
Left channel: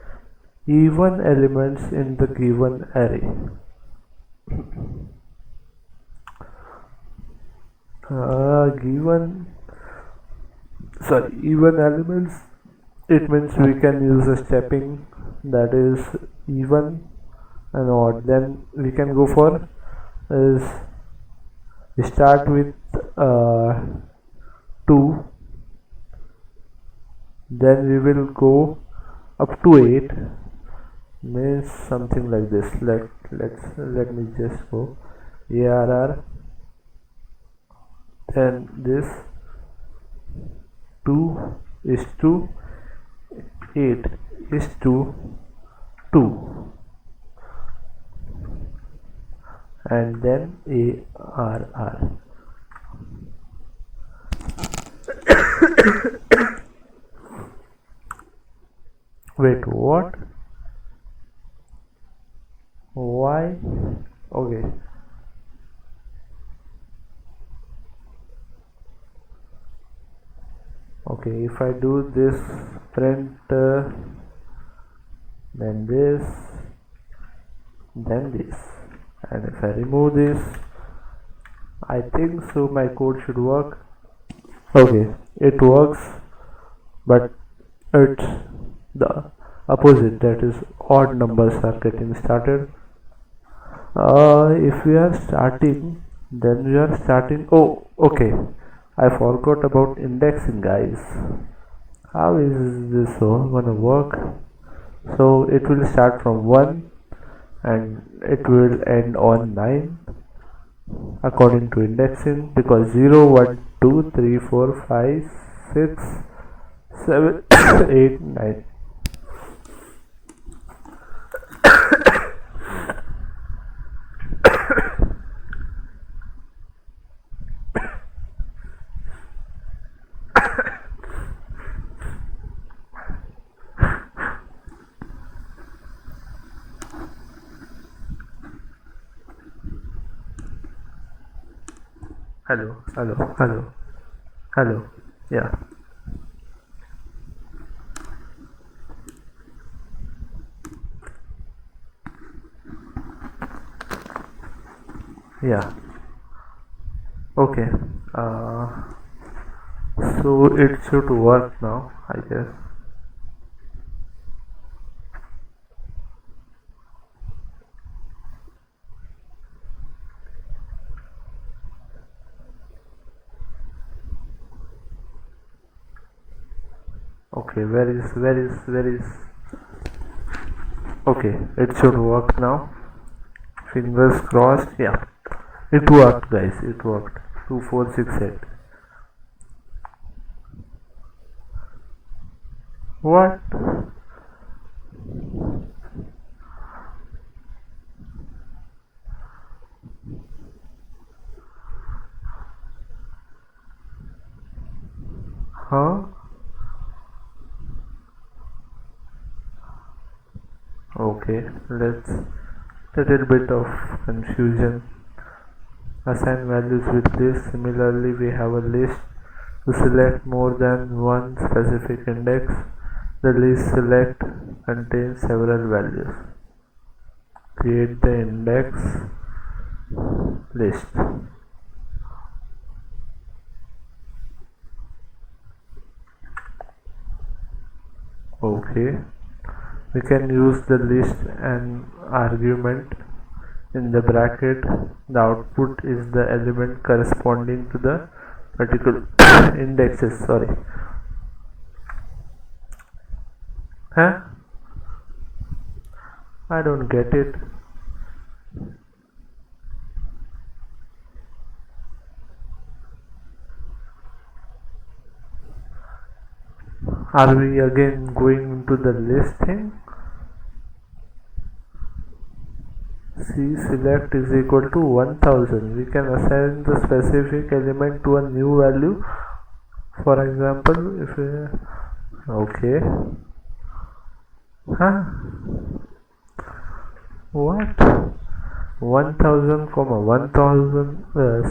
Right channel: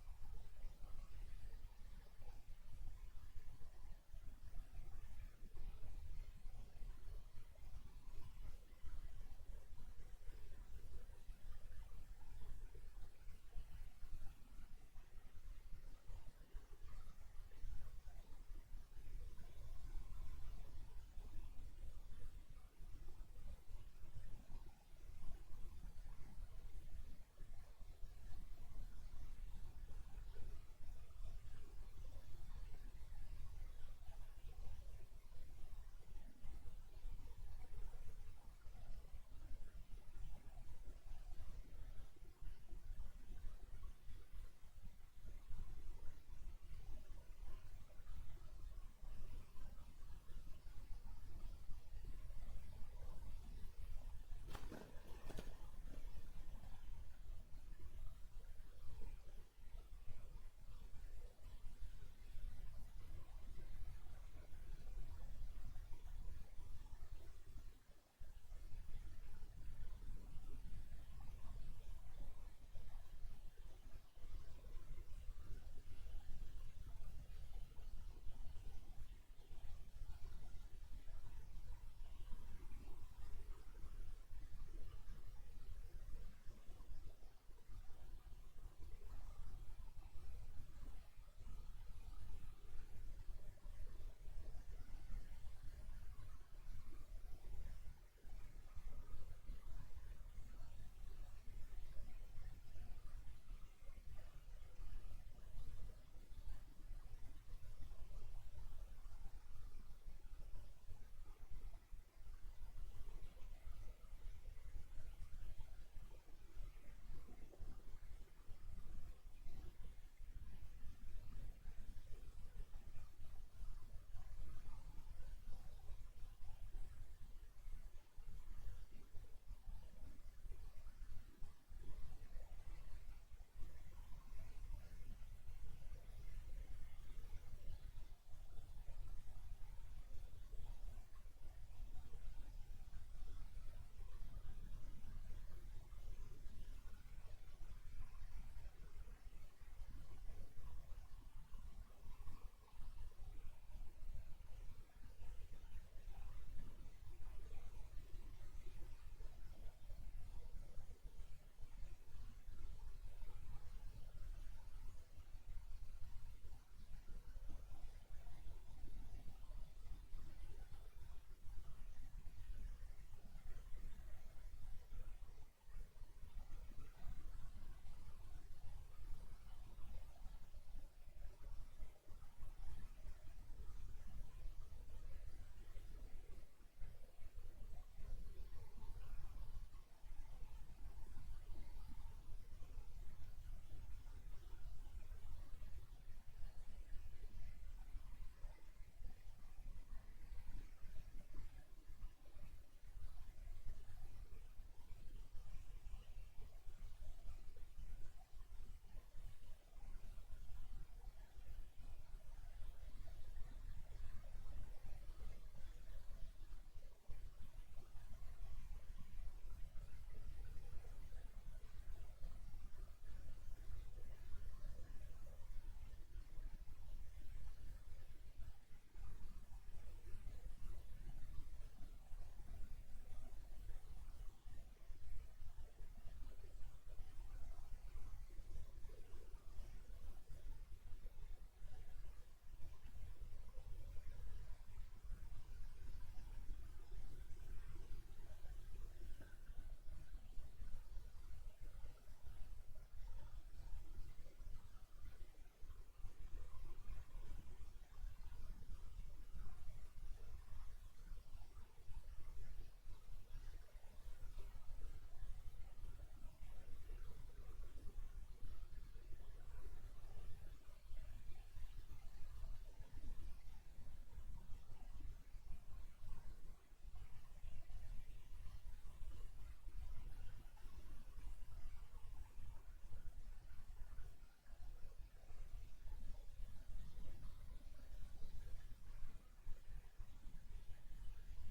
even elements in the given array. Even elements, it means we can use a stepping that is even and odd. Then we can go for is we start with 2, then we will go up to 8, means something like this. Let me just go ARR, then this 2 is to 8 is to 2, and then ARR. Wait, what? Why? Okay. Okay, if I do this print, then this, and if I remove this, I think so my code should work. Okay, it works, but it's the opposite, that is odd numbers are getting started. If we are starting, then we are starting. Oh, okay, I forgot about indexing, guys. How is this all gonna work? So it will start from 1 and it will end on 9 according to indexing, because 0 1 2 3 4 5 6 7 8 9. Hello, yeah, yeah, okay. uh, so it should work now, I guess. Okay, where is okay, it should work now. Fingers crossed. Yeah, it worked, guys, it worked. 2468. What? Huh? Okay, let's little bit of confusion. Assign values with list. Similarly, we have a list to select more than one specific index. The list select contains several values. Create the index list. Okay, we can use the list and argument in the bracket. The output is the element corresponding to the particular indexes. Sorry. Huh? I don't get it. Are we again going into the list thing? C select is equal to 1000. We can assign the specific element to a new value. For example, if we, okay, huh? What? 1000 comma 1000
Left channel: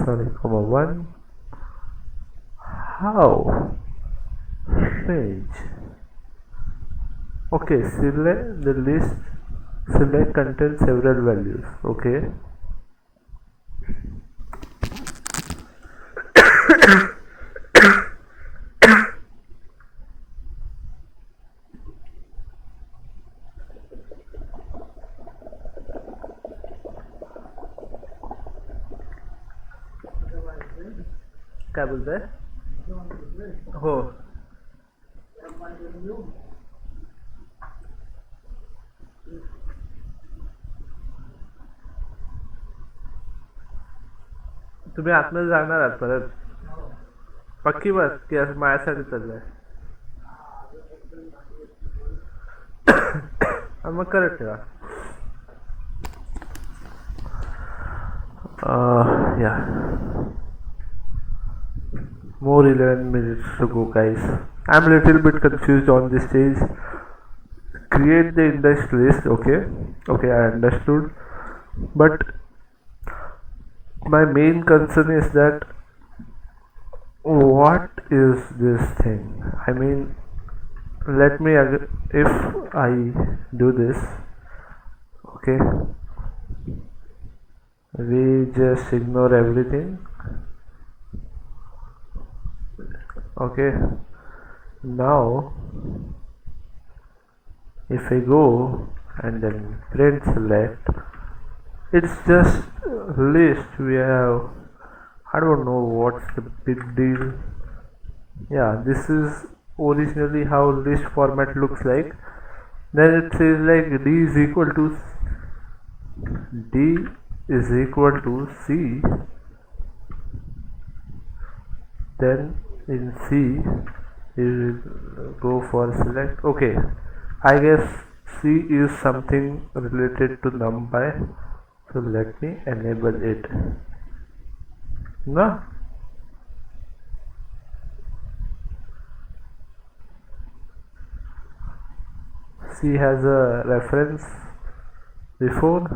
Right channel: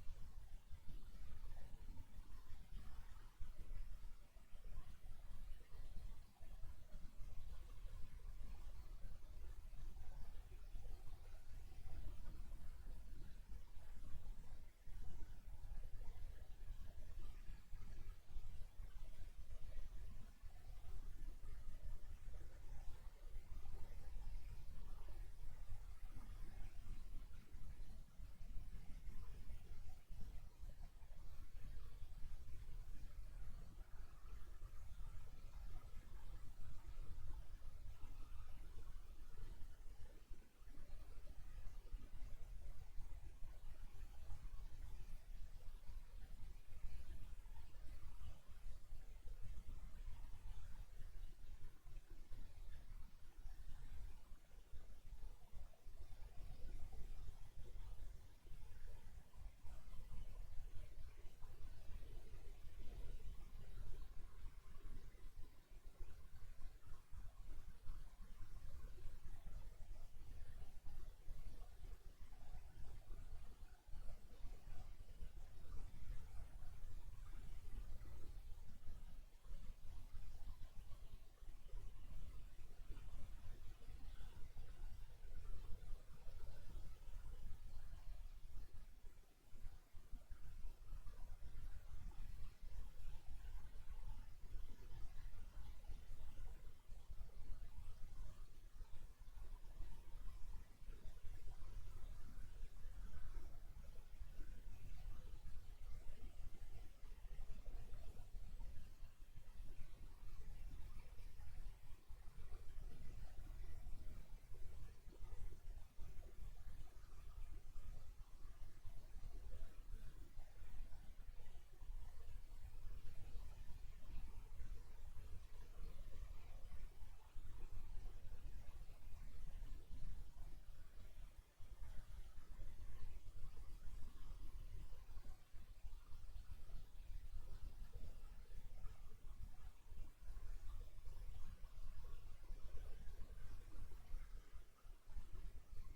sorry comma 1. How strange. Okay, select the list. Select contains several values. Okay. क्या बोलते हैं हो तुम्ही आतमध्ये जाणार आहात परत पक्की बात की असं माझ्यासाठी चाललंय मग करत ठेवा yeah, more 11 minutes to go, guys. I'm a little bit confused on this stage. Create the index list. Okay, I understood, but my main concern is that what is this thing? I mean, let me if I do this, okay, we just ignore everything. Okay, now if I go and then print select, it's just list. We have, I don't know what's the big deal. Yeah, this is originally how list format looks like. Then it says like D is equal to C. Then in C we will go for select. Okay, I guess C is something related to numpy, so let me enable it. No, C has a reference before.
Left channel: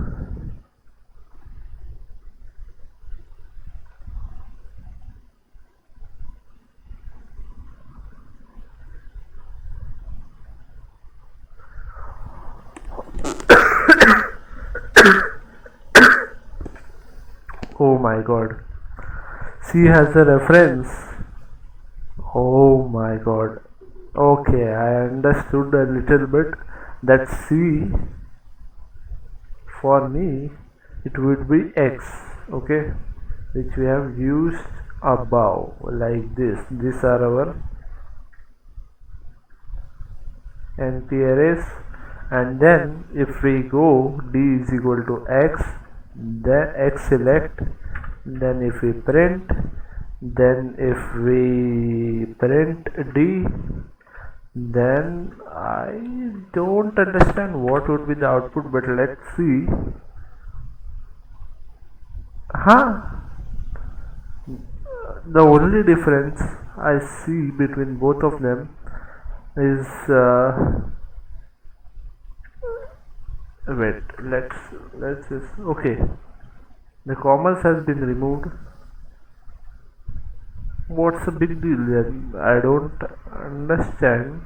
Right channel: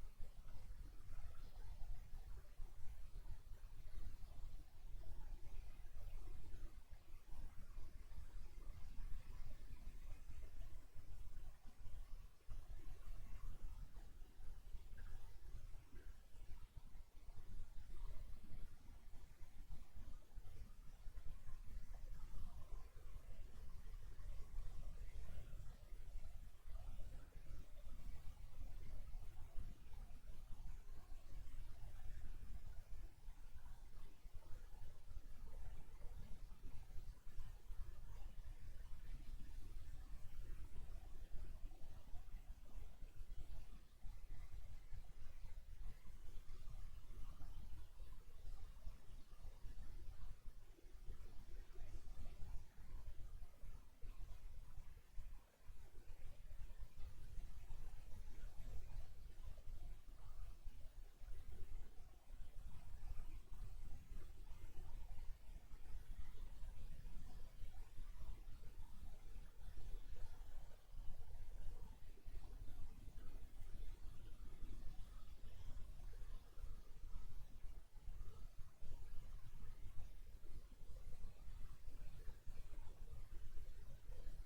Oh my god, C has a reference. Oh my god. Okay, I understood a little bit that C for me it would be X, okay, which we have used above like this. These are our NP arrays, and then if we go D is equal to X, then X select, then if we print, then if we print D, then I don't understand what would be the output, but let's see. Huh? The only difference I see between both of them is wait, let's just okay. The commas has been removed. What's the big deal then? I don't understand.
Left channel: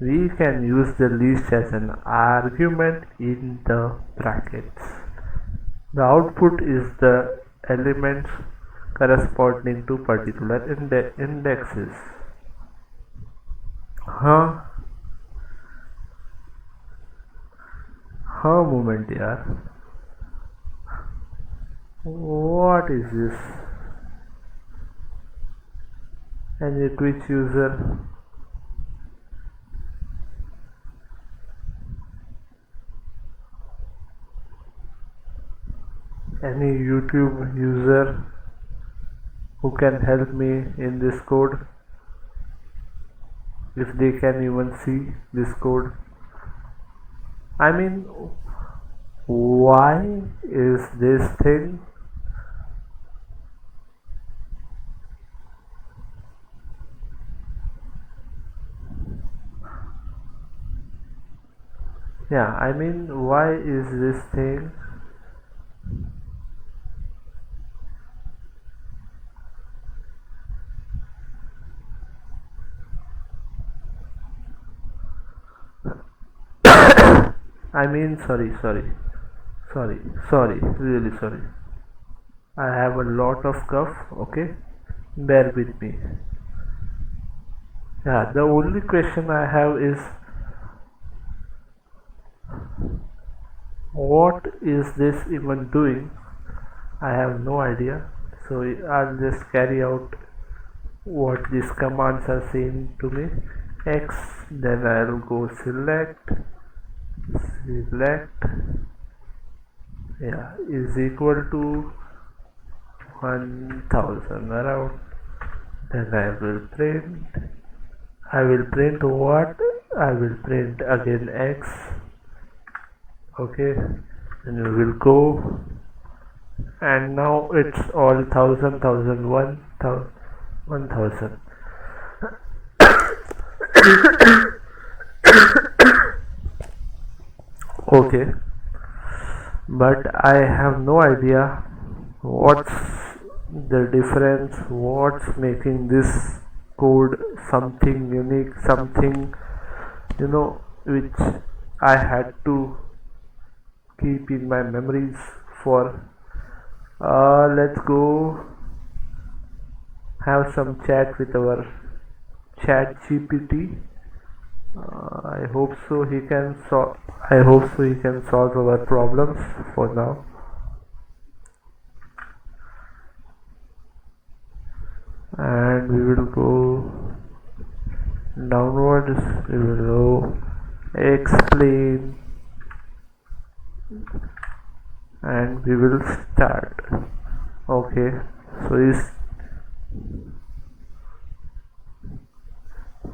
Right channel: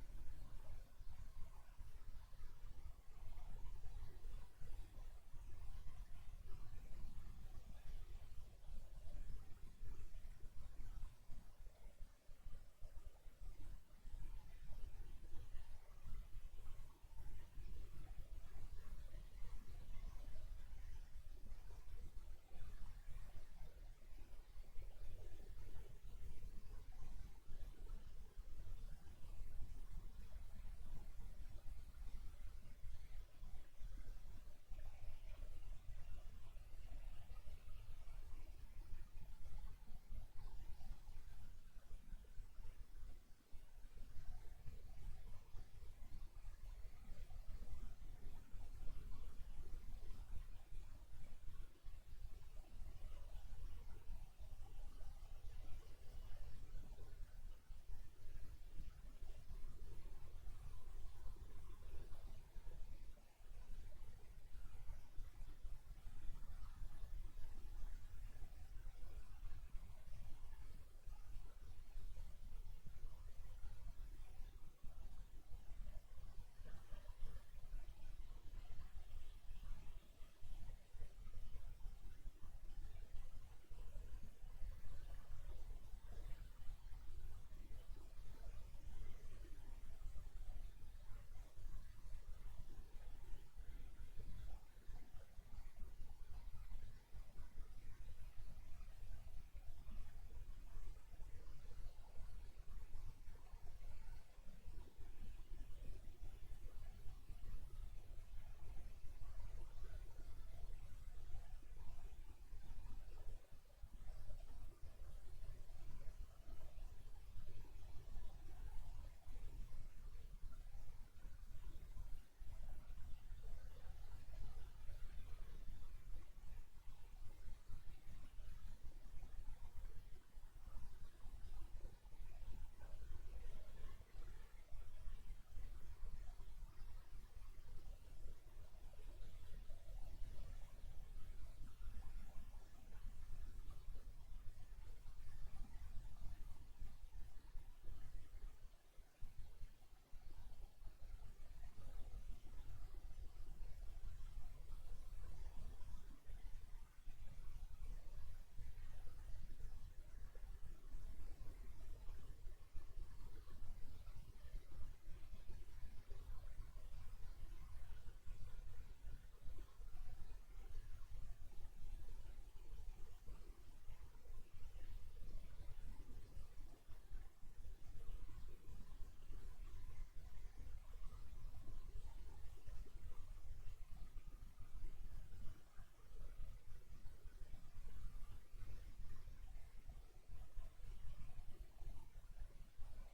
We can use the list as an argument in the brackets. The output is the elements corresponding to particular indexes. Huh? Huh moment yaar. What is this? Any Twitch user? Any YouTube user who can help me in this code? If they can even see this code. I mean, why is this thing? Yeah, I mean, why is this thing? I mean, sorry, really sorry. I have a lot of cough, okay? Bear with me. Yeah, the only question I have is what is this even doing? I have no idea. So I'll just carry out what these commands are saying to me. X, then I'll go select, yeah, is equal to 1000 around. Then I will print what? I will print again X. Okay, and we will go, and now it's all 1000. Okay, but I have no idea what's the difference, what's making this code something unique, something which I had to keep in my memories for. Let's go have some chat with our chat GPT. I hope so he can solve our problems for now. And we will go downwards. We will go explain, and we will start. Okay, so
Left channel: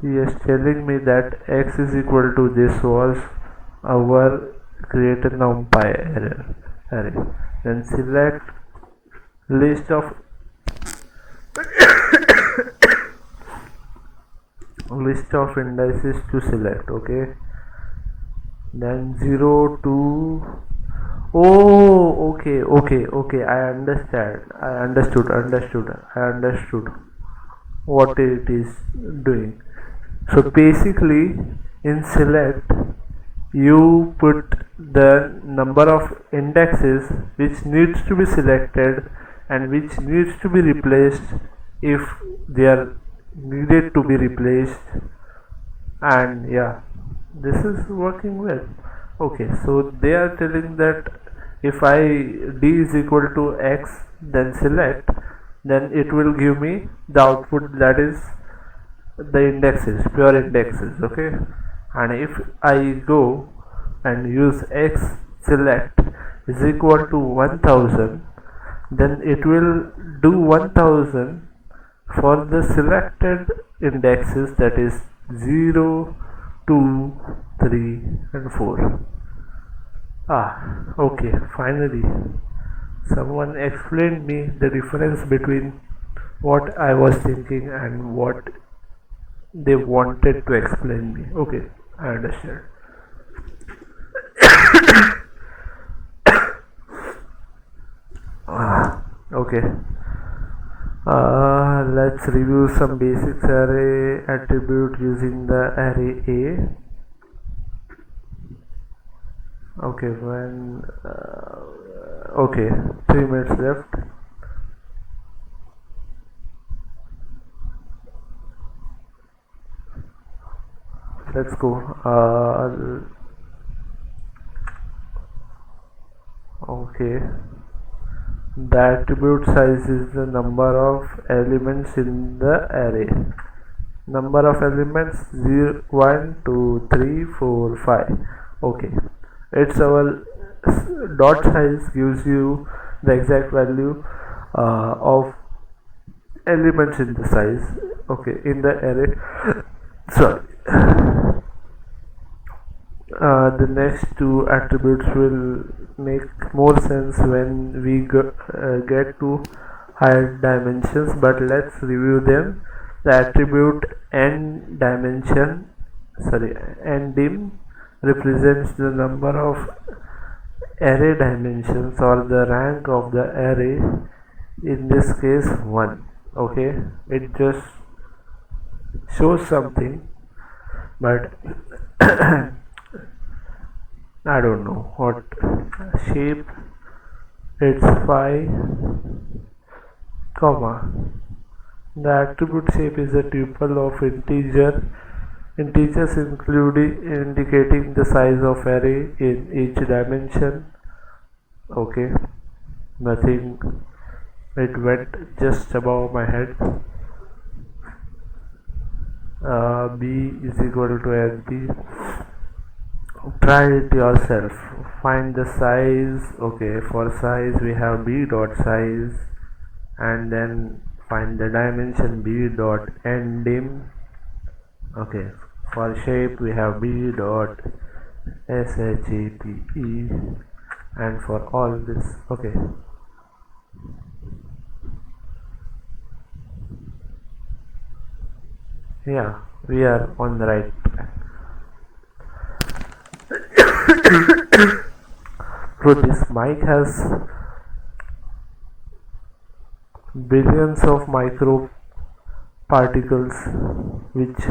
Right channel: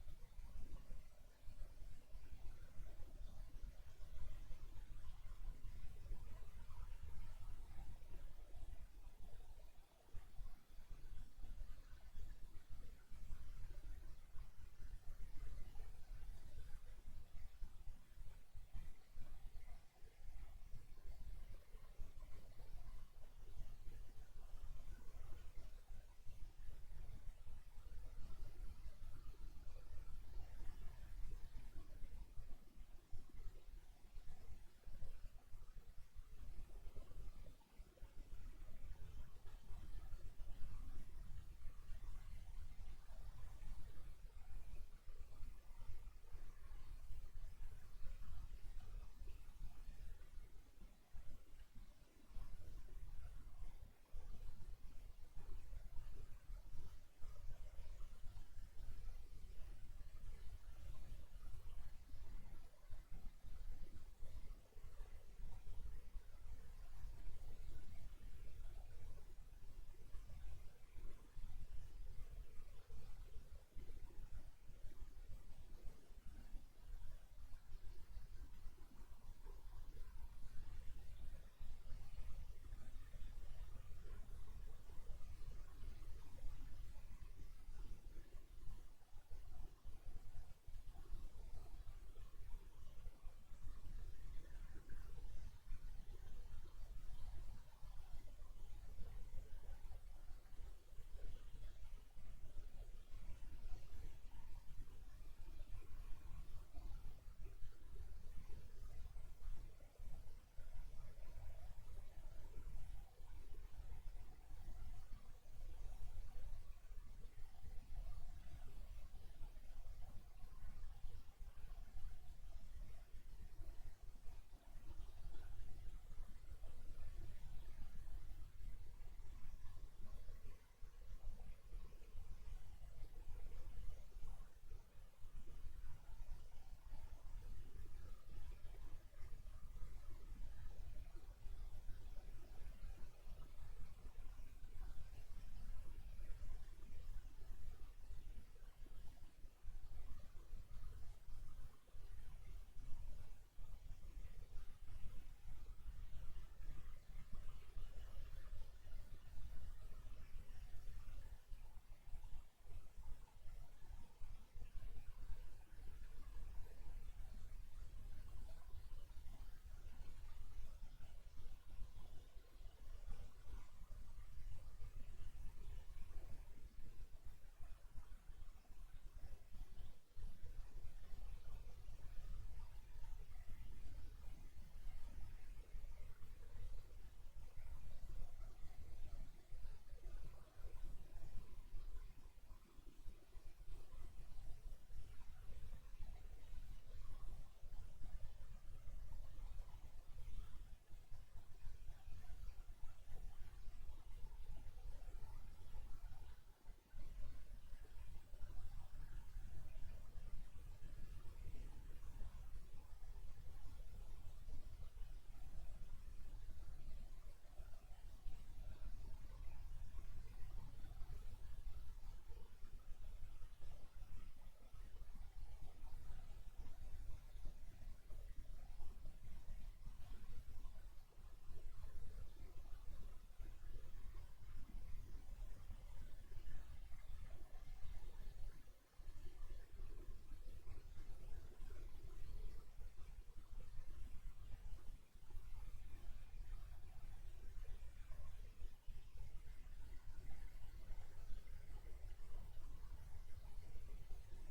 he is telling me that x is equal to this was our create a numpy array. Then select list of indices to select. Okay, then 0 to okay, I understood what it is doing. So basically in select you put the number of indexes which needs to be selected and which needs to be replaced if they are needed to be replaced, and yeah, this is working well. Okay, so they are telling that if d is equal to x, then select, then it will give me the output, that is the indexes, pure indexes. Okay, and if I go and use x select is equal to 1000, then it will do 1000 For the selected indexes, that is 0, 2, 3 and 4. Okay, finally someone explained me the difference between what I was thinking and what they wanted to explain me. Okay, I understand. Okay, let's review some basics array attribute using the array A. Okay, okay, 3 minutes left. Let's go. Okay, the attribute size is the number of elements in the array. Number of elements 0, 1, 2, 3, 4, 5. Okay, it's our dot size gives you the exact value of elements in the size. Okay, in the array. Sorry. The next two attributes will make more sense when we get to higher dimensions, but let's review them. The attribute n dimension, sorry, ndim represents the number of array dimensions or the rank of the array, in this case 1. Okay, it just shows something, but I don't know what shape. It's 5 comma. The attribute shape is a tuple of integers including indicating the size of array in each dimension. Okay, nothing, it went just above my head. B is equal to SB. Try it yourself, find the size. Okay, for size we have b dot size, and then find the dimension b dot ndim. Okay, for shape we have b dot shape, and for all this. Okay, yeah, we are on the right track. So this mic has billions of micro particles which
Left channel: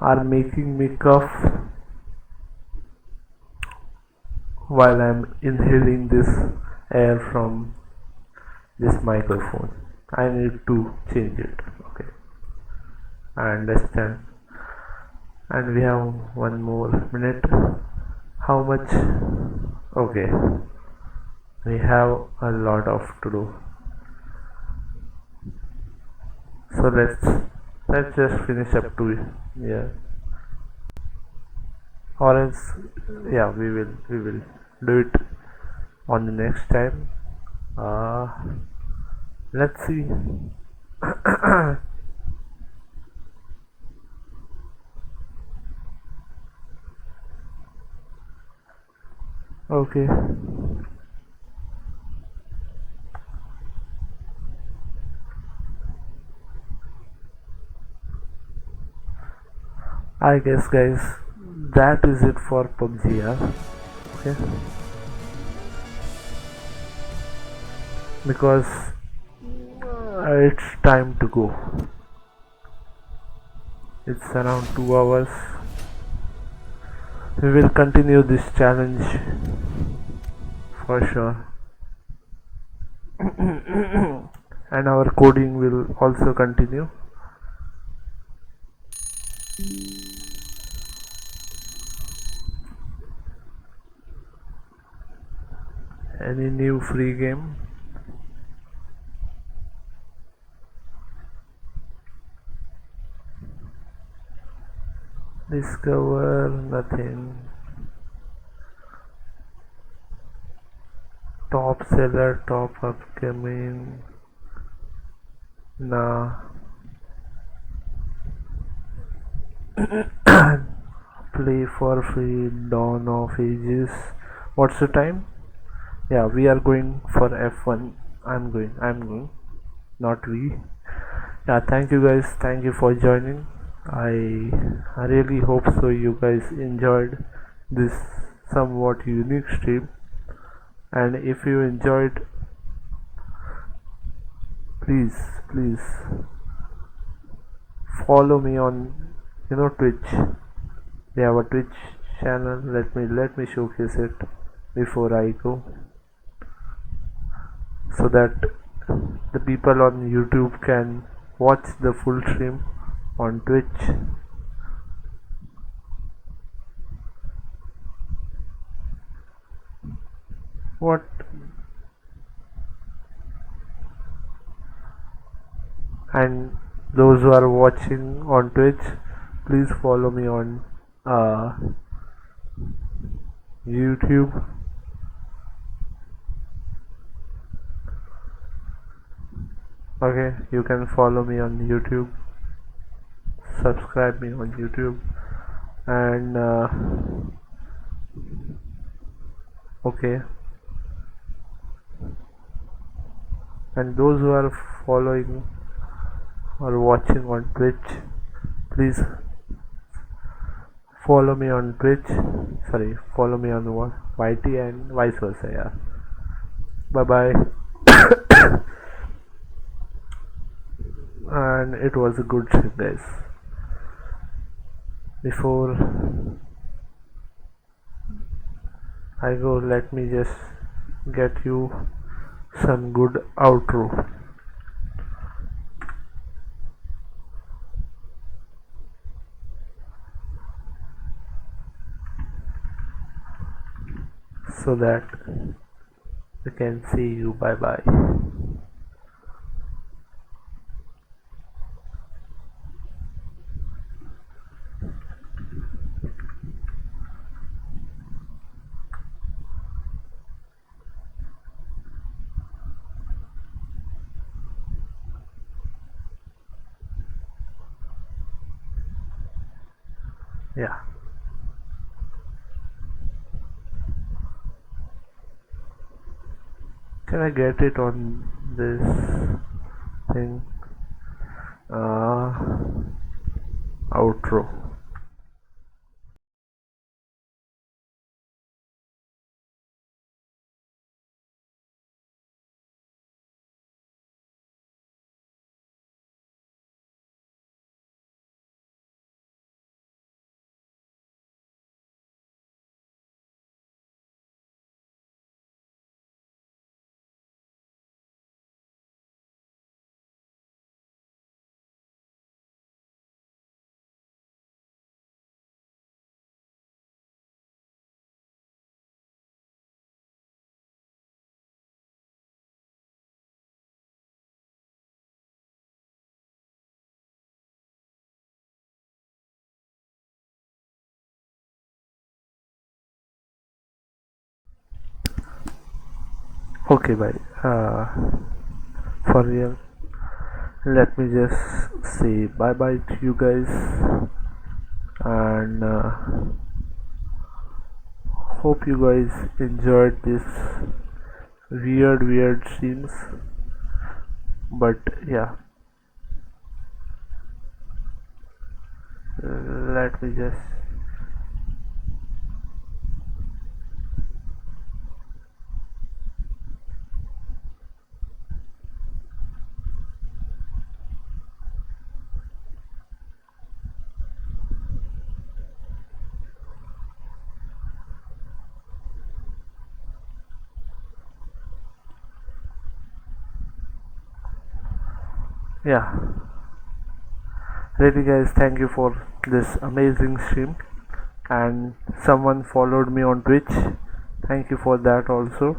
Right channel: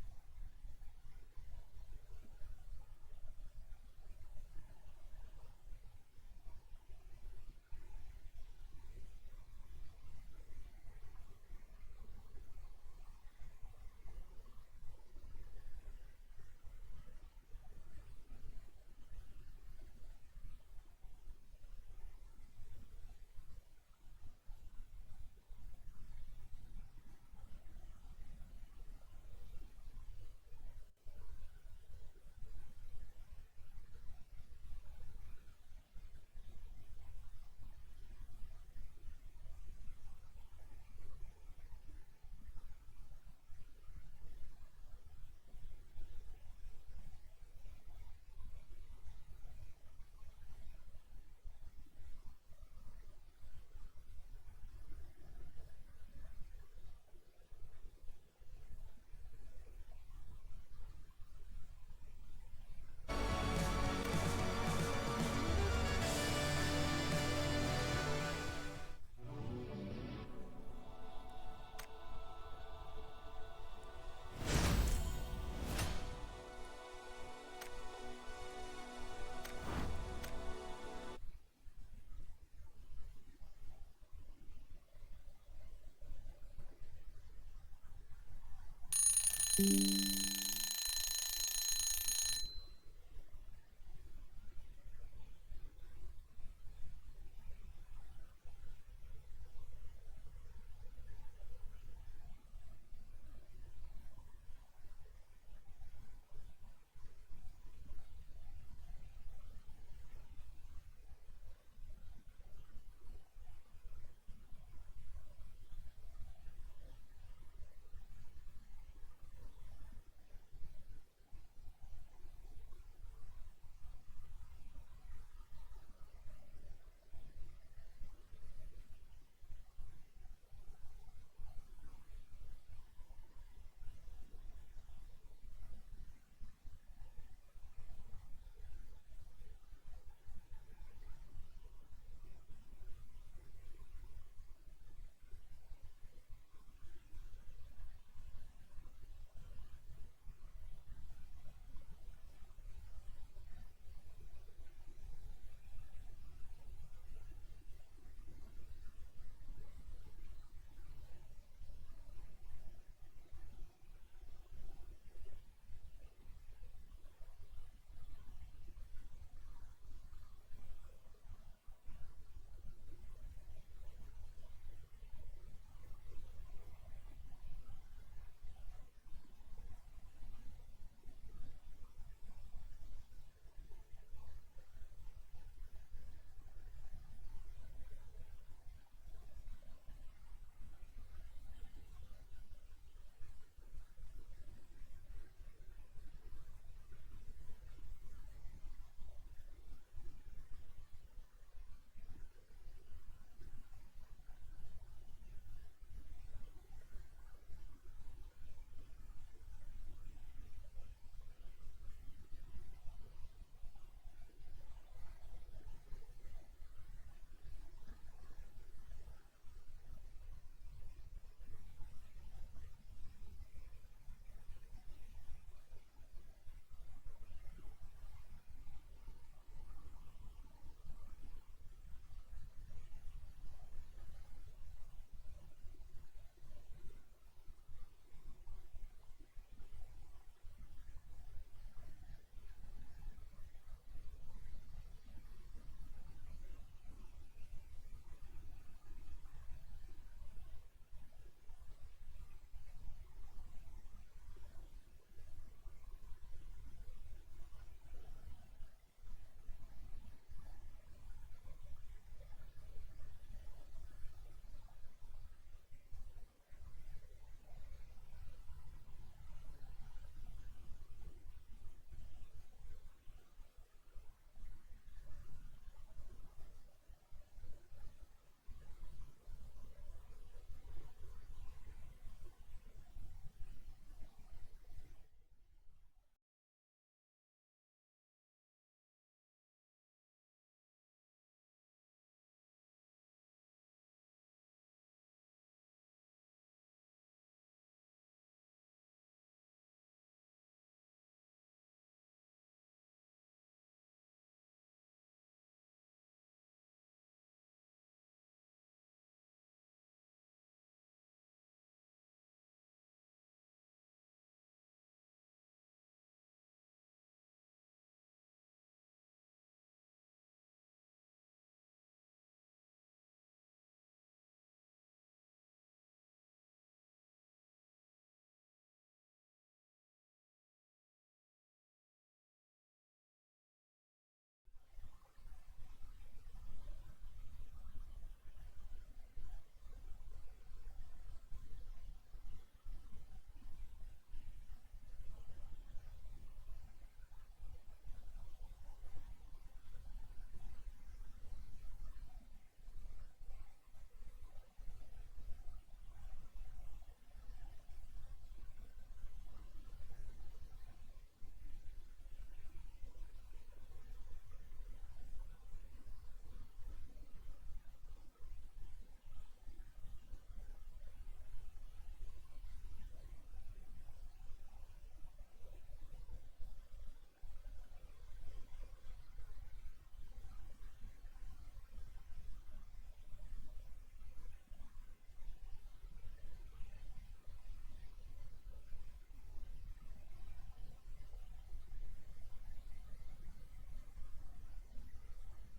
are making me cough while I'm inhaling this air from this microphone. I need to change it. Okay, I understand. And we have 1 more minute. How much? Okay, we have a lot of to do. So let's just finish up to it. Yeah, or else, yeah, we will do it on the next time. uh let's see. Okay, I guess guys, that is it for PUBG. Yeah, okay, because it's time to go. It's around 2 hours. We will continue this challenge for sure. And our coding will also continue. Any new free game? Discover nothing. Top seller, top upcoming. Nah. Play for free, Dawn of Ages. What's the time? Yeah, we are going for F1. I'm going, not we. Yeah, thank you guys, thank you for joining. I really hope so you guys enjoyed this somewhat unique stream, and if you enjoyed, please follow me on Twitch. We have a Twitch channel. Let me showcase it before I go, so that the people on YouTube can watch the full stream on Twitch. What? And those who are watching on Twitch, please follow me on uh, YouTube. Okay, you can follow me on YouTube, subscribe me on YouTube, and okay, and those who are following or watching on Twitch, please follow me on Twitch. Sorry, follow me on YT and vice versa. Yeah. Bye bye. And it was a good trip, guys. Before I go, let me just get you some good outro. So that I can see you. Bye bye. Yeah. Can I get it on this thing? Outro. Okay, bye. For real, let me just say bye bye to you guys, and hope you guys enjoyed this weird scenes. But yeah, let me just yeah. Really, guys, thank you for this amazing stream, and someone followed me on Twitch. Thank you for that also.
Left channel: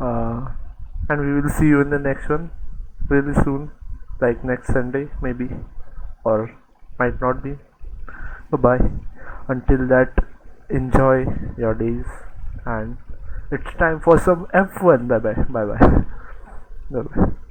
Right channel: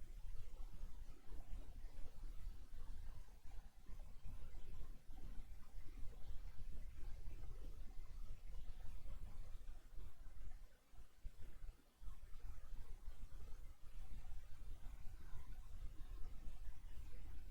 Uh, and we will see you in the next one really soon, like next Sunday maybe, or might not be. Bye bye. Until that, enjoy your days, and it's time for some F1. Bye bye. Bye bye. Bye bye.